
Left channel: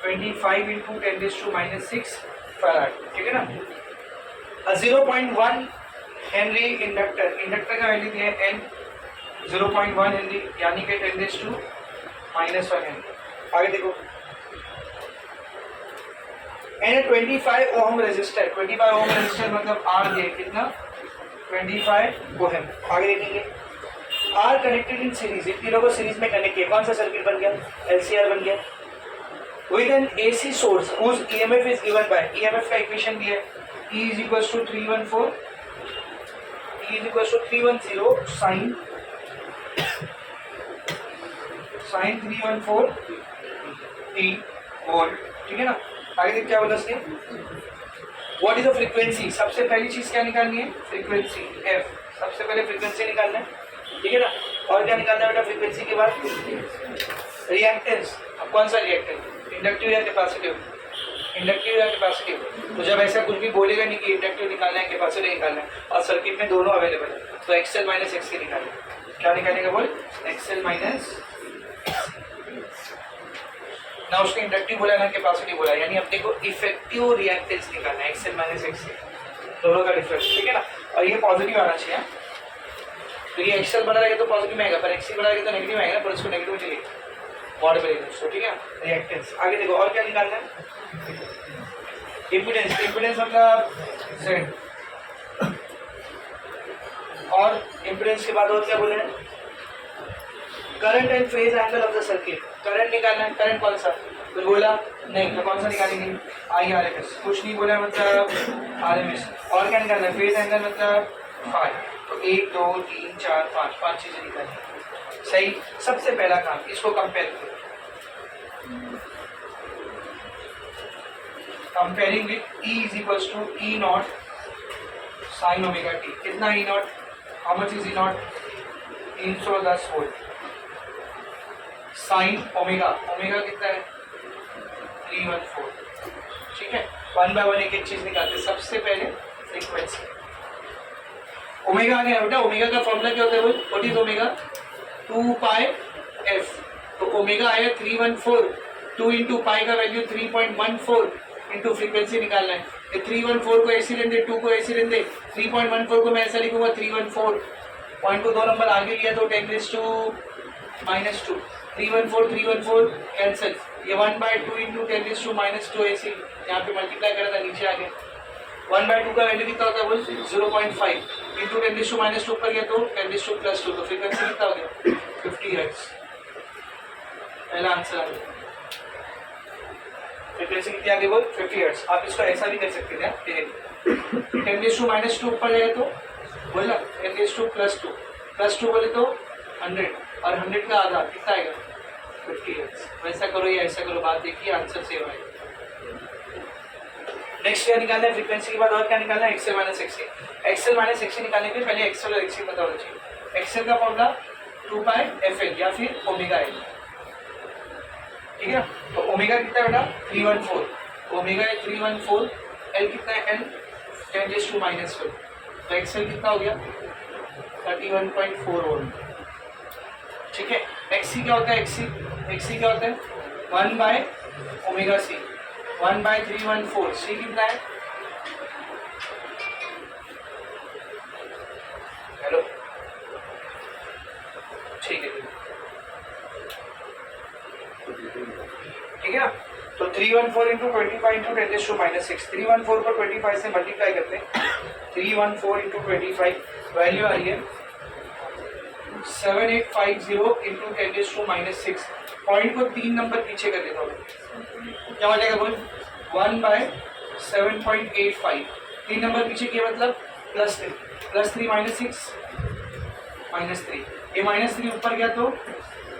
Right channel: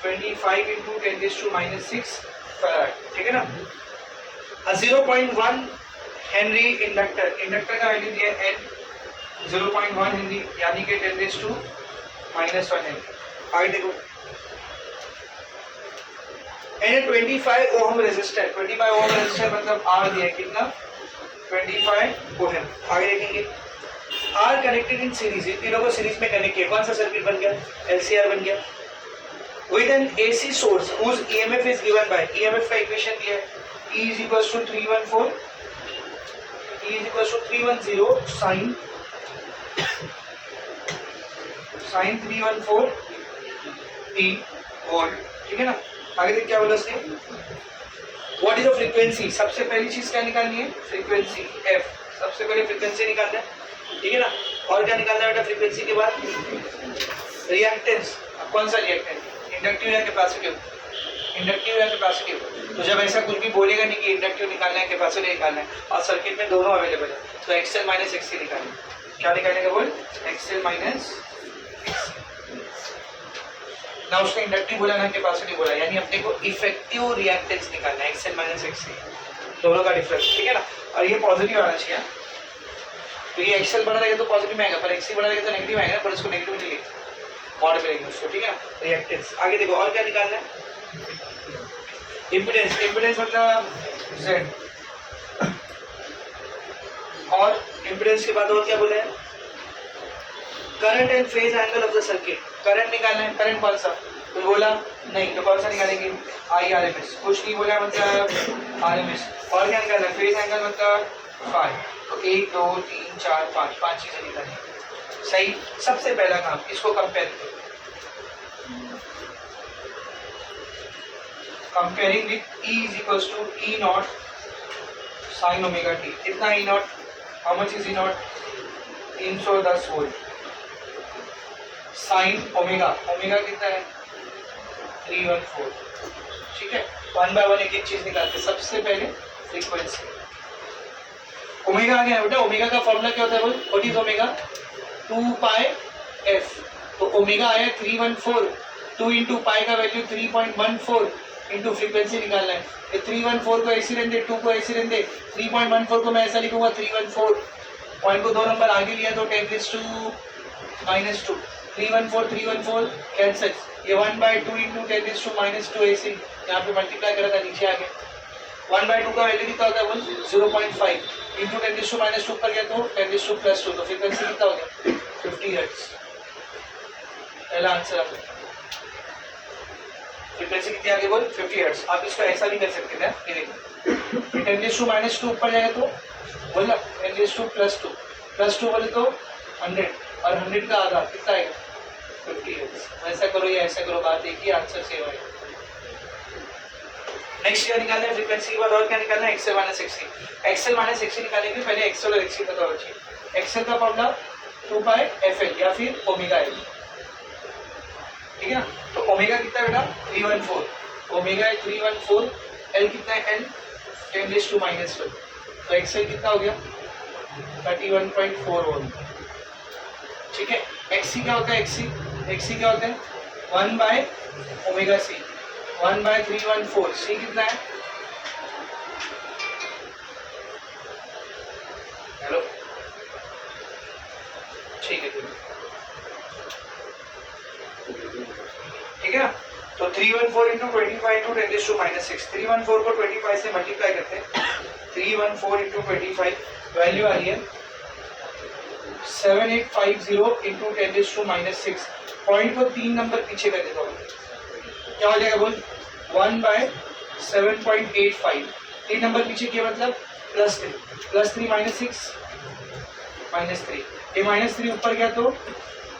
25 इंटू 10⁻⁻6 फैराड, ठीक है ना। 0.1 हेनरी इंडक्टर, इंडक्टर का वैल्यू दिया एन 0.1 हेनरी, यानी कि 10⁻⁻1 हेनरी। आगे देखो and 25 ohm resistor, 25 ohm resistor मतलब आर दिया कितना? 25 ओम। आगे देखेंगे आर कनेक्टेड इन सीरीज, इन तीनों को सीरीज में कनेक्ट किया, कौन सा सर्किट बन गया? एलसीआर बन गया। With an AC source whose EMF is given by, EMF का इक्वेशन दिया है E is equals to 314, E is equals to 310 sin 314 T volt, ठीक है ना। आगे देख क्या बोला उसने? व्हाट इज द फ्रीक्वेंसी, सबसे पहली चीज क्या निकालनी है? फ्रीक्वेंसी F, सबसे पहले फ्रीक्वेंसी निकालना है, ठीक है ना। और क्या निकालना है बेटा फ्रीक्वेंसी के बाद? रिएक्टेंस। अब कौन सा रिएक्टेंस? इंडक्टिव या कैपेसिटिव? इंडक्टिव या कैपेसिटिव। तो जब ऐसा कुछ भी बोलेगा नहीं कि इंडक्टिव निकालना है कैपेसिटिव निकालना है और सर्किट में दोनों अवेलेबल है, तो एक्सएल माइनस एक्ससी निकालना है। क्या निकालने का बोल? एक्सएल माइनस ना, उसने इंडक्टिव बोला ना कैपेसिटिव बोला, यानी अपने को इफेक्टिव रिएक्टेंस निकालना है, एक्सएल माइनस एक्ससी, दोनों का डिफरेंस, ठीक है ना। और ये पॉजिटिव आना चाहिए, तो ये एक्सएल बना रहेगा तो पॉजिटिव में आएगा, पर एक्ससी बना रहेगा तो नेगेटिव आएगा, पर उसको नेगेटिव चाहिए मॉड में लेंगे उसको, ठीक है। रिएक्टेंस आगे देखो और क्या निकालना है? इम्पीडेंस, इम्पीडेंस मतलब Z, और इम्पीडेंस के बाद और क्या बोला है? Current and phase angle of the circuit, current निकालना है। करंट कौन सा? कुछ बोला नहीं, तो कौन सा निकालेंगे? IRMS। कुछ नहीं बोला मतलब RMS। और क्या निकालना है? फेज एंगल मतलब फाई। तो 1 2 3 4 5 5 चीजें निकालनी, सही। सबसे पहला काम इसको कंपेयर करो, comparing with E is equals to E naught sin omega t। कितना E naught? How much is E naught? 310 volt. Sine omega, omega कितना है? 314, ठीक है। 1 बाय 1 एक एक चीज निकालते। सबसे पहले फ्रीक्वेंसी, ओमेगा आ गया बेटा, ओमेगा का फॉर्मूला क्या होता है बोल, what is omega, 2 pi F, तो ओमेगा आया 314, 2 इंटू पाई का वैल्यू 3.14 इंटू फ्रीक्वेंसी निकालना है, ये 314 को ऐसे रहने दे, 2 को ऐसे रहने दे, 3.14 को मैं ऐसा लिखूंगा 314, पॉइंट को 2 नंबर आगे लिया तो 10⁻⁻², 314 कैंसिल, ये 1/2 इंटू 10⁻⁻² ऐसे यहाँ पे मल्टीप्लाई करा था, नीचे आ गया, 1/2 का वैल्यू कितना होता है बोल, 0.5 इंटू 10⁻² ऊपर गया तो 10⁻+2, तो फ्रीक्वेंसी कितना हो गया 50 हर्ट्ज, पहला आंसर आ गया, फ्रीक्वेंसी कितनी आ गई बोल 50 हर्ट्ज। आप इसको ऐसा भी कर सकते हैं, ये देखो 10⁻² ऊपर जाएगा तो बोल ना 10⁻+2, +2 बोले तो 100, और 100 का आधा कितना आएगा 50 हर्ट्ज। वैसा करो या ऐसा करो, बात एक ही, आंसर सेम आएगा। नेक्स्ट क्या निकालना है, फ्रीक्वेंसी के बाद और क्या निकालना है, एक्सएल माइनस एक्ससी। एक्सएल माइनस एक्ससी निकालने के लिए पहले एक्सएल और एक्ससी पता होना चाहिए। एक्सएल का फॉर्मूला 2 पाई एफएल या फिर ओमेगा एल, ठीक है। तो ओमेगा कितना बेटा 314, ओमेगा है 314, एल कितना है एल 10⁻⁻², तो एक्सएल कितना हो गया 31.4 वोल्ट, ठीक है। एक्ससी क्या होता है, एक्ससी क्या होता है 1/ओमेगा सी, 1/314, सी कितना है, हेलो, ठीक है ठीक है। तो 314 इंटू 25 इंटू 10⁻⁻6, 314 को 25 से मल्टीप्लाई करते हैं, 314 इंटू 25 वैल्यू आ रही है 7850 इंटू 10⁻⁻6, पॉइंट को 3 नंबर पीछे कर देता हूँ, क्या हो जाएगा बोल 1/7.85, 3 नंबर पीछे किया मतलब +3, +3 -6 -3, ये -3 ऊपर गया तो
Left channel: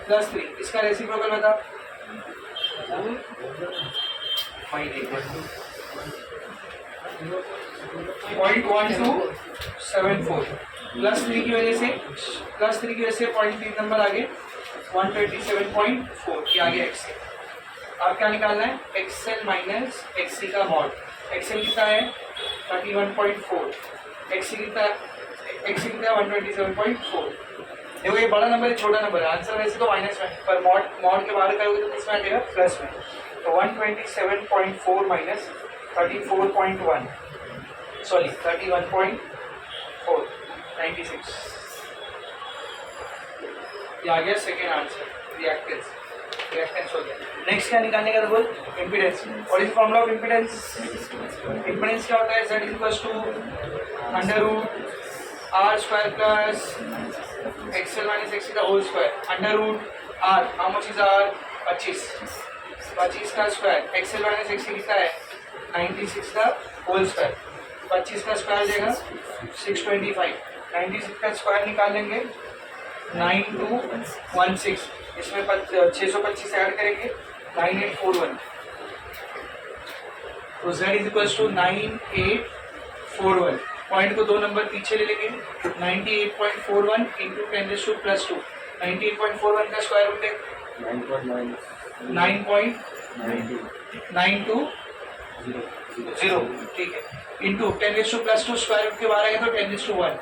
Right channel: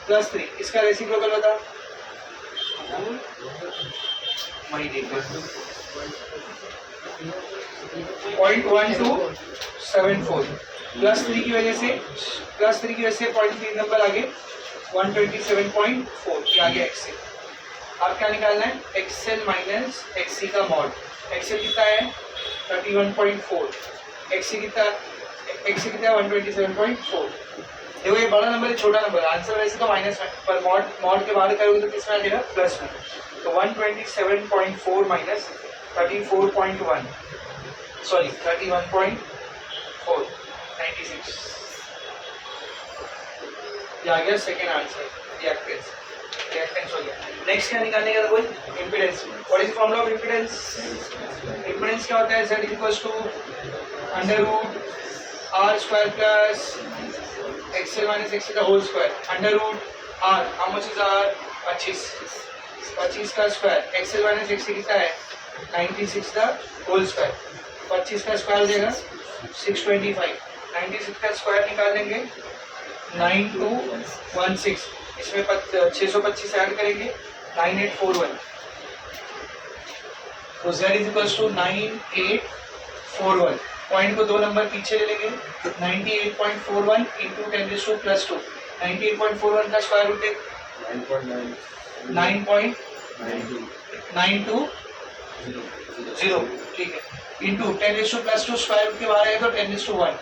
+3, इसका रेसिप्रोकल बता, वही देखो 0.1274, +3 की वजह से पॉइंट 3 नंबर आगे 127.4, ये आगे एक्सएल। आप क्या निकालना है, एक्सएल माइनस एक्ससी का मॉड, एक्सएल कितना है 31.4, एक्ससी कितना है 127.4। देखो ये बड़ा नंबर है छोटा नंबर है, आंसर वैसे तो माइनस में, पर मॉड के बाहर करोगे तो किसमें आ जाएगा प्लस में, तो 127.4 माइनस 34.1, सॉरी 31.4, 96, ये आ गया सेकेंड आंसर, रिएक्टेंस हो गया। नेक्स्ट क्या निकालने का, तो बोल impedance, what is formula of impedance, impedance क्या होता है, Z = √R² plus XL minus XC का whole square, √R, how much is R 25 का स्क्वायर, XL माइनस XC कितना है 96 का होल स्क्वायर, 25 का स्क्वायर देगा 625, 96 का स्क्वायर निकाल लेंगे 9216, इसमें 625 ऐड करेंगे 9841, तो Z = 9841, पॉइंट को 2 नंबर पीछे ले लेंगे 98.41 इंटू 10⁻+2, 98.41 का स्क्वायर रूट है 9.920, ठीक है, इंटू 10⁻+2 स्क्वायर रूट के बाहर आएगा तो 10:1,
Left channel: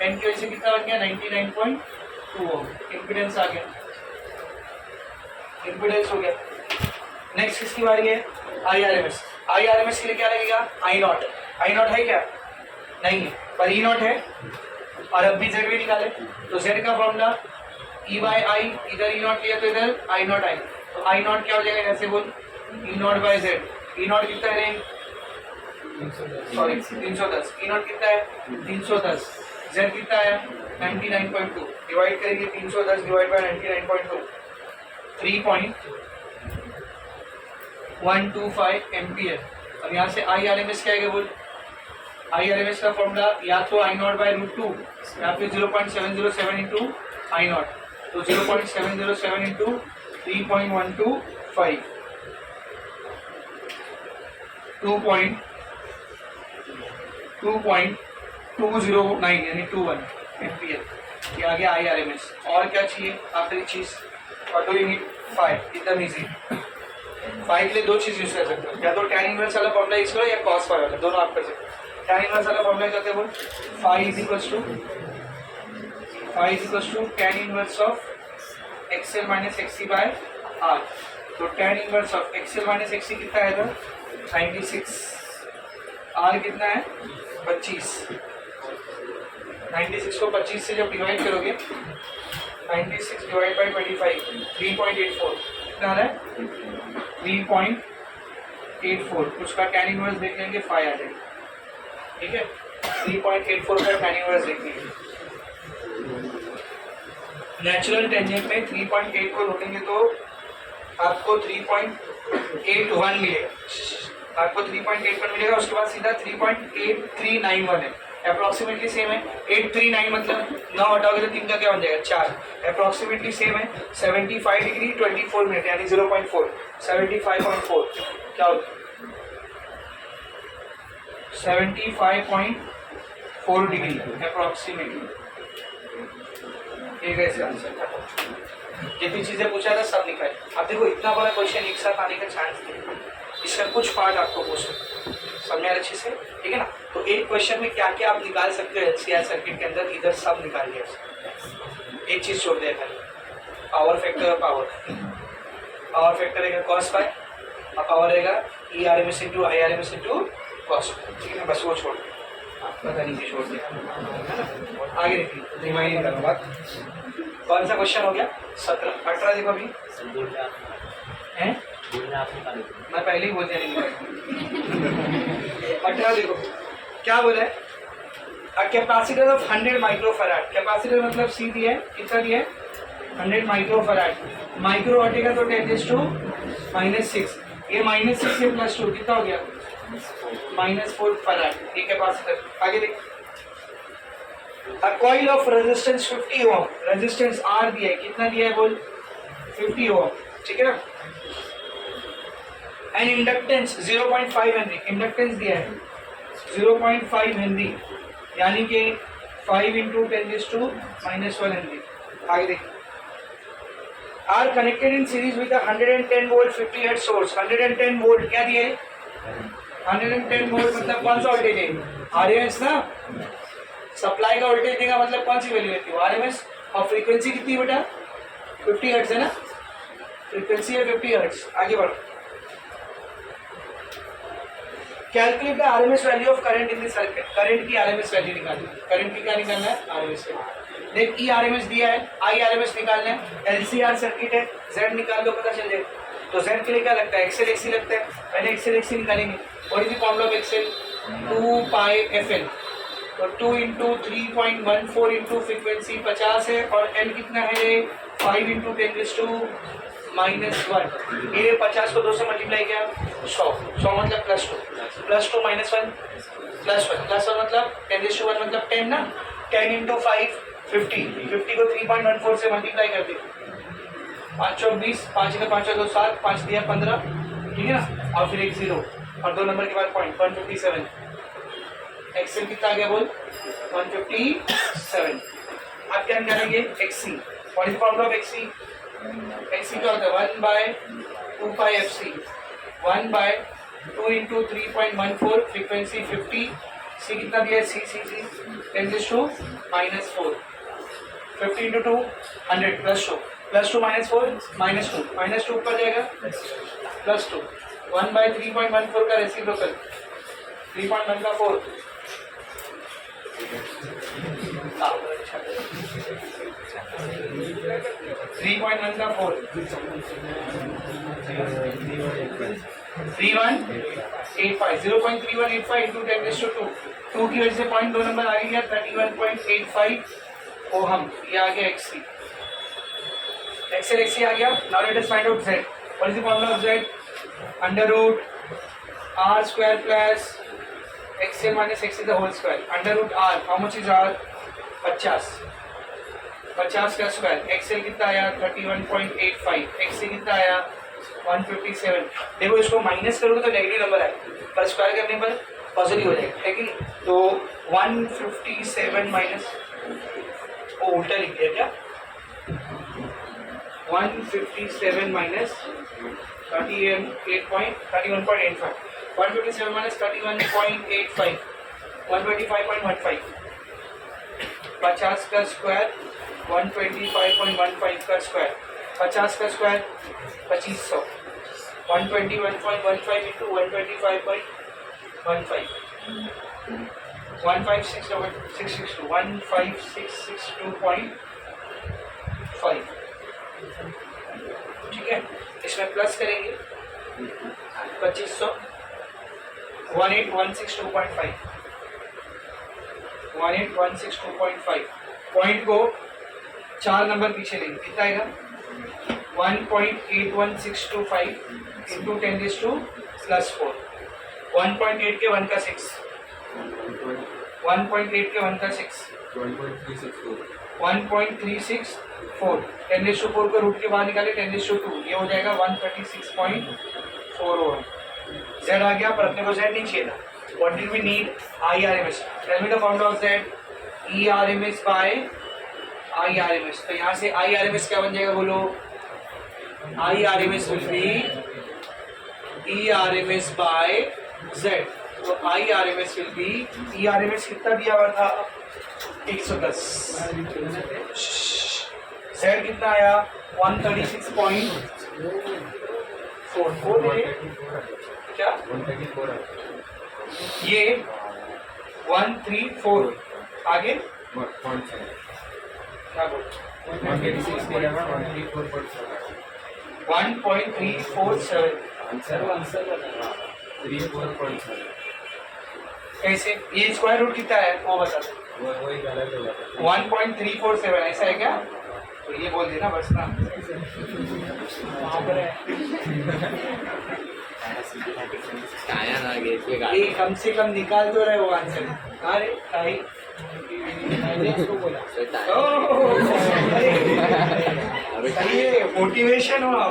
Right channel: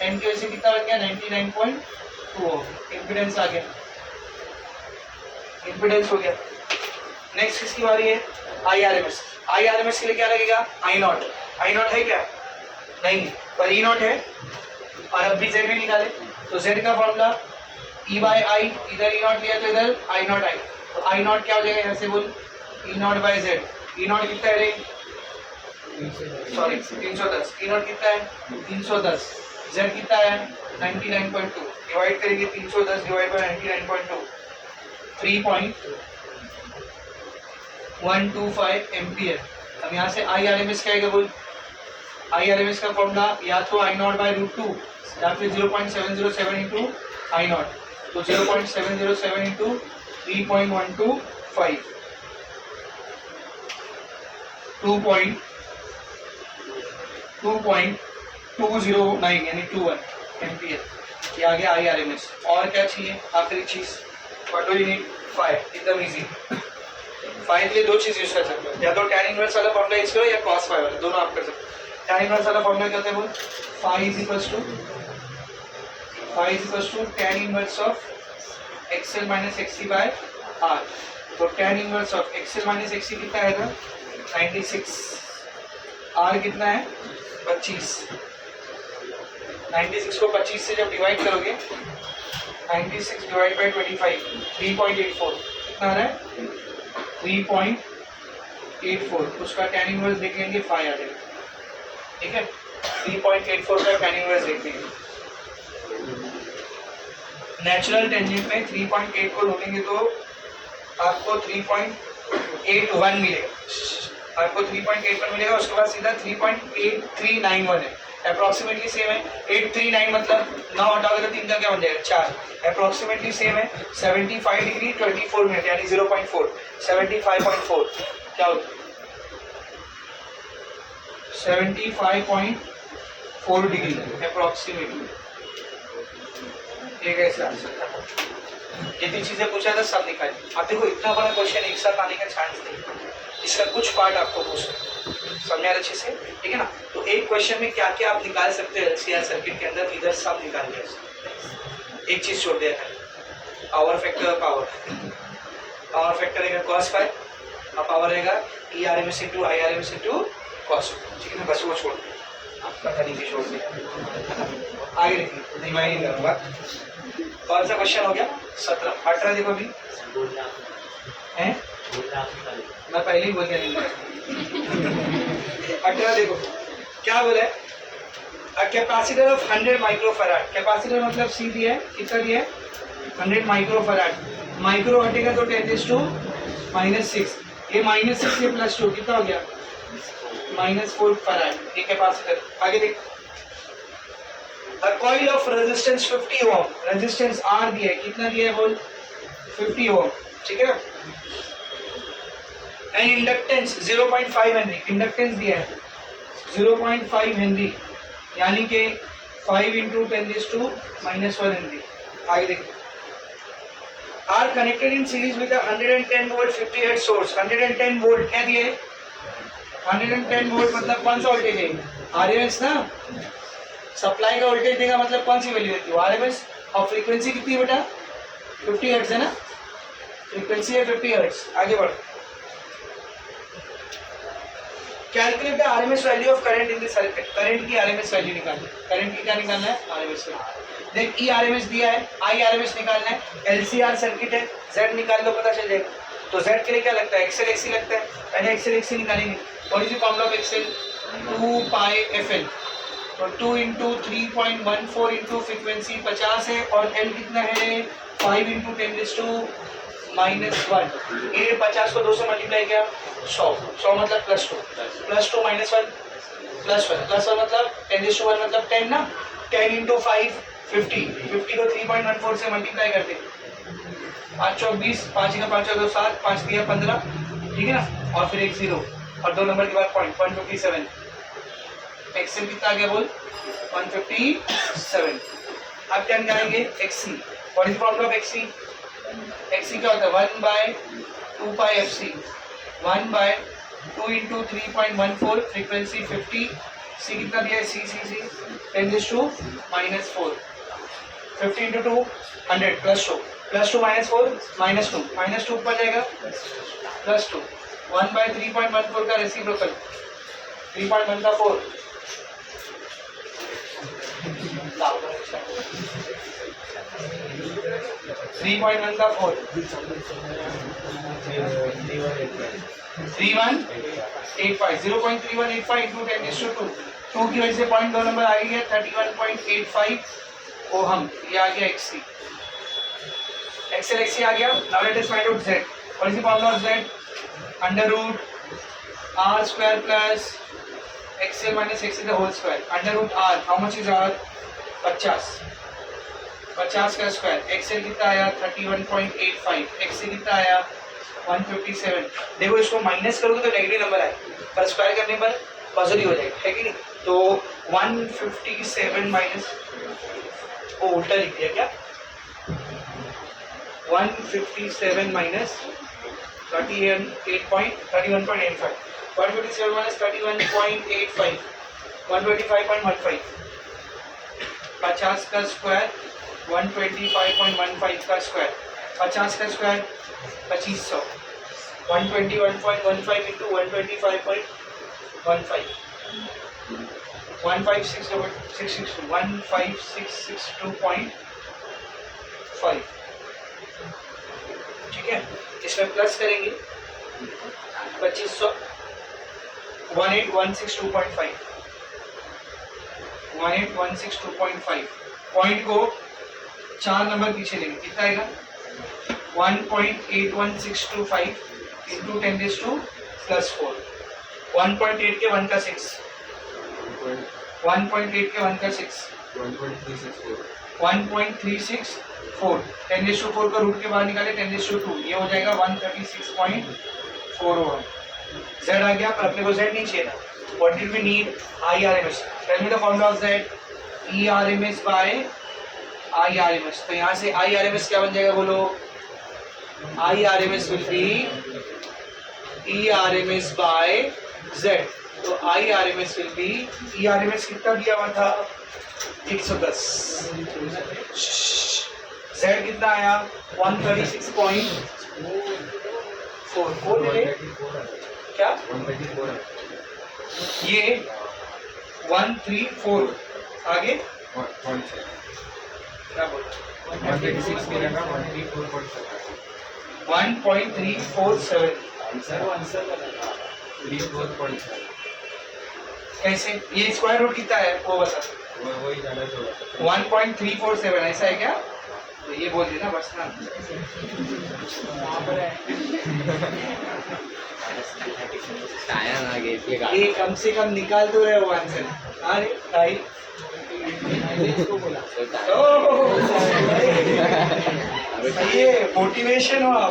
10 की वजह से कितना बन गया 99.2, इम्पीडेंस आ गया, इम्पीडेंस हो गया। नेक्स्ट किसकी बारी है, IRMS, IRMS के लिए क्या लगेगा I0, I0 है क्या नहीं, पर E0 है, और अब भी Z भी निकाले, तो Z का फॉर्मूला E/I, इधर E0 लिया तो इधर I0I, तो I0 क्या हो जाएगा यहाँ से बोल E0/Z, E0 कितना है रे, सॉरी 310, E0 कितना है 310, Z कितना है 99.2, डिवाइड करेंगे 310 डिवाइड बाय 99.2, 3.125 एम्पियर। अब यहाँ से IRMS क्या आएगा बोल, IRMS का फॉर्मूला या तो I0/√2 या फिर 0.707 इंटू I0, तो 0.707 इंटू 3.125, 2.209 यानी 21 एम्पियर, ये आ गया IRMS। और क्या चाहिए आखिरी चीज, what do you need, phi, एकदम इजी। फाई के लिए 2 चीज यूज कर सकते हो, या तो tan इनवर्स वाला फॉर्मूला यूज करो या cos फाई वाला, दोनों आप कर सकते हो। tan इनवर्स वाला फॉर्मूला क्या होता है बोल phi is equals to tan inverse of XL minus XC by R. तो tan inverse of XL minus XC कितना है इधर 96, आर कितना है 25। 96 को 25 से जब डिवाइड करोगे 96 डिवाइड बाई 25 3.84 कितना आ रहा है 3.84। उसका tan इनवर्स देख लेंगे 5 आ जाएगा, ठीक है। 3.84 का tan इनवर्स देख लेंगे। नेचुरल टेंजेंट में 3.8 को ढूंढेंगे तो आपको 3.81 मिलेगा, आपको 3.81 मिलेगा। उसके बाद सीधा 3.8391 है, अप्रोक्सीमेटली सेम है। 839 मतलब 9 हटाओगे तो 3 का क्या बन जाएगा 4, अप्रोक्सीमेटली सेम है। 75 डिग्री 24 मिनट यानी 0.4 75.4 क्या होता है 75.4 डिग्री अप्रोक्सीमेटली। ये कैसे आंसर था, जितनी चीजें पूछा था सब निकाली। अब देखो इतना बड़ा क्वेश्चन एक साथ आने का चांस नहीं, इसका कुछ पार्ट आपको पूछ समझ अच्छे से, ठीक है ना। तो एक क्वेश्चन में क्या क्या आप निकाल सकते हो एलसीआर सर्किट के अंदर, इधर सब निकाल लिया। एक चीज छोड़ दिया था, पावर फैक्टर। पावर फैक्टर रहेगा cos फाई और पावर रहेगा ERMS into IRMS into cos, ठीक है ना। बस वो छोड़ दिया, पता नहीं कि छोड़ दिया, आगे देखिए रिमाइंड करूँगा। कौन सा क्वेश्चन हो गया 17। 18 देखो अभी हैं, मैं पहले ही बोलने नहीं लगा। 18 देखो क्या बोला है, a capacitor of 100 microfarad. Capacitor मतलब सी दिया है, कितना दिया है 100 माइक्रोफैराड। माइक्रो हटेगा तो 10⁻⁻⁶, ये -6 से +2 कितना हो गया -4 फैराड, ये कैपेसिटर। आगे देख, a coil of resistance 50 ohm, resistance R दिया है, कितना दिया है बोल 50 ओम, ठीक है ना। एंड इंडक्टेंस 0.5 हेनरी, इंडक्टेंस दिया है 0.5 हेनरी यानी कि 5 इंटू 10⁻⁻1 हेनरी। आगे देख, are connected in series with 110 volt 50 hertz source. 110 volt क्या दिए 110 वोल्ट मतलब कौन सा वोल्टेज है आरएमएस ना, सप्लाई का वोल्टेज देगा मतलब कौन सी वैल्यू होती है आरएमएस। और फ्रीक्वेंसी कितनी बेटा 50 हर्ट्ज है ना, फ्रीक्वेंसी है 50 हर्ट्ज। आगे बढ़, calculate the RMS value of current in the circuit. Current की आरएमएस वैल्यू निकालनी है, करंट की क्या निकालना है आरएमएस वैल्यू। देख ई आरएमएस दिया है, आई आरएमएस निकालना है, एलसीआर सर्किट है, जेड निकाल लो पता चल जाएगा। तो जेड के लिए क्या लगता है एक्सएल एक्सी लगता है, पहले एक्सएल एक्सी निकालेंगे। What is the formula of XL 2 pi FL. तो 2 इंटू 3.14 इंटू फ्रीक्वेंसी 50 है और एल कितना है 5 इंटू 10⁻⁻1। ये 50 को 2 से मल्टीप्लाई किया 100 मतलब +2 +2 -1 +1 मतलब 10⁻1 मतलब 10 ना, 10 इंटू 5 50 को 3.14 से मल्टीप्लाई कर दे, 5 चौक 20, 5 का 5 2 7, 5 दिया 15, ठीक है ना। और फिर एक 0 और 2 नंबर के बाद पॉइंट 157। एक्सएल कितना आ गया बोल 157। अब क्या करेंगे XC. What is formula of XC, XC क्या होता है 1/2 pi FC, 1/2 into 3.14 frequency 50, C कितना दिया सी 10⁻⁻4 50 इंटू 2 100 +2 -4 -2 ऊपर जाएगा +2 1/3.14 का रेसिप्रोकल 3.1 का 4 3.1 का 4 3185 0.3185 इंटू 10⁻²। 2 की वजह से पॉइंट 2 नंबर आ गया 31.85 ओहम, ये आ गया एक्सी। एक्सएल एक्सी आ गया। Now let us find out Z. What is the formula of Z √r² plus XL minus XL the whole square. √r how much is r 50 का square. XL कितना आया 31.85, XL कितना आया 157। देखो इसको minus करोगे तो नेगेटिव नंबर आए, पर स्क्वायर करने पर पॉजिटिव हो जाएगा, है कि नहीं। तो 157 माइनस, वो उल्टा लिख दिया क्या 157 माइनस 31.85 157 माइनस 31.85 125.15 50 का स्क्वायर 125.15 का स्क्वायर, 50 का स्क्वायर 2500, 121.15 इंटू 125.15, 15662, ठीक है। इसमें प्लस करेंगे 2500, 18162.5, 18162.5, पॉइंट को 4 नंबर पीछे लेंगे, कितना आएगा 1.81625 इंटू 10⁻⁴, 1.8 के 1 का 6, 1.8 के 1 का 6, 1.364, 10⁻⁴ को रूट के बाहर निकाले 10⁻², ये हो जाएगा 136.401। जेड आ गया, पर अपने को जेड नहीं चाहिए था। What did we need? IRMS। Tell me the formula of Z, ERMS by IRMS। तो यहाँ से IRMS क्या बन जाएगा बोलो? IRMS will be ERMS by Z. तो IRMS विल बी, ERMS कितना दिया हुआ था 110, जेड कितना आया 136.4 क्या ये 134 आगे क्या बोल 1.347 कैसे? ये स्क्वायर रूट कितना है वो बता। 1.347 ऐसा है क्या? तो ये बोल देना बस ना। ये कम से कम निकाल तो रहे हो आंसर। अरे भाई ये मोटिवेशन हुआ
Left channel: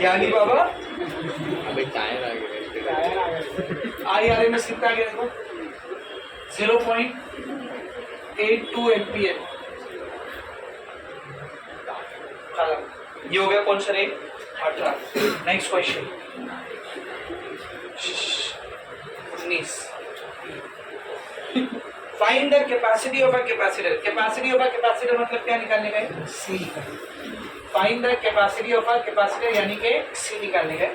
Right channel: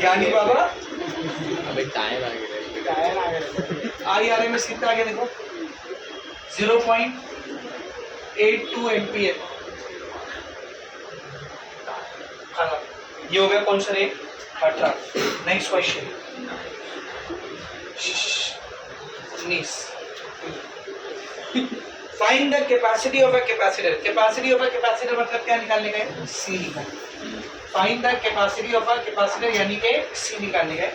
ज्ञानी बाबा। IRMS कितना आ गया देखो 0.82 एम्पियर। ये हो गया कौन सा रे 18। Next question 19। Find the capacity of a capacitor. Capacity of a capacitor मतलब क्या निकालने का है? C निकालने। Find the capacity of a capacitor यानी कि C निकालने का है,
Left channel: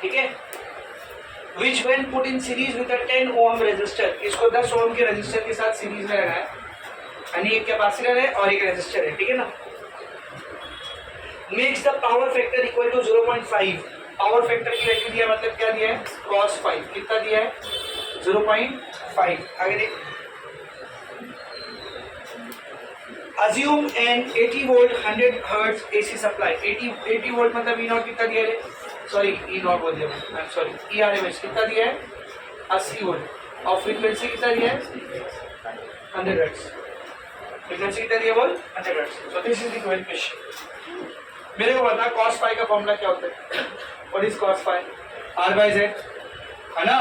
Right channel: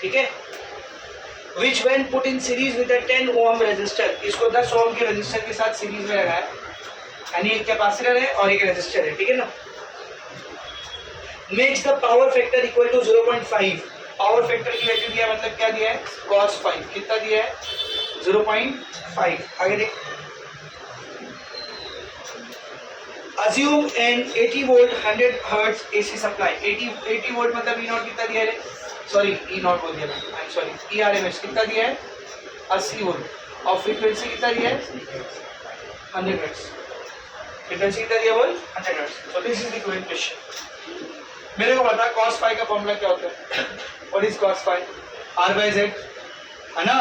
ठीक है। Which when put in series with a 10 ohm resistor, इसको 10 ओम के रेजिस्टर के साथ सीरीज में लगाया, यानी एक कैपेसिटर है और एक रेजिस्टर है, ठीक है ना। Makes the power factor equal to 0.5। Power factor की वैल्यू दिया मतलब क्या दिया है cos 5, कितना दिया है 0.5। आगे देख, assume an 80 volt 100 hertz AC supply। 80 volt मतलब E0 कितना दिया है? सॉरी E0 बोल दिया, आई एम सॉरी, ERMS कितना दिया है 80 वोल्ट और फ्रीक्वेंसी कितना दिया है 100 हर्ट्ज। फ्रीक्वेंसी कितना दिया बोल 100 hertz. So this is the question. मेरे को बता cos phi का फॉर्मूला क्या होता है? What is cos phi? R by Z है ना।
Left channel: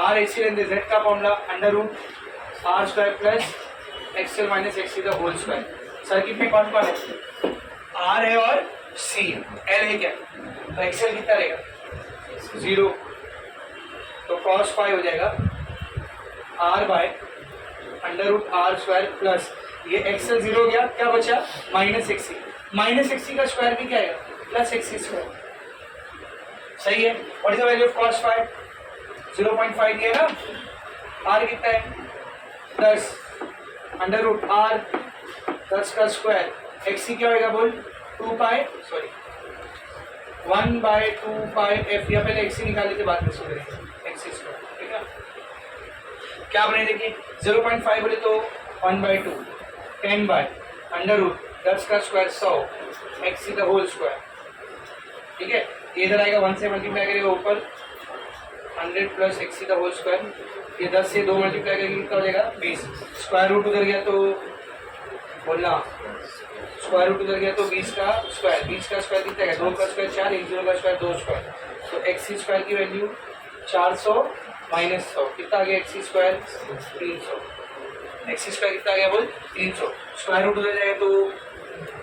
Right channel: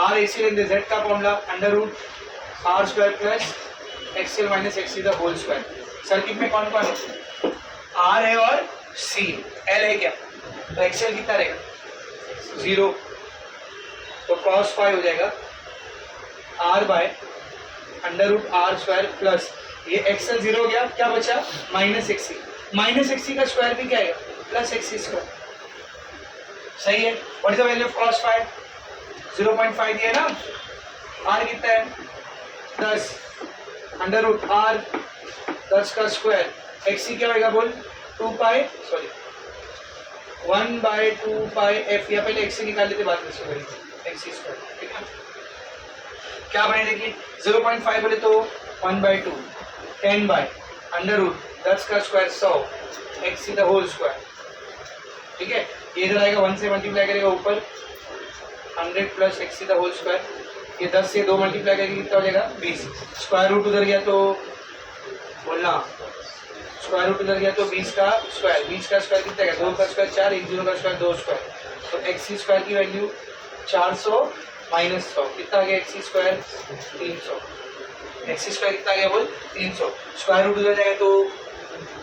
R AC लेंथ Z का formula √R square plus XL minus XC the whole square. Circuit में कौन कौन है? R है और C, L है क्या? तो XL कितना रहेगा 0। तो cos phi हो जाएगा R by √R square plus ये XL 0 हो गया, क्या बचा माइनस XC। माइनस XC का स्क्वायर भी क्या है प्लस XC स्क्वायर, सही है। What is the value of cos phi? 0.5 दिया ना। R कितना है 10 √R 10 का स्क्वायर, XC क्या होगा बोल 1/2 f। या पहले XC निकाल लेते बाद में करेंगे XC स्क्वायर, ठीक है। क्या बने देखिए 0.5 बोले तो 1/2 10 बाय √10 का square 100 XC the whole square, ठीक है। इधर आएगा 1 से मल्टीप्लाई करेगा ऊपर 100 plus XC the whole square. ये 10 से 2 मल्टीप्लाई करेंगे कितना हो जाएगा 20। स्क्वायर रूट उधर गया तो बोलना, स्क्वायर रूट उधर गया तो 20 का स्क्वायर, 20 का स्क्वायर कितना है 2 का स्क्वायर 4, 1 0 का स्क्वायर 2 स्क्वायर। तो XC स्क्वायर की वैल्यू 400 माइनस 100 कितना आ गया XC स्क्वायर 300। XC स्क्वायर कितना आ गया बोल 300। स्क्वायर रूट उधर जाएगा तो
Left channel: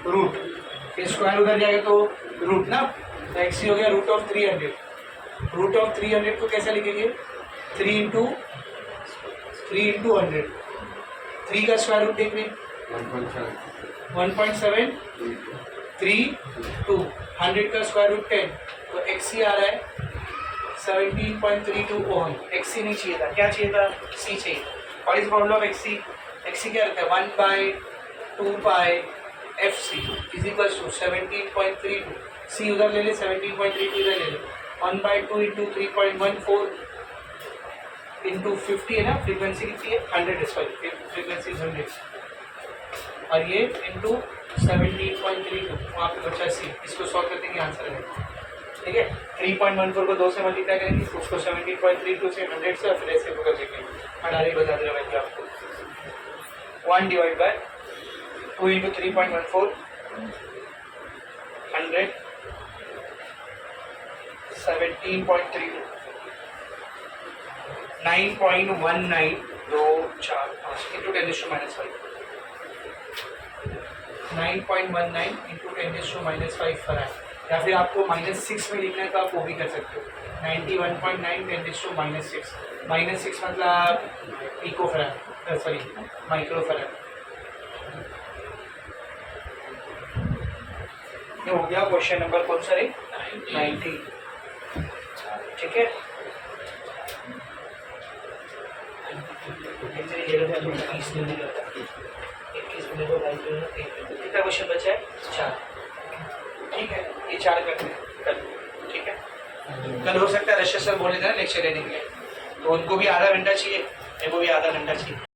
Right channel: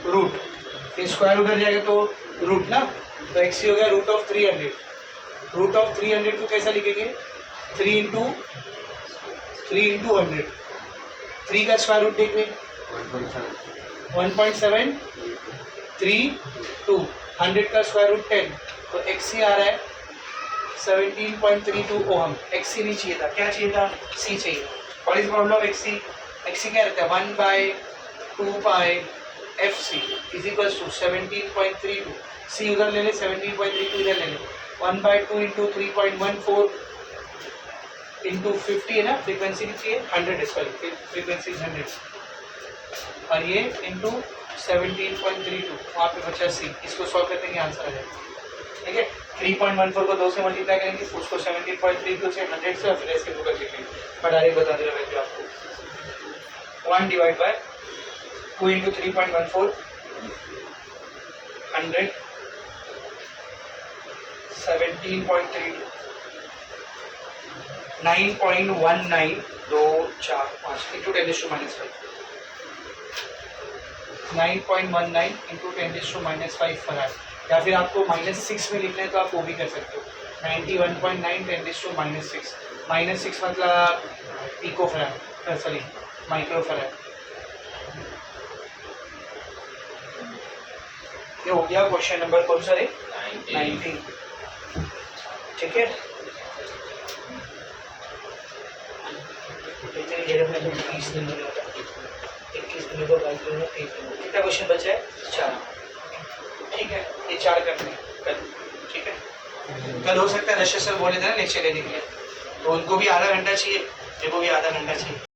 रूट, ये स्क्वायर उधर जाएगा तो रूट ना। तो XC हो गया √300। √300 को कैसे लिखेंगे 3 इंटू 100। 3 का स्क्वायर रूट देख में 1.7 3 2, 100 का स्क्वायर रूट 10, तो XC आ रहा है 17.32 ओहम। XC नहीं चाहिए था, क्या चाहिए था? C चाहिए। What is formula of XC? XC क्या रहता है? 1 by 2 pi FC is equals to 17.32। C उधर ले ले, 17.32 इधर ले ले, 1 बाय 2 इंटू 3.14 इंटू 50 है ना, फ्रीक्वेंसी कितनी है? 100 सॉरी, फ्रीक्वेंसी 100 और ये इंटू 17.32, वहाँ पे बचा C। इसको सॉल्व करते हैं, आंसर आ जाएगा। ठीक है, 3.14 को 2 से मल्टीप्लाई करेंगे, उसको 17.32 से 100 से और फिर ऐसे होकर देखेंगे। मैं डायरेक्ट बता दे रहा हूँ मैं आपको। 1 divide by 2 into 3.14 100 17.32 9.19 2 4 5 into 10⁻⁻5 9.19 into 10⁻⁵ farad, या फिर आपको -6 में लिखने का आप वो भी कर सकते हो। 91.9 10⁻⁻6 -6 मतलब pico farad, sorry micro farad. ये हो गया क्वेश्चन नंबर कौन सा है? 90। ठीक है, कितना क्वेश्चन बचा है? 4। ठीक है, ये 4 करने हैं कल। ठीक है, कल हो सकता है रशिया सर बोले थे ना लेक्चर लेने के लिए, तो उनको भी आधा घंटा चाहिए, मेरे को भी आधा घंटा चाहिए।